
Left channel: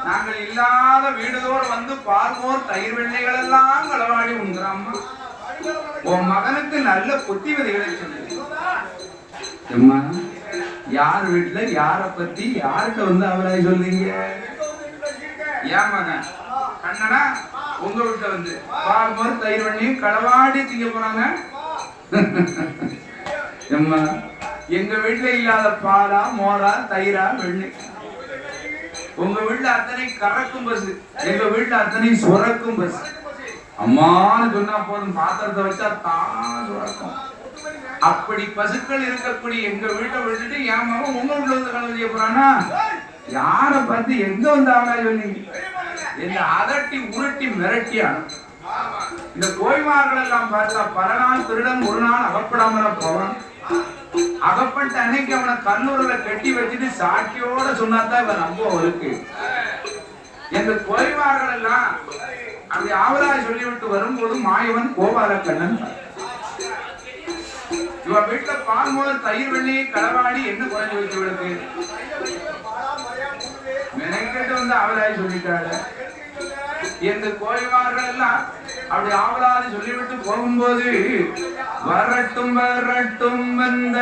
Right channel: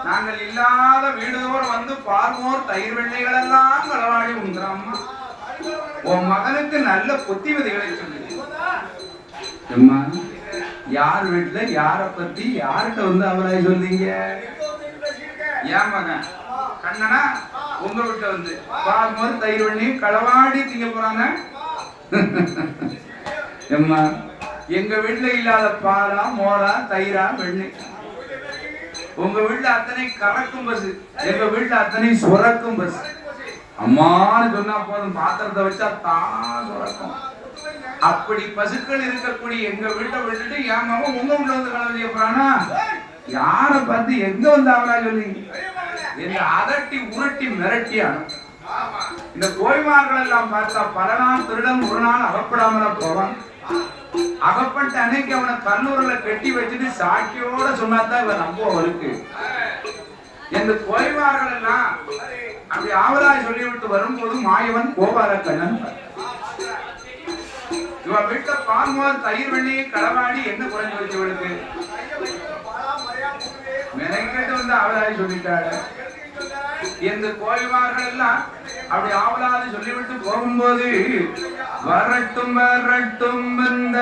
நாங்கள் இல்லாத வீடுதோர் வந்து பார்வோர் தயிர் வெள்ளைகள் எல்லாம் களவாடி உண்கிறாம்மா. உன் மகனுக்கு நல்ல புத்திமதிகளை சொல்லு. அம்மா யார் வீட்டுல யார பத்தி யார்கிட்ட வந்து அவரை சொல்றீங்க? ஏன் மகன் கண்ணனா உங்க வீட்டுல வந்து பார்வோர் தயிர் வெள்ளையும் களவாடி திங்க போறாங்க. அம்மா எங்க வீட்டுல இல்லாத பாலா மோரா தயிரா வெண்ணெய். உங்க வீட்டுல அத்தனை கறக்கும் பஸ், எங்க வீட்டுல அத்தனை சுரக்கும் பஸ். அம்மான்னு சொன்னா போதும், பாத்திரத்தை வச்சா தான் சுரக்கும். அப்படி பசுக்கள் இருக்கக்கூடிய எங்க வீட்டை விட்டுட்டு என் மகன் உங்க வீட்டுல வந்து கலவு செய்ய போறானா? யார பார்த்து எங்க வந்து அவரா சொன்னீங்க? என்ன அதட்டி உருட்டி மிரட்டி அனுப்பும். இந்த கோய்மார்கள் எல்லாம் பார்த்தா பல நாள் திருடன் ஒரு நாள் அகப்படாமல போவான். அகப்பட்ட அன்னைக்கு அவனை கண்ணூர்ல கட்டி வச்சுட்டு சாட்சியோட சொன்னாதான் இவன் நம்புவோம் இருக்கு. இந்த கோய்வார்கள் எல்லாம் அப்படி ஆவலாய் சொல்லிவிட்டு வரும்போது மாயவன் கோபாலக்கண்ணன் இவன் வீட்டுல பால்மோர் தயிர் வெள்ளையை களவாடி என்ன குறைஞ்சு வச்சு இவளுக்கு மெனக்கெட்டு வந்து ஆவலாய் சொல்லிட்டாரு. இந்த கோய்வார்கள் எல்லாம் அப்படி ஆவலாது சொல்லிவிட்டு போகும்போது வரட்டும் வரட்டும் வந்த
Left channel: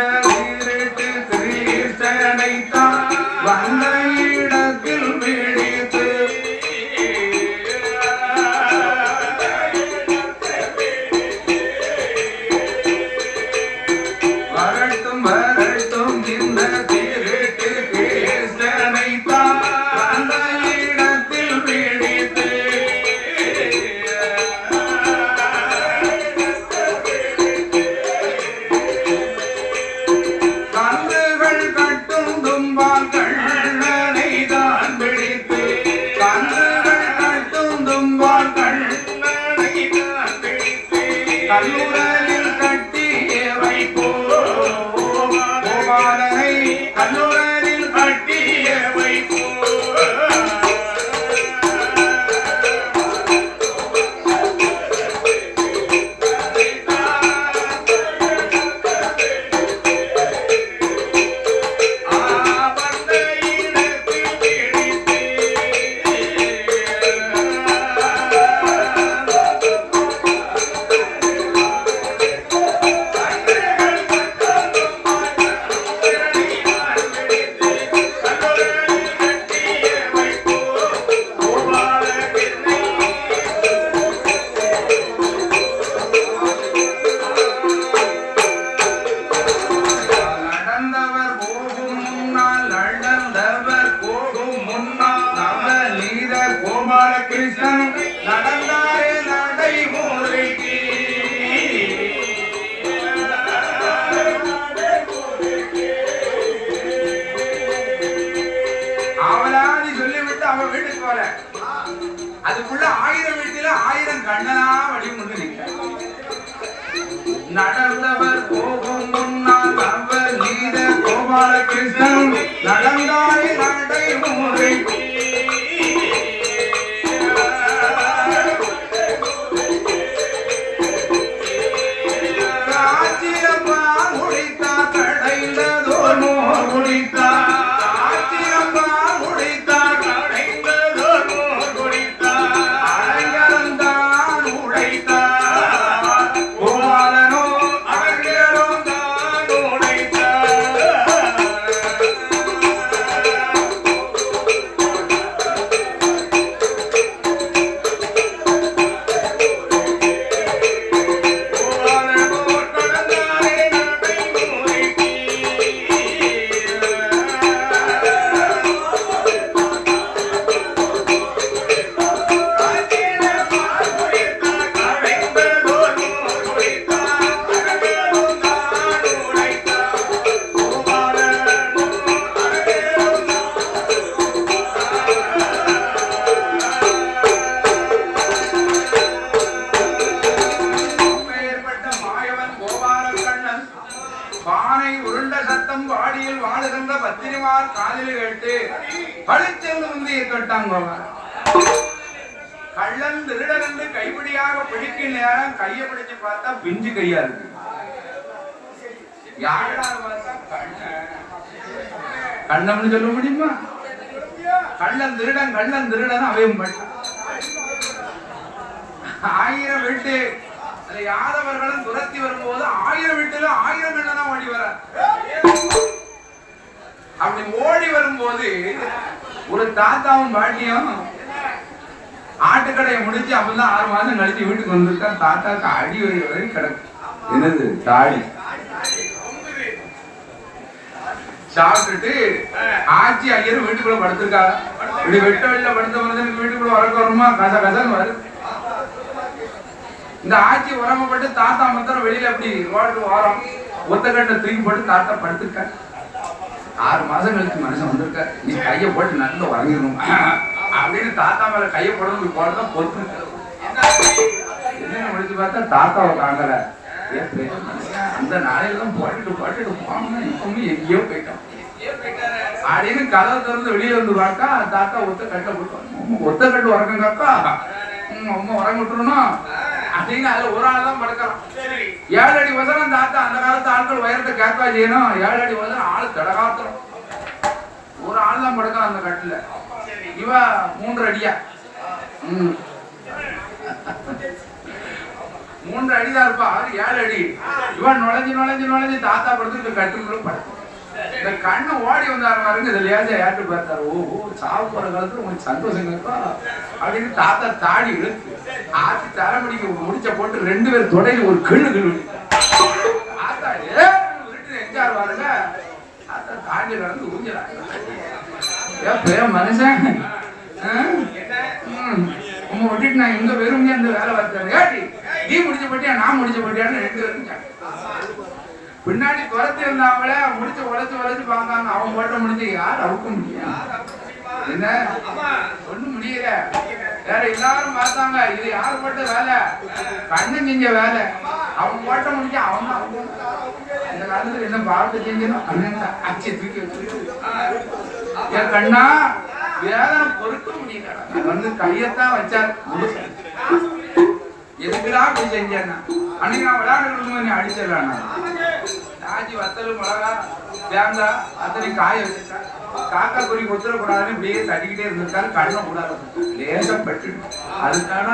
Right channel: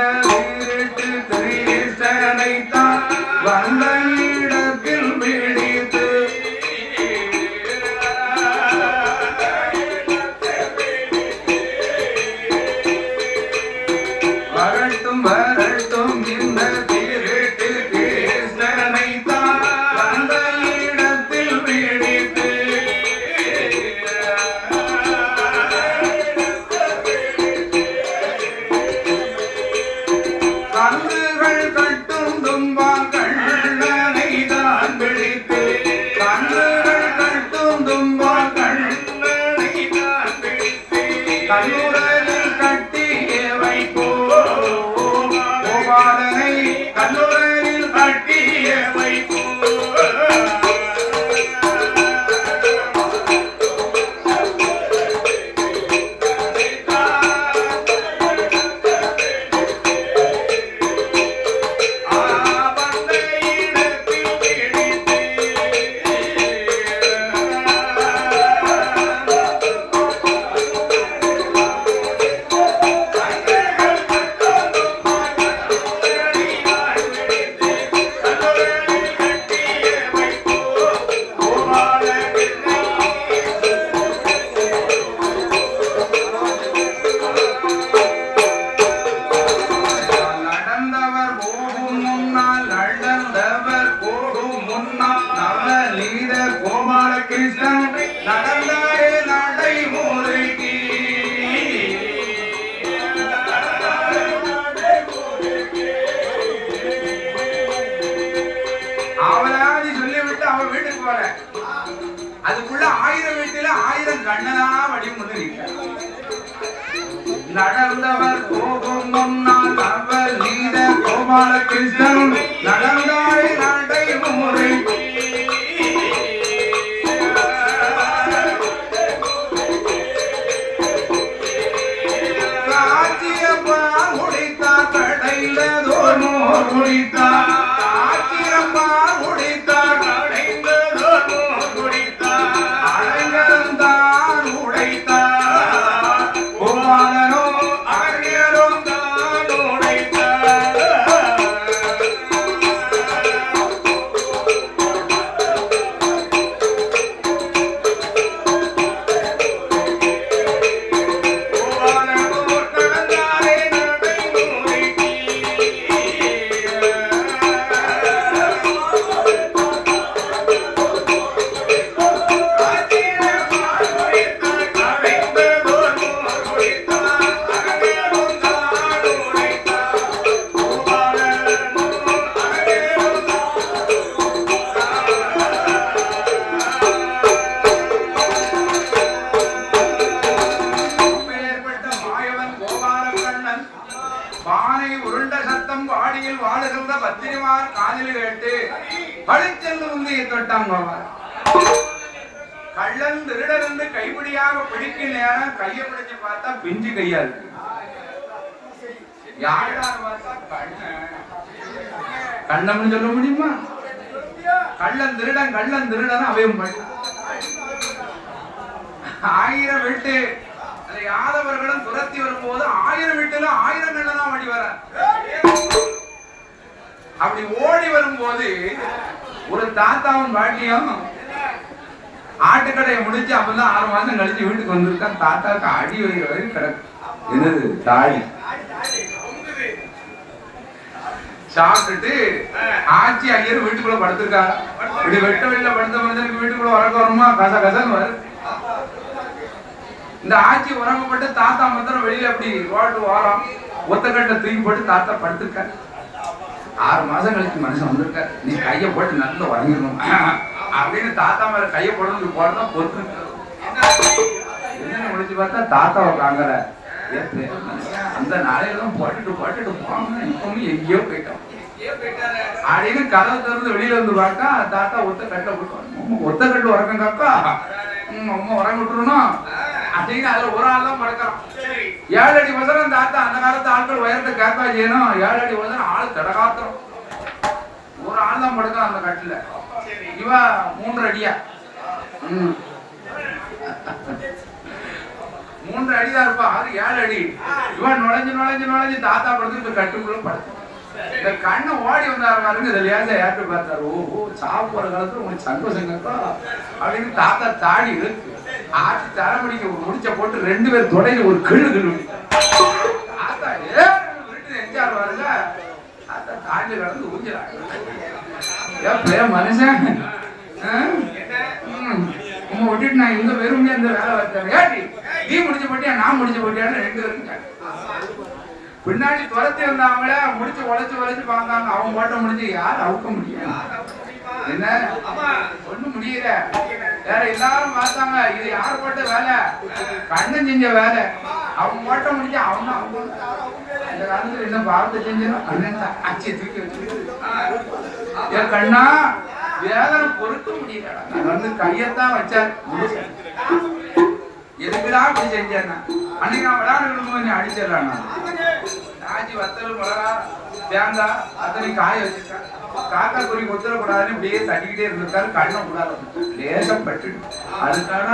கிரீஸ்வரனைத்தான் வந்த இடத்தில் பிடித்து வரட்டும் வரட்டும் இந்த திருட்டு கிரீஸ்வரனைத்தான் வந்த இடத்தில் பிடித்து அதுக்குள்ள 1000 வீட்டுல 1000 கண்ணனா வடிவம் கொண்டு நிற்க நடந்தவர் போகும் முன்னால் அவர் நீத கோபால கிருஷ்ணன் நடந்தாய் நடை முறை குடித்தார் ஆச்சிரம்பால் குடித்தார் அடைந்ததோர் மோர் குடித்தார் அடைங்கலந்தான் உடைத்தார் கோபாலனோ அழகியரும் தான் உடைத்தார் பானை உருண்ட சத்தம் வாடியில் வாழுகின்ற பத்திரிமார் காதில் கேட்டு பழிச்சென்று வந்து தொட்டாங்க கள்ளன் திருடருந்து கைப்பிடியாக பிடிக்கும் நேரம் கையை பிடிச்சு பார்த்தா பிஞ்சு கையா இருக்கு யாரா பார்த்தா கண்ணம்னு சொல்ல முடியுமா கள்ளன் திருடன் அவையும் ஆயிரம் விட்டு யாதவர்களும் துரத்தி வரும்போது 1000 வீட்டுல 1000 கண்ணனா ஓடி வர அப்படி ஓடி வரும்போது ஒரு தாத்தாவும் பாட்டியும் ஆட்டுக்கடையை முடிச்சு அப்பதான் 6 மாசம் கழிச்சு வீட்டுக்கு வந்திருக்கா தாத்தாக்கு அடி வரைக்கும் வரைக்கும் கிடக்கு என்னது தாடி சாப்பிட்டுட்டு ஆட்சி ஐயர் வீட்டுக்குள்ள படுத்திருக்காங்க இப்படி வெட்ட வெளில படுத்த மனிதனுக்கு வீட்டுக்குள்ள வரக்க வருமா கசன்னு வரும் இந்த ஆட்சி உரமப்பட்டு தாத்தா மாத்திரம் வெளியில அப்படி ரோடு ஓரம் ஒத்தக்கட்டை தூக்கி போட்டு தாத்தா படுத்திருக்காரு 6 மாசம் கழிச்சு மனுஷன் வந்திருக்காரு நீ கையை போட்டு நல்லா உறங்கிடணும் அப்படின்னு தாத்தா மேல கையை போடணும் போறதான் பொறுத்து என்ன முடிச்சு பார்த்தா தாத்தாவை காங்கற அந்த நாளையெல்லாம் போட்டுட்டு போன இப்பவும் எங்கேயோ போயிட்டோம் அப்படின்னு கதை திறந்து வெளியில வந்து பார்த்தா தாத்தா ஒத்தக்கட்டை போட்டோம் ஒத்தக்கட்டு உறக்கம் காக்கா அம்மா உறங்கிட்டுருணும் அப்படின்னு அதுல ஒரு ஆள் தான் படுக்கிறான் 7 அடி வசனம் தாத்தா அந்த காலத்து ஆட்கள் உயரத்தை கேட்பா செய்யணும் 7 அடி வசனம் ஆள் தடகாத்திரம் ஒரு ஆள் தான் படுக்கிறான் அந்த கட்டுல இவ 3 அடியா 3 அடிதான் இருப்பா அவரு 7 அடி இவன் நுழைஞ்சு தாத்தா படுத்துட்டு கட்டுக்குள்ள படுத்து இந்த கண்ணு ஓடி வந்தாரு பாருங்க இதை லேசா ஏற்று பார்த்தாரு ஓஹோ சாப்பிட்ற காலத்துல உங்களுக்கு சந்தோஷம் கேட்பா அப்படின்னு தாத்தா தாடி இழுத்து ஆட்சி தலைமுடிக்கு முடிச்ச போட்டு 2 பேர் தொடையில ஒரு கிழு தாத்தா எஞ்சாரு பாருங்க தாத்தா தாண்டி கடந்து ஊஞ்சலாங்க மனுஷன் விட்டுட்டு நான் இந்த வெறும் இந்த வேலை பார்த்தேன் நீ முடிச்சு போட்டியா நான் முடிச்சு போட்டியான்னு 2 பேரும் பின்னாடி துரத்தி இருந்தாங்களே முடிச்சு உழைச்சு பார்த்தாங்க அவன் போட்ட முடிஞ்சு யார் அவுக்க முடியும் என்ன ஒண்ணும் முடியல வேற எல்லாரும் பார்த்தாங்க இது யார் போட்ட வேலை கண்ணன் செஞ்ச வேலை அவன் போட்ட முடிஞ்சு அவன் இந்த காலத்துல என்ன பார்த்து செஞ்சிடும் கண்ணன் அச்சி தூக்கி வச்சிருக்கு என் கண்ணா வேதனை பொறுக்க முடியல வந்து கையத்தான் வச்சார் எதுக்குடா அப்படி செஞ்சேன்னா அன்னைக்கு நான் விளையாடு நீ அடிச்சிடலாம் ராஜி வத்தல் மிளகா தேங்காய் அத்தனை காய வச்சிருக்கேன் காக்கா குறி கொத்துடக்கூடாதுன்னு இப்படியே தட்டிக்கிட்டே இருந்திருக்காரு கண்ணை கூடாது லேசப்பட்டு அதுக்கான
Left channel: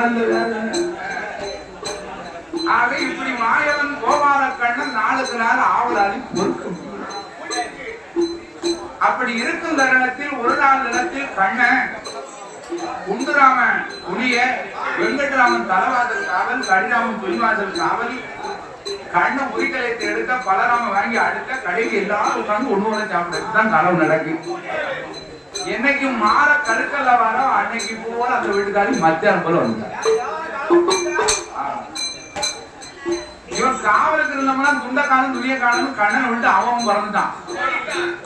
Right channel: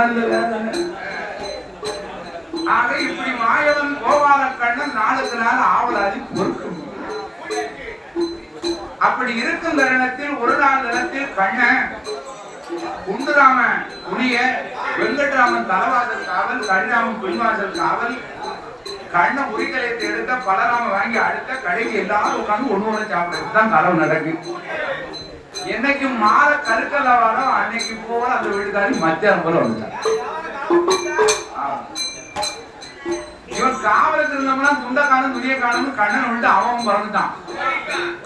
ஆக இப்படி மாயவன் கோபால கண்ணன் நாளுக்கு நாள் ஆவலாதி பொறுக்க முடியும் அப்படி இருக்கும் தருணத்தில் ஒரு நாள் தினத்தில் கண்ணன் குண்டுராமன் புனிய வெங்கட்ராமன் தலைவாசல் காவல் கடிராமன் பின்வாசல் காவல் கண்ணை உரிக்கலையத்தை எடுத்த பலராம வாங்கி அடுத்த கடைக்கு எல்லாரும் உட்காந்து ஒண்ணு சாப்பிடுறதுதான் கலவு நடக்கு என்னைக்கு மாற கருக்கல்ல வரோம் அன்னைக்கு போல அந்த வீட்டுக்காரி மத்தியானம் போல வந்தார் இவன் காவலுக்கு இருந்தவனா துண்ட காணும் துணிய காணும் கண்ணனை விட்டு அவன் பிறந்துட்டான்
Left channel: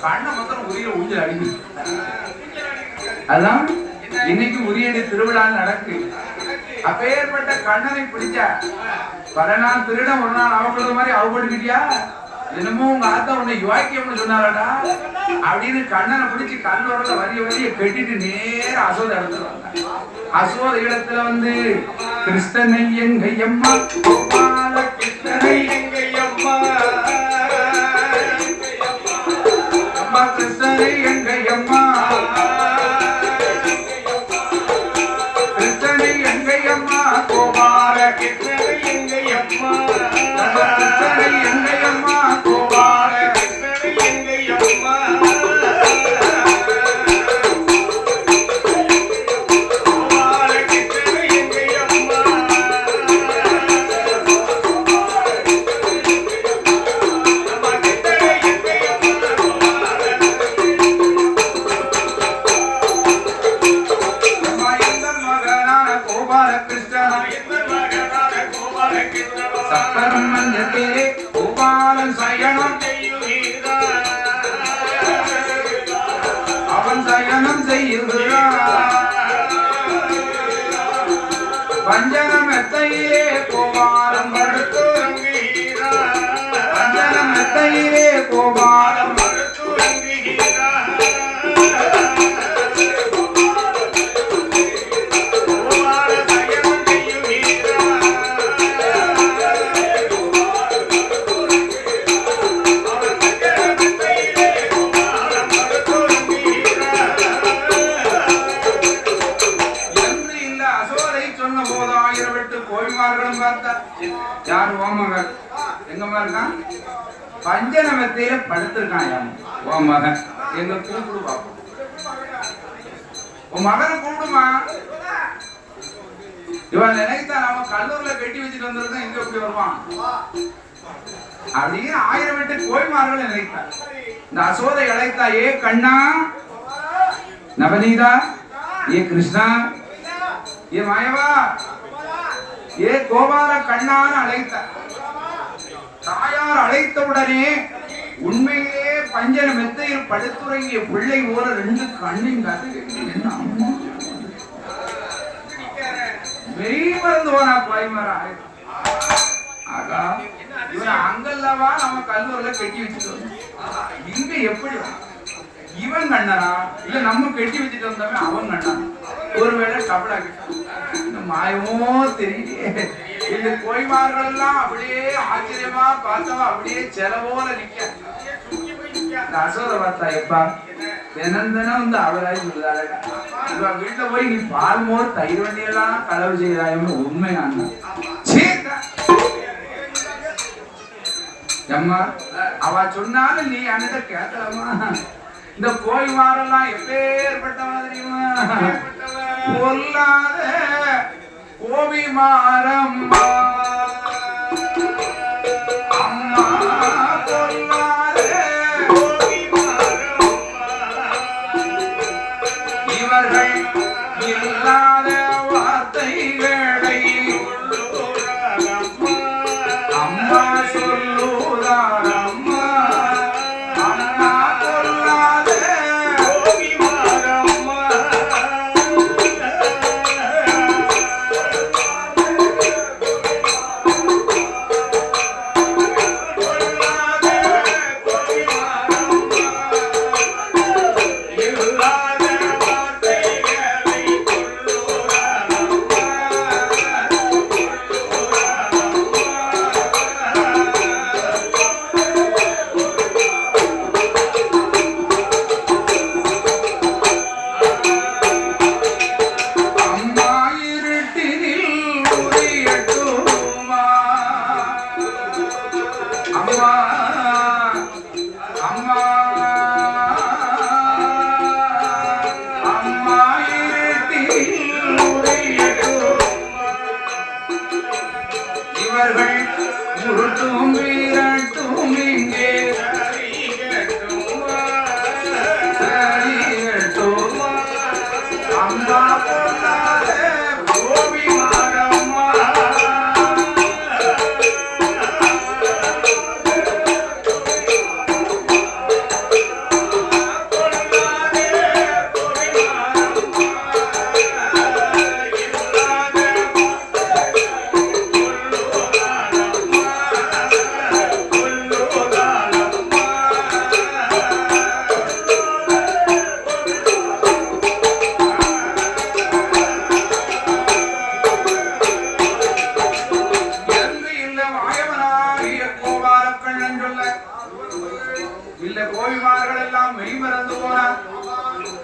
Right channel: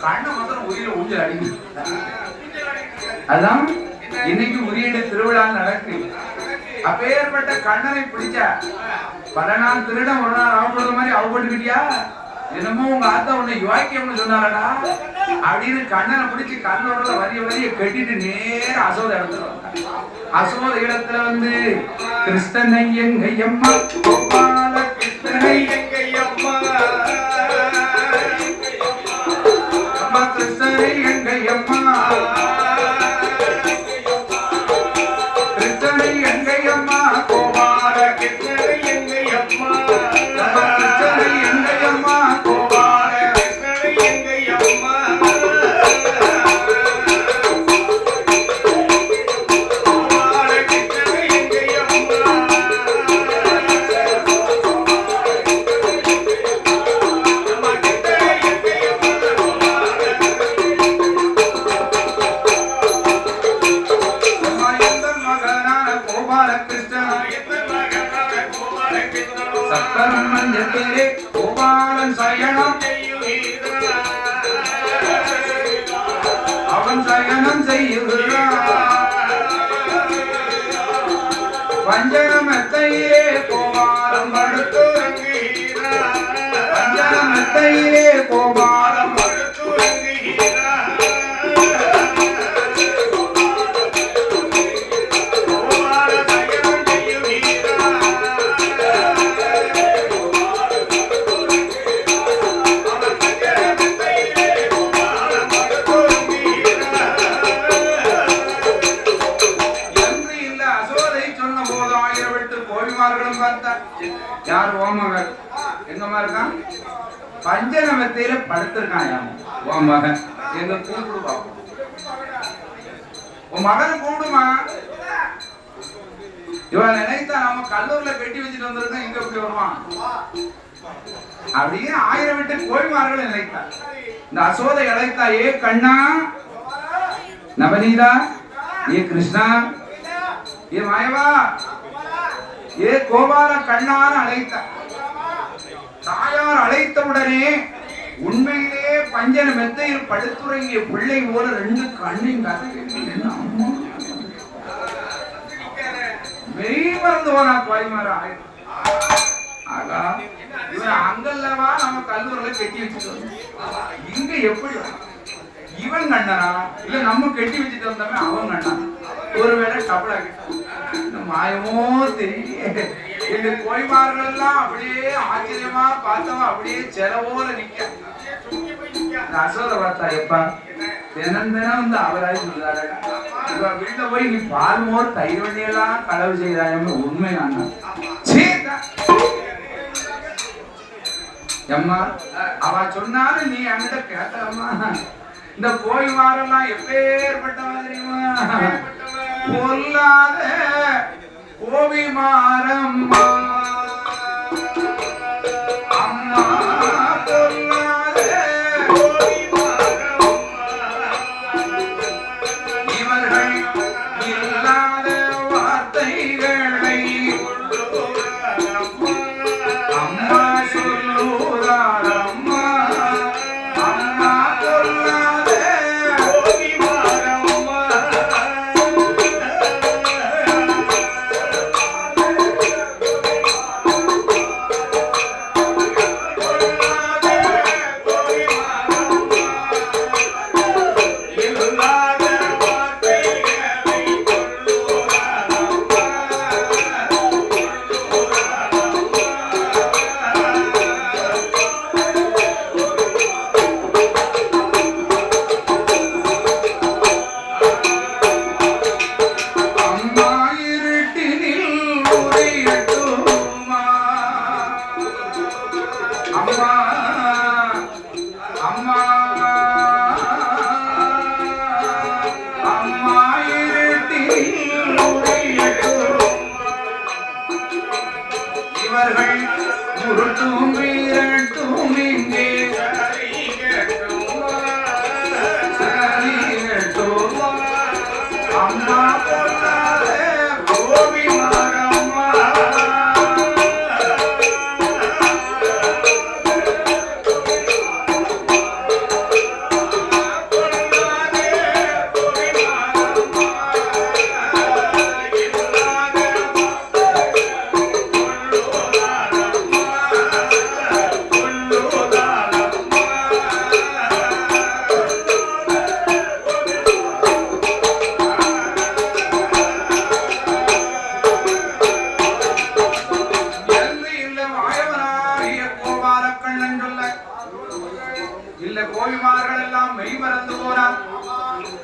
கண்ணை மாத்திரம் உரியில ஊஞ்சல் அடிக்கி அதான் இன்னைக்கு உரியடி திருவிழா நடக்கு அப்பேற்பட்ட கண்ணனை பிடிச்ச பல நாள் திருடம் ஒரு நாள் அவப்படுற மாதிரி அவப்பட்டுக்கிட்டியா என்னமோ உங்க ஆத்தா உன்னை யோக்கியம்னு சொன்னாரடா அப்படின்னு கண்ணனை பிடிச்சு கண்ணோட வரிய கட்டிட்டு நேர அசோத இடத்துல அசோத இடத்துல வந்து கிருஷ்ணனை எங்கையம்மா கோபால கிருஷ்ணனை எங்கையம்மா மஞ்சத்தே கோபாலன் சயனம் அவன் சயனம் செய்யுகிறான் வஞ்சனம் எத்தையிலே கோபாலம் படுத்துறங்குகிறான் வஞ்சனம் எத்தையிலே கோபாலம் யார் ஓமகன் எங்க மகன் பஞ்சநமத்தையில படுத்திருக்கான் உன் மகன் எங்க கூப்பிடுவா உன் மகன் கூப்பிடுமா இவன் நினைத்தா அவன் கல்லூரில கட்டி வச்சுட்டு வந்திருக்கோம் எங்க எப்படி வருவான் அப்படியே 1008 கோய்மார்கள் நினைத்தார் இந்த அசோதை அழைத்தா ஏ கண்ணா நவநீதா ஏ கிருஷ்ணா ஏ மாயவா ஏ கோபால கண்ணான் அழைத்தார் தாயார் அழைத்தவுடனே உண்மையிலே பஞ்சன மெத்தையில் படுத்துறங்கிய பிள்ளை போல 2 கண்ணையும் மெய்மறந்து போனா பாய்மரா ஆகா இவன் அங்கல்லவா நம்ம கல்லூரில கட்டி வச்சுட்டு இங்க எப்படி இவன் கண்ணனா இல்ல நம்ம கட்டி வச்சுட்டு வந்தவன் அவன் கண்ணா ஒருவேளை கபடா மாயமோ தெரியலையே இந்த கோய்மார்கள் எல்லாம் அப்படியே ஆச்சரியமா பார்த்தவா அப்படியே செலவோல நிக்க அசோத பார்த்தா எப்பா தினம் வந்து அவராய் சொல்லுதாரு இவ வீட்டுல போய் நீ பால் மோர் தயிர் வண்டியெல்லாம் களவு செய்தாயுமே உண்மை நான் அம்மா அவ சொன்னாலும் நீ அங்கிட்ட கேட்கலாமா இந்த கோய்மாரெல்லாம் எப்பேற்பட்டவன் தெரியுமா பொல்லாத கோபிமாரம்மா அம்மா பொல்லாத இவர்கள் இல்லாத வார்த்தைகளை அம்மா சொல்லுறார் அம்மா அம்மா பொல்லாத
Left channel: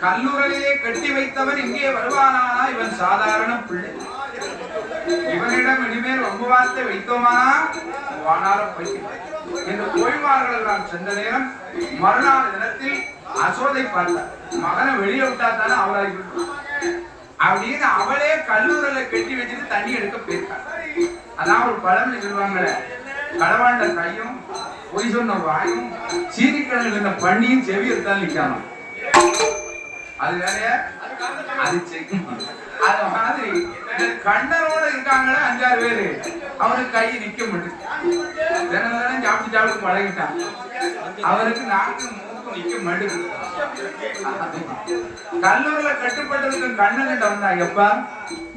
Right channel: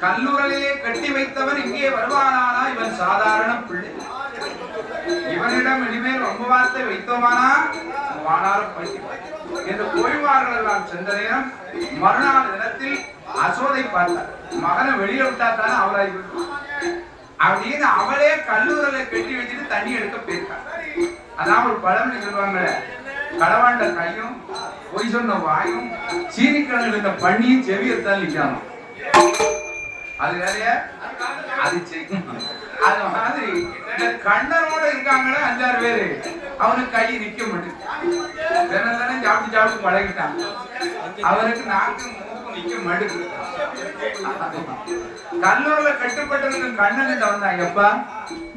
கல்லூரிலே கட்டி வைத்தவன் இங்கே வருவானா? இவன் சாதாரண பிள்ளை. இவனிடம் இனிமேல் ரொம்ப வார்த்தை வைத்தோமானா வானாரம் என்று கோய்வார்கள் எல்லாம் சென்ற நேரம் மறுநாள் தினத்தில் அசோதை பார்த்தார். மகனை வெளியே விட்டா தானே அவளாகி அப்படின்னு அவளே கல்லூரில கட்டி வச்சுட்டு தண்ணி எடுக்க போயிருக்காள். அதான் ஒரு பழமொழி சொல்லுவாங்க, களவாண்ட கையும் பொய் சொன்ன வாயும் சீனிக்கிழங்கு இந்த பண்ணியும் செவி எடுத்தால் நிக்கணும். அது வேற அது அது மாதிரி கண்ணனோட இருக்காங்களே 5-6 பேரு, அவனுக்கு கை நிக்க மாட்டேங்குது. சாப்பிட்டு சாப்பிட்டு பழகிட்டான். அவருக்கு நாக்கு மூக்கு நிக்க மாட்டேங்குது. கல்லூரில கட்டுப்பட்டதுக்கு கண்ணன் கிட்ட வந்தான். எப்பா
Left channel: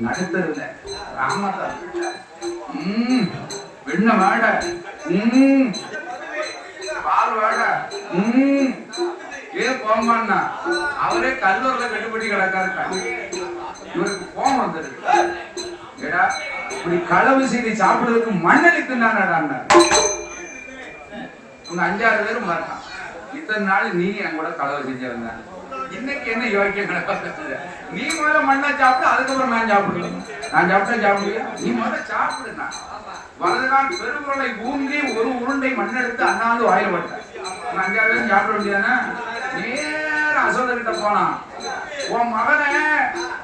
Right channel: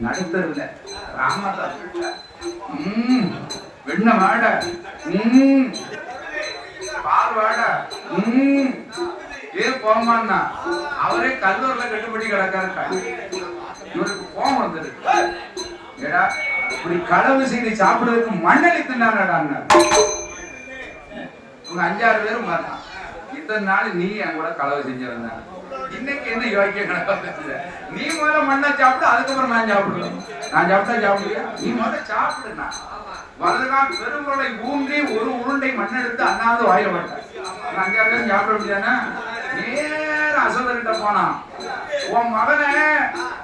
நடுத்தருல ராமதா வெண்ண வாட பால் வாட ஏன் போமான்னா அவரே கல்லூரில கட்டுப்பட்டு கிடக்காரு. இவருக்கு கோபம் வந்துருக்கு. ஏடா இப்படி களவு செய்து சாப்பிடுறதுக்கு மண்ணெளி தின்னாடான்னு உங்க 5-6 பேரும் பார்த்தான். இத்தனை நாள் நீ என் கூட களவு செஞ்சிருந்த, இன்னைக்கு என்ன யோக்கியம் கணக்கு? நீ முதல்ல மண்ணை சாப்பிட்டு அதுக்கப்புறம் நான் சாப்பிடுவேன். நான் சாப்பிட்டா சாப்பிடுவியா? நீ முதல்ல சாப்பிடுனா வலதுகால் பெருங்குரலை ஊன்றி ஒரு உருண்டை மண் எடுத்து அண்ணாந்து வாயில போட்டேன். 5-6 பேரும் சாப்பிட முடியாதுன்னா நேர அசோதர்கிட்ட போனான். உன் மகனை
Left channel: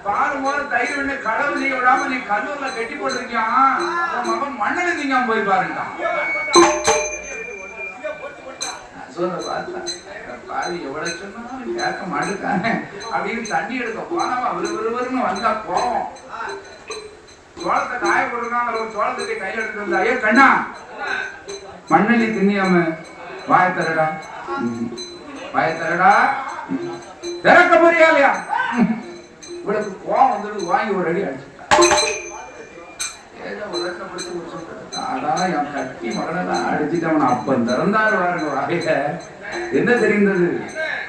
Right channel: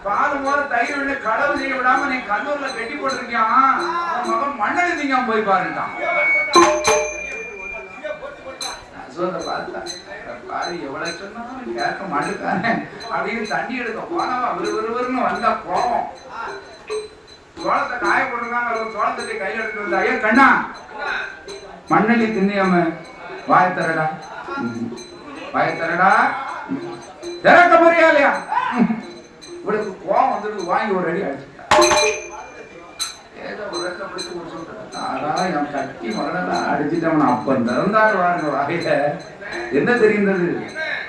பால் போல தயிர் விட்டு களவு செய்ய விடாம நீ கல்லூர்ல கட்டி போட்டிருக்கியான். உன் மகன் மண்ணெளி திங்காம போய் பாருட்டான். அசோதர் பார்த்தா பாரு எவ்வளவு சொன்னாலும் கேட்க மாட்டேங்கானே அப்படின்னு தண்ணி எடுக்க போனவா விறுவிறுன்னு வந்தா போவோம். சோளத்தை காய போட்டுருக்காங்க. சோளத்தை கையில் எடுத்து ஐயோ கண்ணா மண்ணெளி திண்ணியம்ம வாய் தரடா வாய் தரடா திறக்க போறியா இல்லையா? இவளுக்கு கோவம் வந்துட்டு வாங்கி ஒரு அடி அடிச்சுட்டா. கட்டி மகனெல்லாம் அடிச்சுட்டவன் அப்பன் திறந்தாரு வாருங்க வாயில. என்ன தெரிந்தது?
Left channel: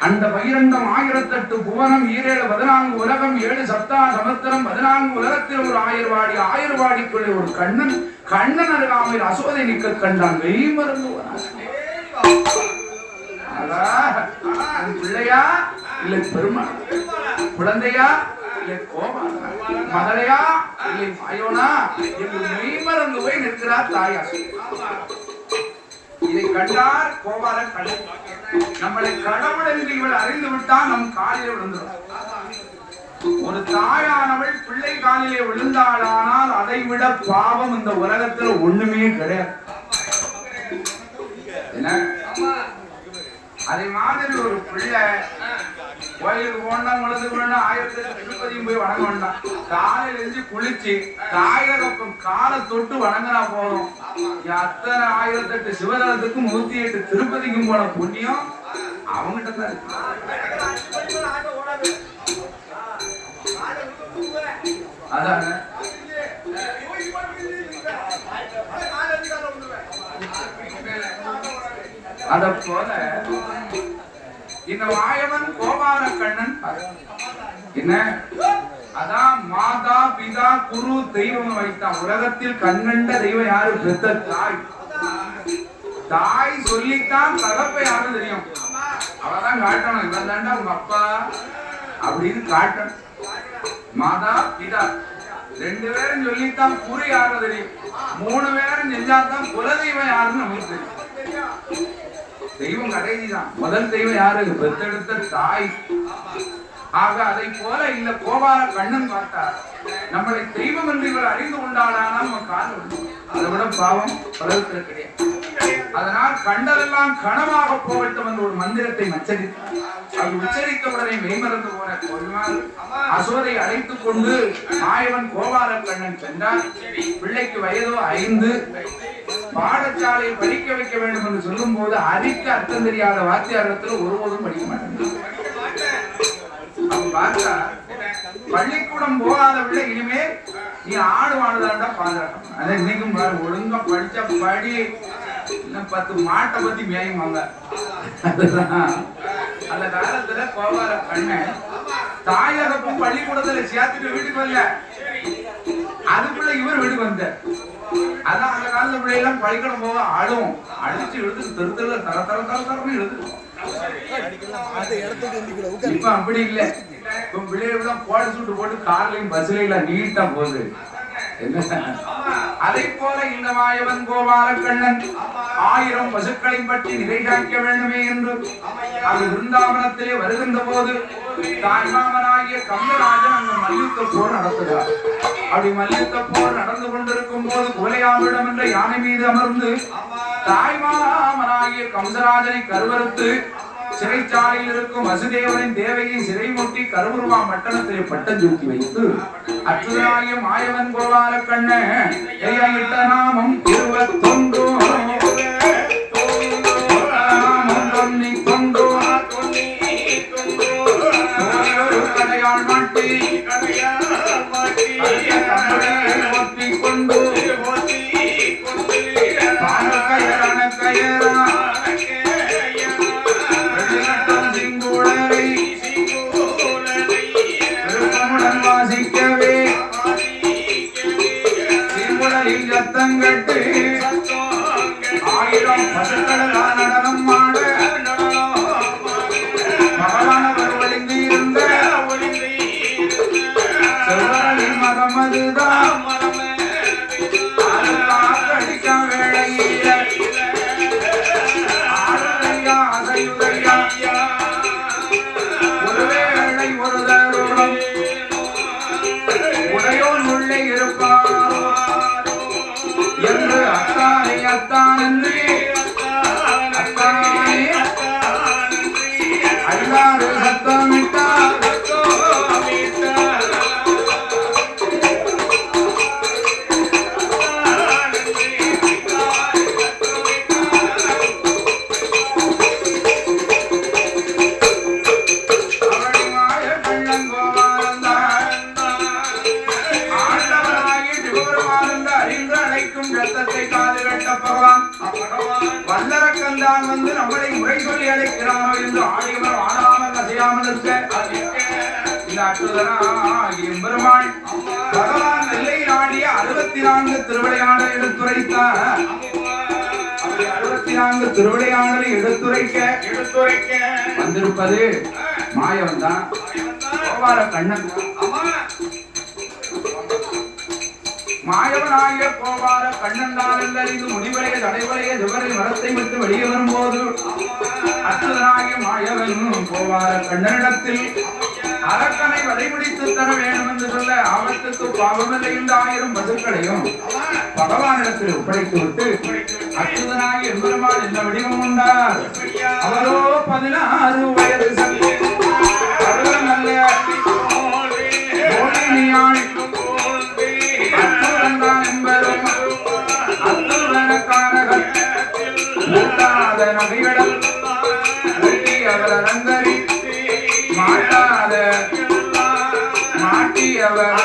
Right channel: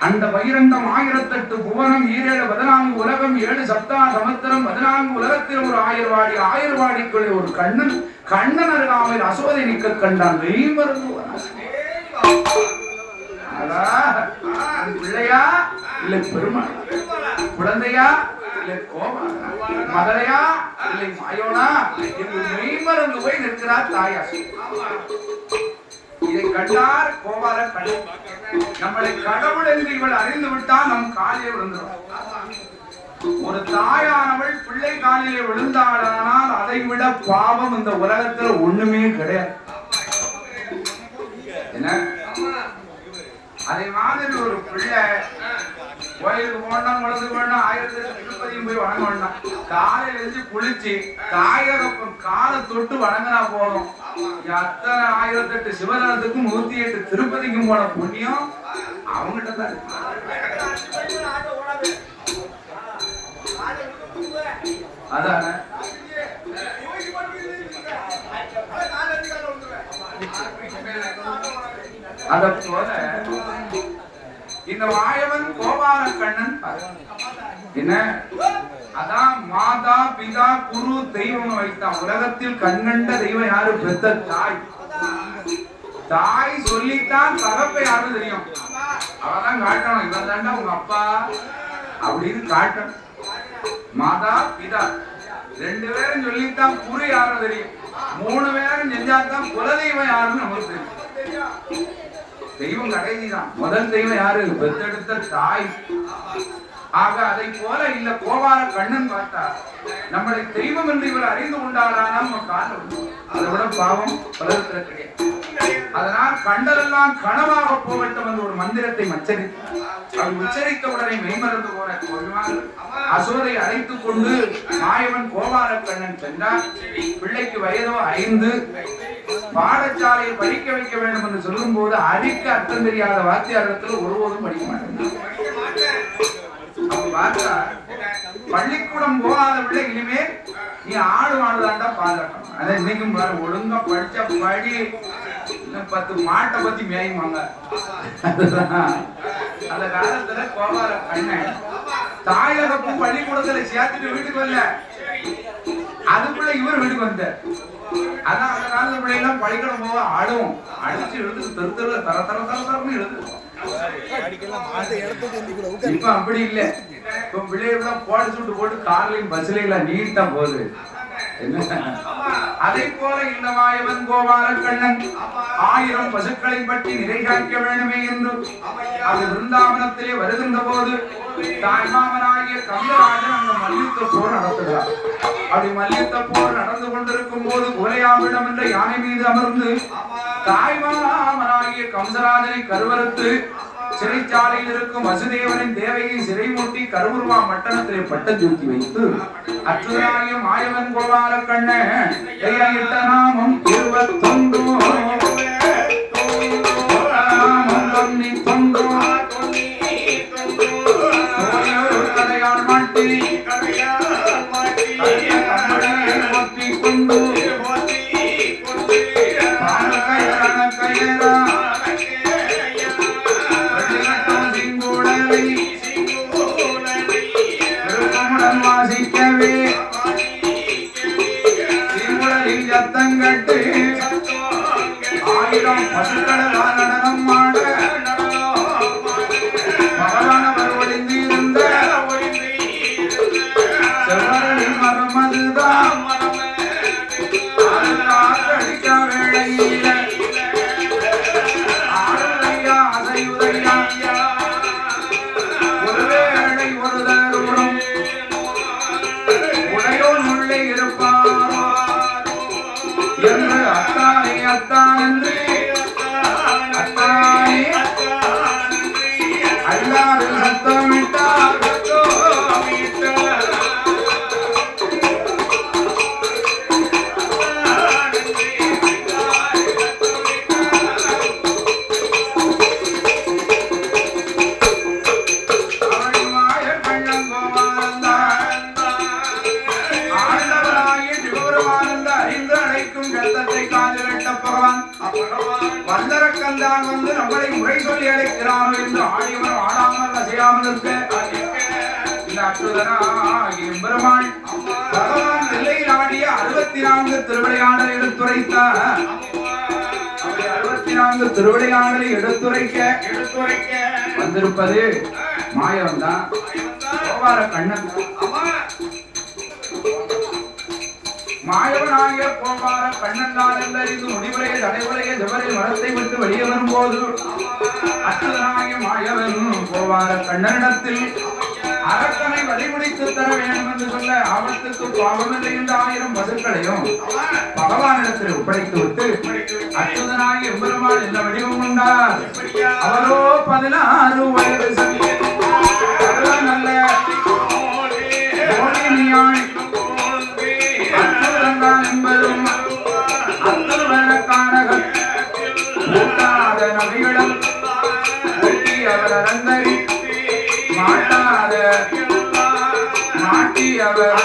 அந்த பகிரண்டம் 1008 புவனம் 14 உலகம் 7 சப்தா சமுத்திரம் 14 உலகத்தில் ஒரு 1000 வாடி 1000 வாடிக்குள்ளே ஒரு கண்ணன் கண்ணன் அருகாமையில் அசோதை நிக்க கண்டான். வெயில் மருந்து பிள்ளையா இல்லை பெருமாள், குழந்தையா இல்லை கோபாலா, மகளையா இல்லை மாயோனா என்று மெய்மறந்து போய் நிற்கிறார் தாயா. இதை கண்டார் கோபால கடல். நம்மளை கடவுள் என்று இவள் அறிந்து விட்டால் நம் காலிலே விழுந்தார். ஒரு தாயானவள் பிள்ளை காலிலே விழுந்தாளானால் அதை விட பாவம் இந்த உலகத்துல ஒண்ணுமே கிடையாது. என்ன அதே மாதிரி ஒரு பிள்ளை கோயிலுக்கு போனா குழந்தை போனா 1008 போய் வணங்க வேண்டாம். காலையில இருந்து குளிச்சு தாயகப்பன் காலை தொட்டு வணங்கினா போதும். அத்தனை 1008 சிவதனத்துக்கும் 108 திருப்பதிக்கும் போன புண்ணியம் அவங்ககிட்ட தான் இருக்கு. அதான அத போல இந்த மாயவன் கோபால கண்ணன் என்ன அதான் மாதா பிதா குரு தெய்வம் வைத்தான். உலகத்தில் கண்கண்ட தெய்வம் யாரு? பெத்த தாய். தாய் சொல்லித்தான் தகப்பை யாரும் தெரியும். அவதான் காட்டணும், இவன் தாண்டா உங்க அப்பா அப்படின்னு காட்டணும். மாதா பிதா 2 பேரும் சொல்லித்தான் குரு யாரும் தெரியும். 3 பேரும் செஞ்சாதான் குலதெய்வம் யாருன்னு நமக்கு தெரியும். தெய்வம் கடைசிதான். முதல் தெய்வம் யாரு? பெத்தெடுத்த தாய். ஆக அதை போல இல்ல கோபால கண்ணன் பார்த்தார். நம்மளை தெய்வம் என்று இவர் அறிந்து கொண்டாடானால் நம்ம காலம் அதை விட பாவம் பலருக்கு கிடையாது. அதனால் கண்டதெல்லாம் கனவாக போகட்டும் என்ற ஒரு மந்திரத்தை உச்சரித்தார். அவர் உச்சரித்த உடனே மெய்மறந்து போன கொள்வார் அசோதை அழைத்துக் கொண்டு மாயவன் கோபால கண்ணன் சென்றார். பிள்ளைக்கு வயதோ 5. பாடசாலையை படிக்க வைக்க வேண்டும் என்று சொல்லும் போது அறிக்க அர்த்தம் தெரியாத வாத்தியாரத்தில் ஒருபோதும் படிக்க மாட்டேன். பள்ளிக்கூடம் போகாத பிள்ளை இனிமேல் நீ ஆடு மாடுதாண்டா பாதுகாக்கணும். அதை இன்னைக்கும் ஒழுங்கா படிச்ச படி 10 மாட்டை பத்தி மேயுவாங்க. அந்த காலத்துல கோபால கண்ணன் தாயகப்பும் பள்ளிக்கூடத்துல சேர்த்துட்டு வீட்டுக்கு வரல. அதுக்குள்ள இவர் வீட்டுக்கு வந்த. அதான் அந்த காலத்து பிள்ளைலாம் பள்ளிக்கூடம் போக ஆடும். அடிச்சு எடுத்து தெருத்துல தர தர தர தரன்னு எடுத்து. இப்ப அப்படி இல்லை. இப்ப பிள்ளைகள் போட சுட்டு போட்டு கார்லையும் பஸ்லையும் நீட்டா போகுது. அதை போல இந்த மாயவன் கோபால கண்ணன் 1000 பசுக்களை பற்றி நிறை காக்க வேண்டுமே என்று அது விருந்தாவனத்திலே வருகின்ற போது தாய்மாமனாகிய கந்தராஜன் அந்த மல்யுத்த போர் நடத்துகிறார். அப்படி மல்யுத்த போர் நடந்து கொண்டிருக்கும் போது கோலையாவிடம் என்ற யானை மீது அமர்ந்து தாய்மாமனாகிய கம்சராஜனை கருவறுத்து சிறைச்சாலையில் இருக்கும் வசுதேவனின் தேவையை சிறைமூட்டி கருவுருவா மட்டணத்திலே பட்டஞ்சூட்டி வைத்து அச்சுதனாகிய மாயவன் கோபால கண்ண எல்லையிட்ட நாமம் 21 பகவான் நெல்லையிலாடிய 64 திருவிளையாடலை எடுத்துரைத்தார். 64 திருவிளையாடலை எடுத்துரைக்க வந்திருப்பது மாயவன் தான், கோபால கண்ணன். மாயவனாகிய கோபால கண்ணன் தான் என்றறிந்து முடிவுரைய தடைவுரைய ஜவரில் மரத்தை விட்டு வெளியே வரும்போது அச்சுதனாகிய மாயவன் கோபால கண்ணனிடத்தில் அரக்கனை வழிமுடித்து தர வேண்டும் என்று சொல்ல ஆபத்துக்கு பாவமில்லை என்ற 1000 பசுக்களையும் பகவானிடத்தில் ஒப்படைத்து விட்டு அச்சுதனாகி எம்பெருமான் என்ற வடிவம் உண்டார். அவரோ 16 வயது நல்ல அச்சுதன் எம்பெரும் அத்துவனக்கான நபிகளும் அவர் அந்தரி மாட்டாத மாட்டி அவர்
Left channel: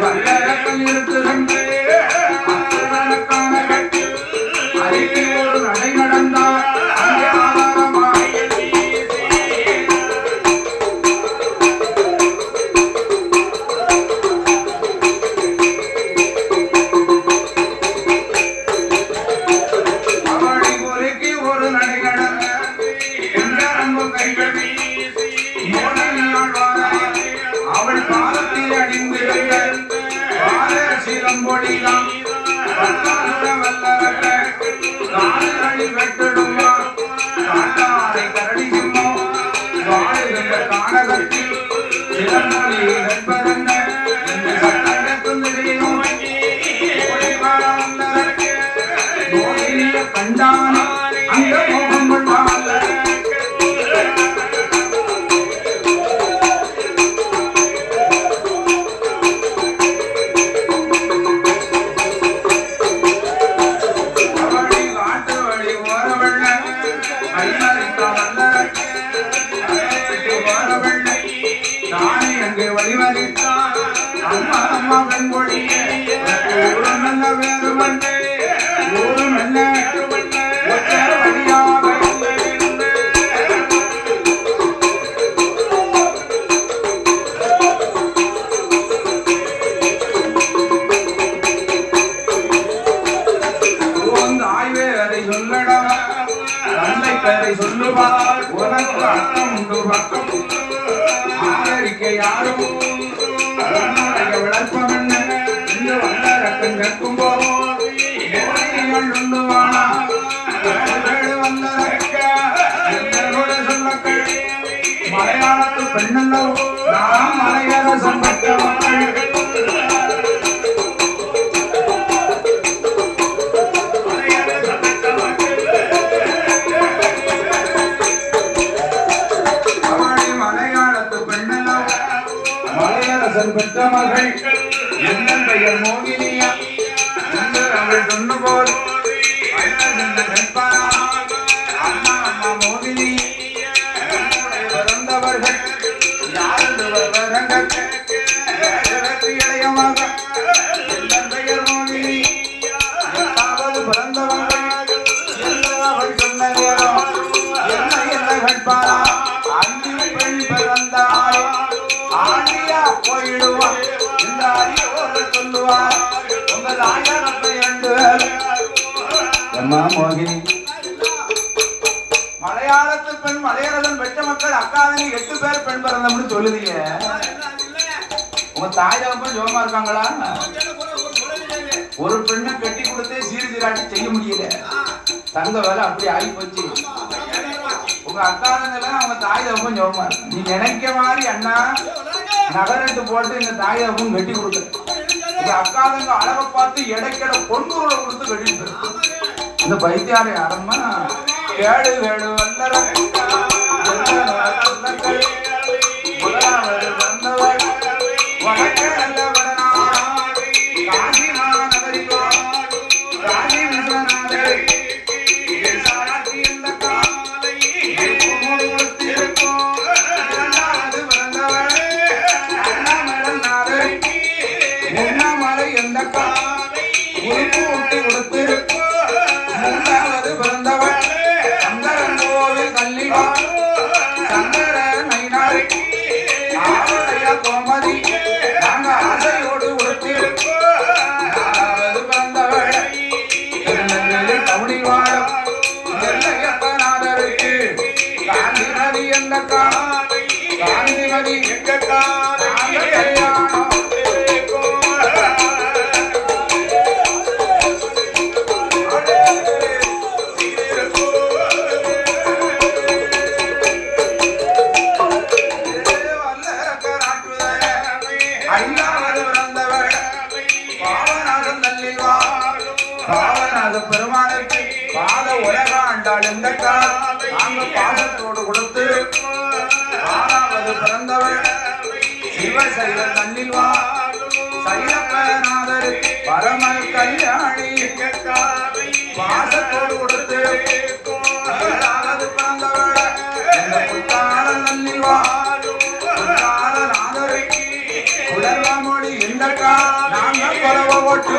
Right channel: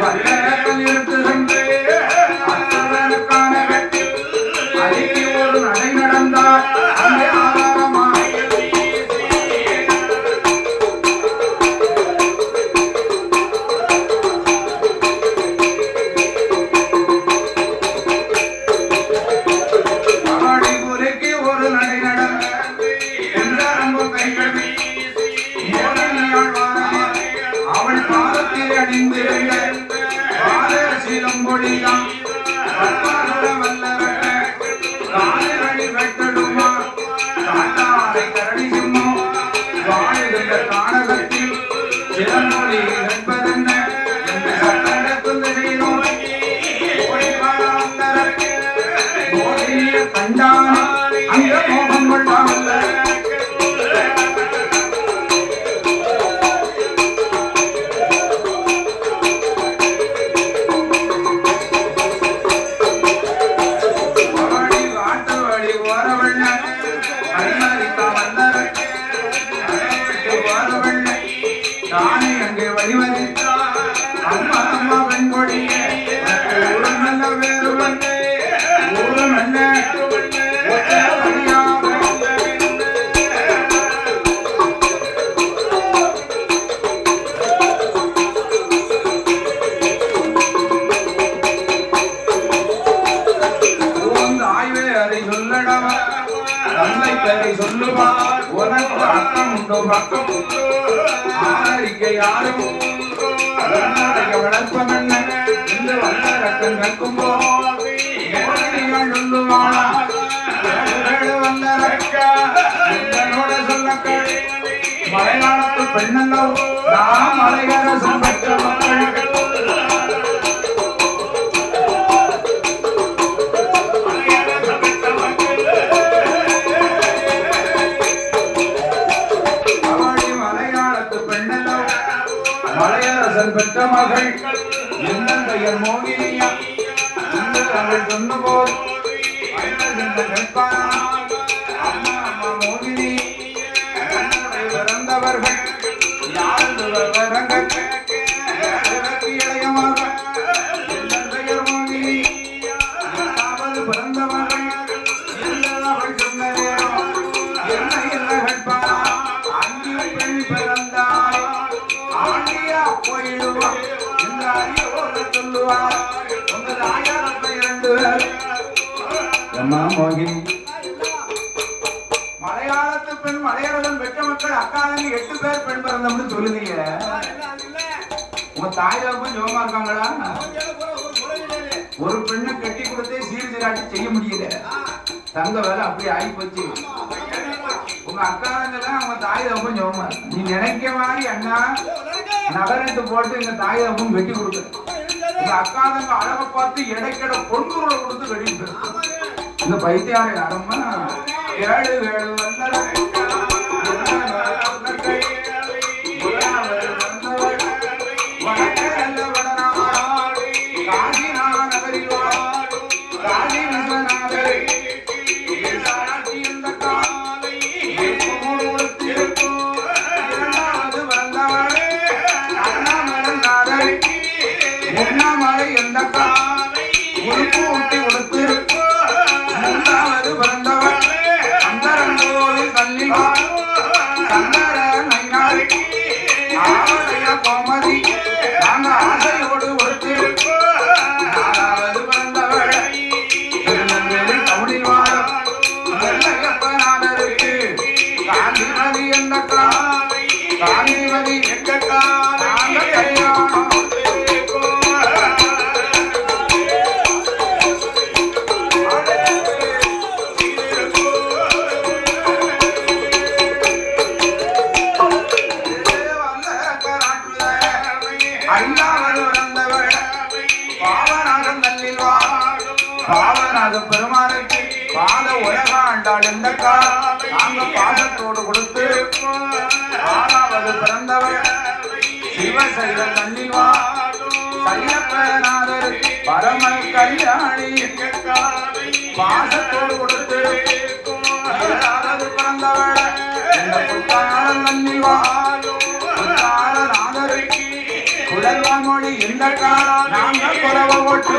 வல்லரக்கம் இருக்குகின்ற அறிக்கை ஒரு நடை நடந்தார். பெண்ணல்லோ நாம் அலையரசம் பெற்ற மக்கள் பெற்ற மகள் எந்த பெயர் மோகினியா என்று அவள் சொன்ன போது அம்மா அம்மா மோகினி பிறந்தவர்கள் யாரு இளையமாக எந்த பெயர் மோகினி எட்டாவது பிறந்தவர்கள் அவள் சொன்ன நேரம் என்ன என்ன கேட்பாரா அந்தி பெண் பிறந்தாள் ஆண்டியா போயிடுவா இந்த அறியோடு சொல்லுவா உங்கள் ஆயாரத்தை 2 பேர் அம்மா மோகினி மலையாளத்து பெண் மலையாளம் பெற்ற மக்கள் அக்காதமி 8 பேர் பெண் பிறந்தோம்னு சொல்லுதீங்க உங்க தாய் தகப்பன் ஜோமா இருக்காங்களா ஒரு பெண்ணை கட்டி கொடுத்து சீர்திராட்டி செய்ய முடியல தங்க வேலை அப்படி ஆகி போச்சு உங்க அக்காதங்கெல்லாம் அவங்க தாய் தகப்பன் ஜோமா இருக்கு நீ நினைக்க மாதிரி அண்ணா நகரட்டு போட்டு எங்க தாய் தகப்பன் கட்டி கொடுக்க இந்த அக்காதங்க அழகை பார்த்து எடைக்கட பொண்ணூரை கொடுத்து கட்டிட்டு இந்த பைத்தியார யாரம்மா ஏழு ஏழு வந்தவள் பெருமானுக்கு பாத உலக ஆண்டாள் எந்த பாதத்தோடு கொடுத்து பிறந்தவள் சிவசைல தண்ணில் வா சைலநாதருக்கு பரமை கல்யாணி பாசத்தோடு கொடுத்து பிறந்தவள் தண்ணில் வா நாதருக்கு உலகமொழி எந்த நாங்கள் குறைவு ஓட்டு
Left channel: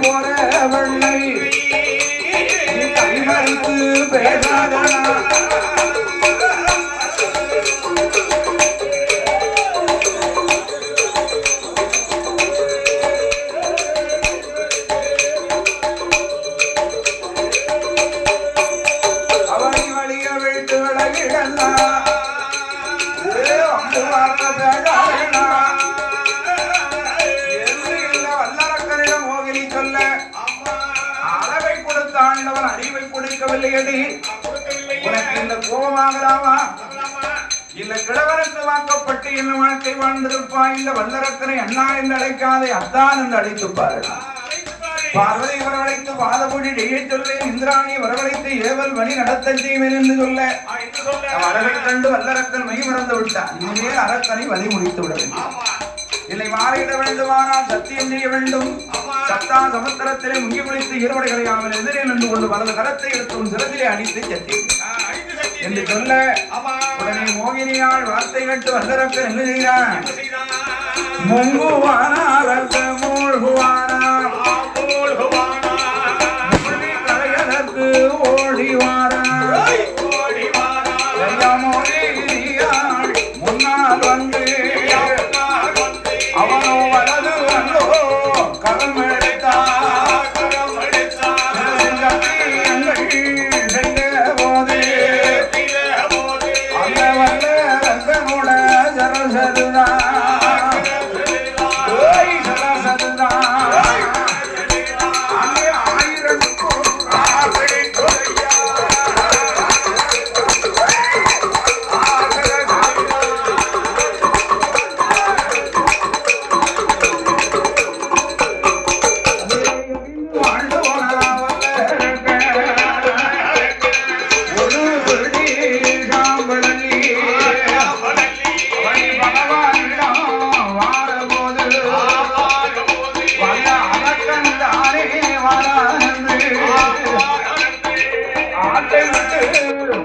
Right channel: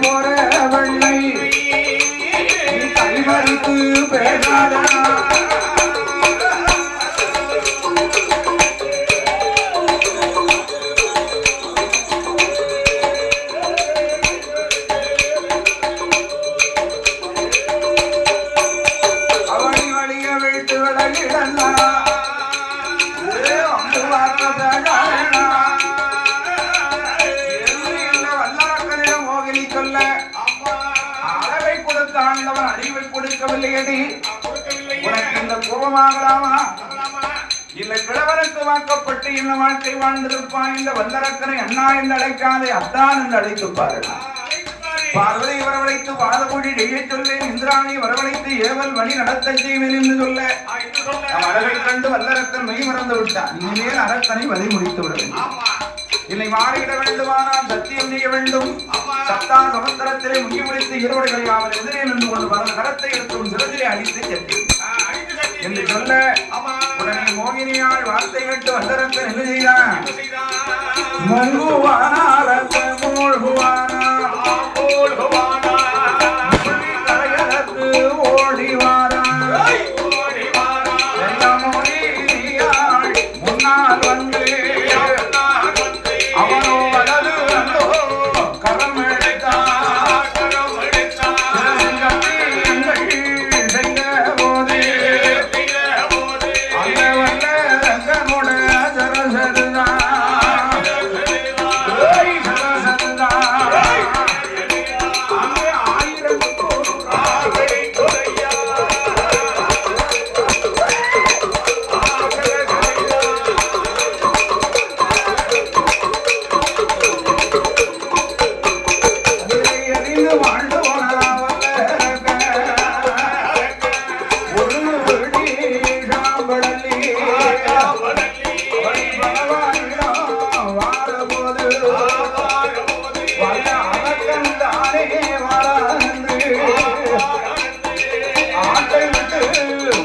போற வெள்ளை கைமறுத்து பேசாத அறிவை கொடுக்கவில்லையடி உனக்கு இந்த கோபமாகலாமா இந்த கிழவனுக்கு வாக்கப்பட்டு என்ன வாழ்க்கை வாழ்ந்திருப்பான் இந்த வல்லரக்கனை அண்ணா என்று அழைக்காதே அத்தான் என்று அழைத்துப்பாரு பார்வதி வரவழைத்து பாதமொழி செய்ய சொல்வேன் இந்திராணி வரவழைத்து ஏவல் வழி நடத்த செய்வேன் என்று சொல்ல அழகை கண்டு வல்லரக்கன் மெய் மறந்து விட்டான் இனிமேல் அரக்கனை வழி முடித்து விட வேண்டும் இல்லை மாறிட வேண்டுமானால் சத்தியம் செய்ய வேண்டும் சத்தா சமுத்திரத்திலே முங்கி குளித்து இருவரைகளை அவன் எதிரே நின்று கொண்டு வலது கரத்தை எடுத்து சிறந்திலே அடித்து செட்டி என்று சொல்ல உடனே மோகினியால் வார்த்தை கேட்டு வல்லரக்கன் என்ன செய்கிறான் மூழ்குவானாரத்து மூழ்குவானார் கரையதற்கு ஓடிவாரார் மோகினியாள் முன்னால் வந்து அவனோ வலது வந்தோ கரம்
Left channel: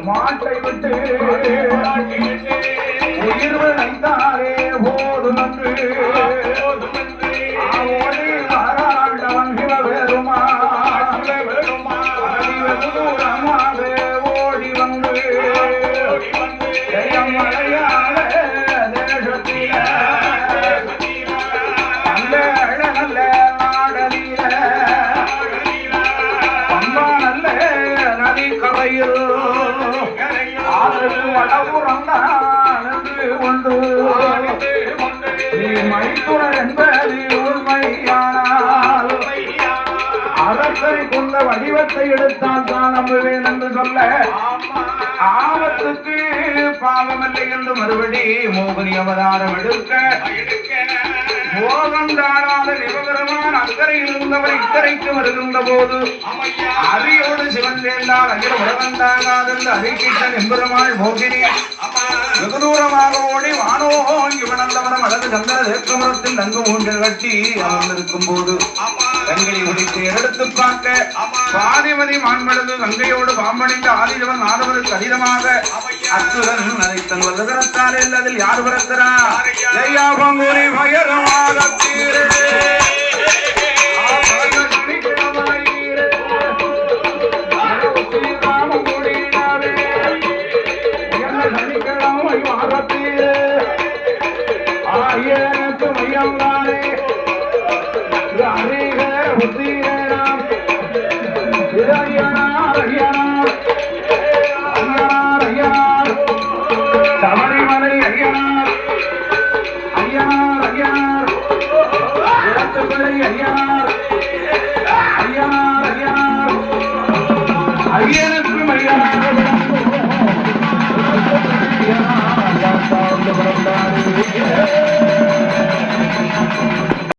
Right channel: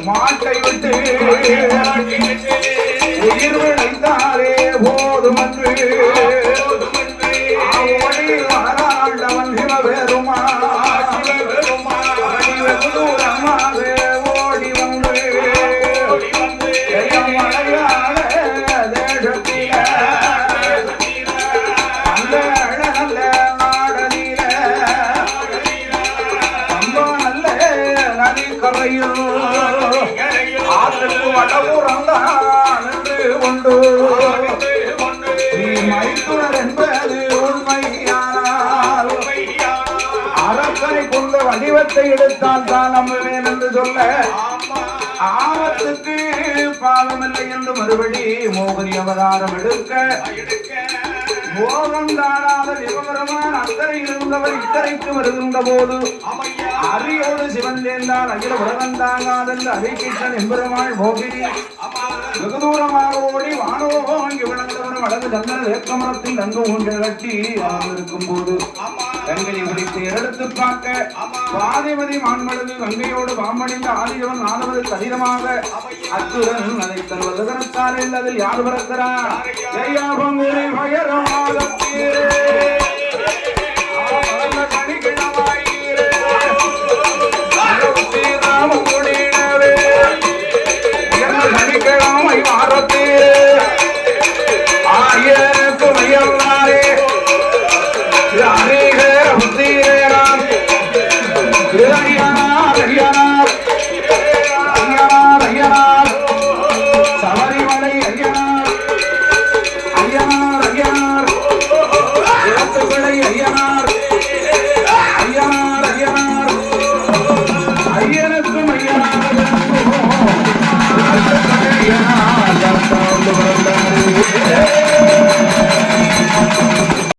மாட்டை விட்டு உயிர் விளைந்தாரே போதும் என்று ஓடி வராண்டவன் சிவபெருமா தூரமாக ஓடி வந்து மலையாள தேசத்தில நல்ல நல்ல நாடலில நல்ல நதிக்கரையில் நீ மைத்துனர் என்பது உண்மையானால் அரசனை கொண்ட வடிவத்தை எடுத்தால் தான் நம்புவேன் என்று சொல்ல ஆபத்துக்கு பாவமில்லை என்று மறுபடி மோகினி அவதாரம் எடுக்க மோகம் தாழாத சிவபெருமான் அக்கறையில் இருந்தவர் இக்கரைக்கு வருகின்ற போது அரியோடு சிவன் சேர்ந்தால் அகில உலகம் தாங்காதென்று அறிக்கைத்தன் எம்பெருமாள் மோகினி வெகு தூரமாக ஓடி வானோங்கி விளந்தவனம் அழகு சந்தன தேக்கமரத்தில் நன்கு ஊஞ்சல் கட்டி அமர்ந்திருக்கும் போது கண்களை விழித்து எடுத்து பார்க்க பாதிமதி மான்மடங்கு கங்கையோடு பாம்பணிந்த ஆதிரவன் நாதவது கடினமாக அத்துடன் அதை தன் வல்லதரத்தால் அதில் யார் வரக்கிறார் ஜெயா பங்குனி பயரமாக சனிக்கிழமை வாரத்து ஆயிரத்து மையல்லாரே அநேக புத்தீரேராம் ஐயனார் ஐயனார் ஐயனார் ஐயனார் சபரிமலை ஐயனார் ஐயனார் ஐயனார் இடத்துப்பிள்ளை ஐயனார்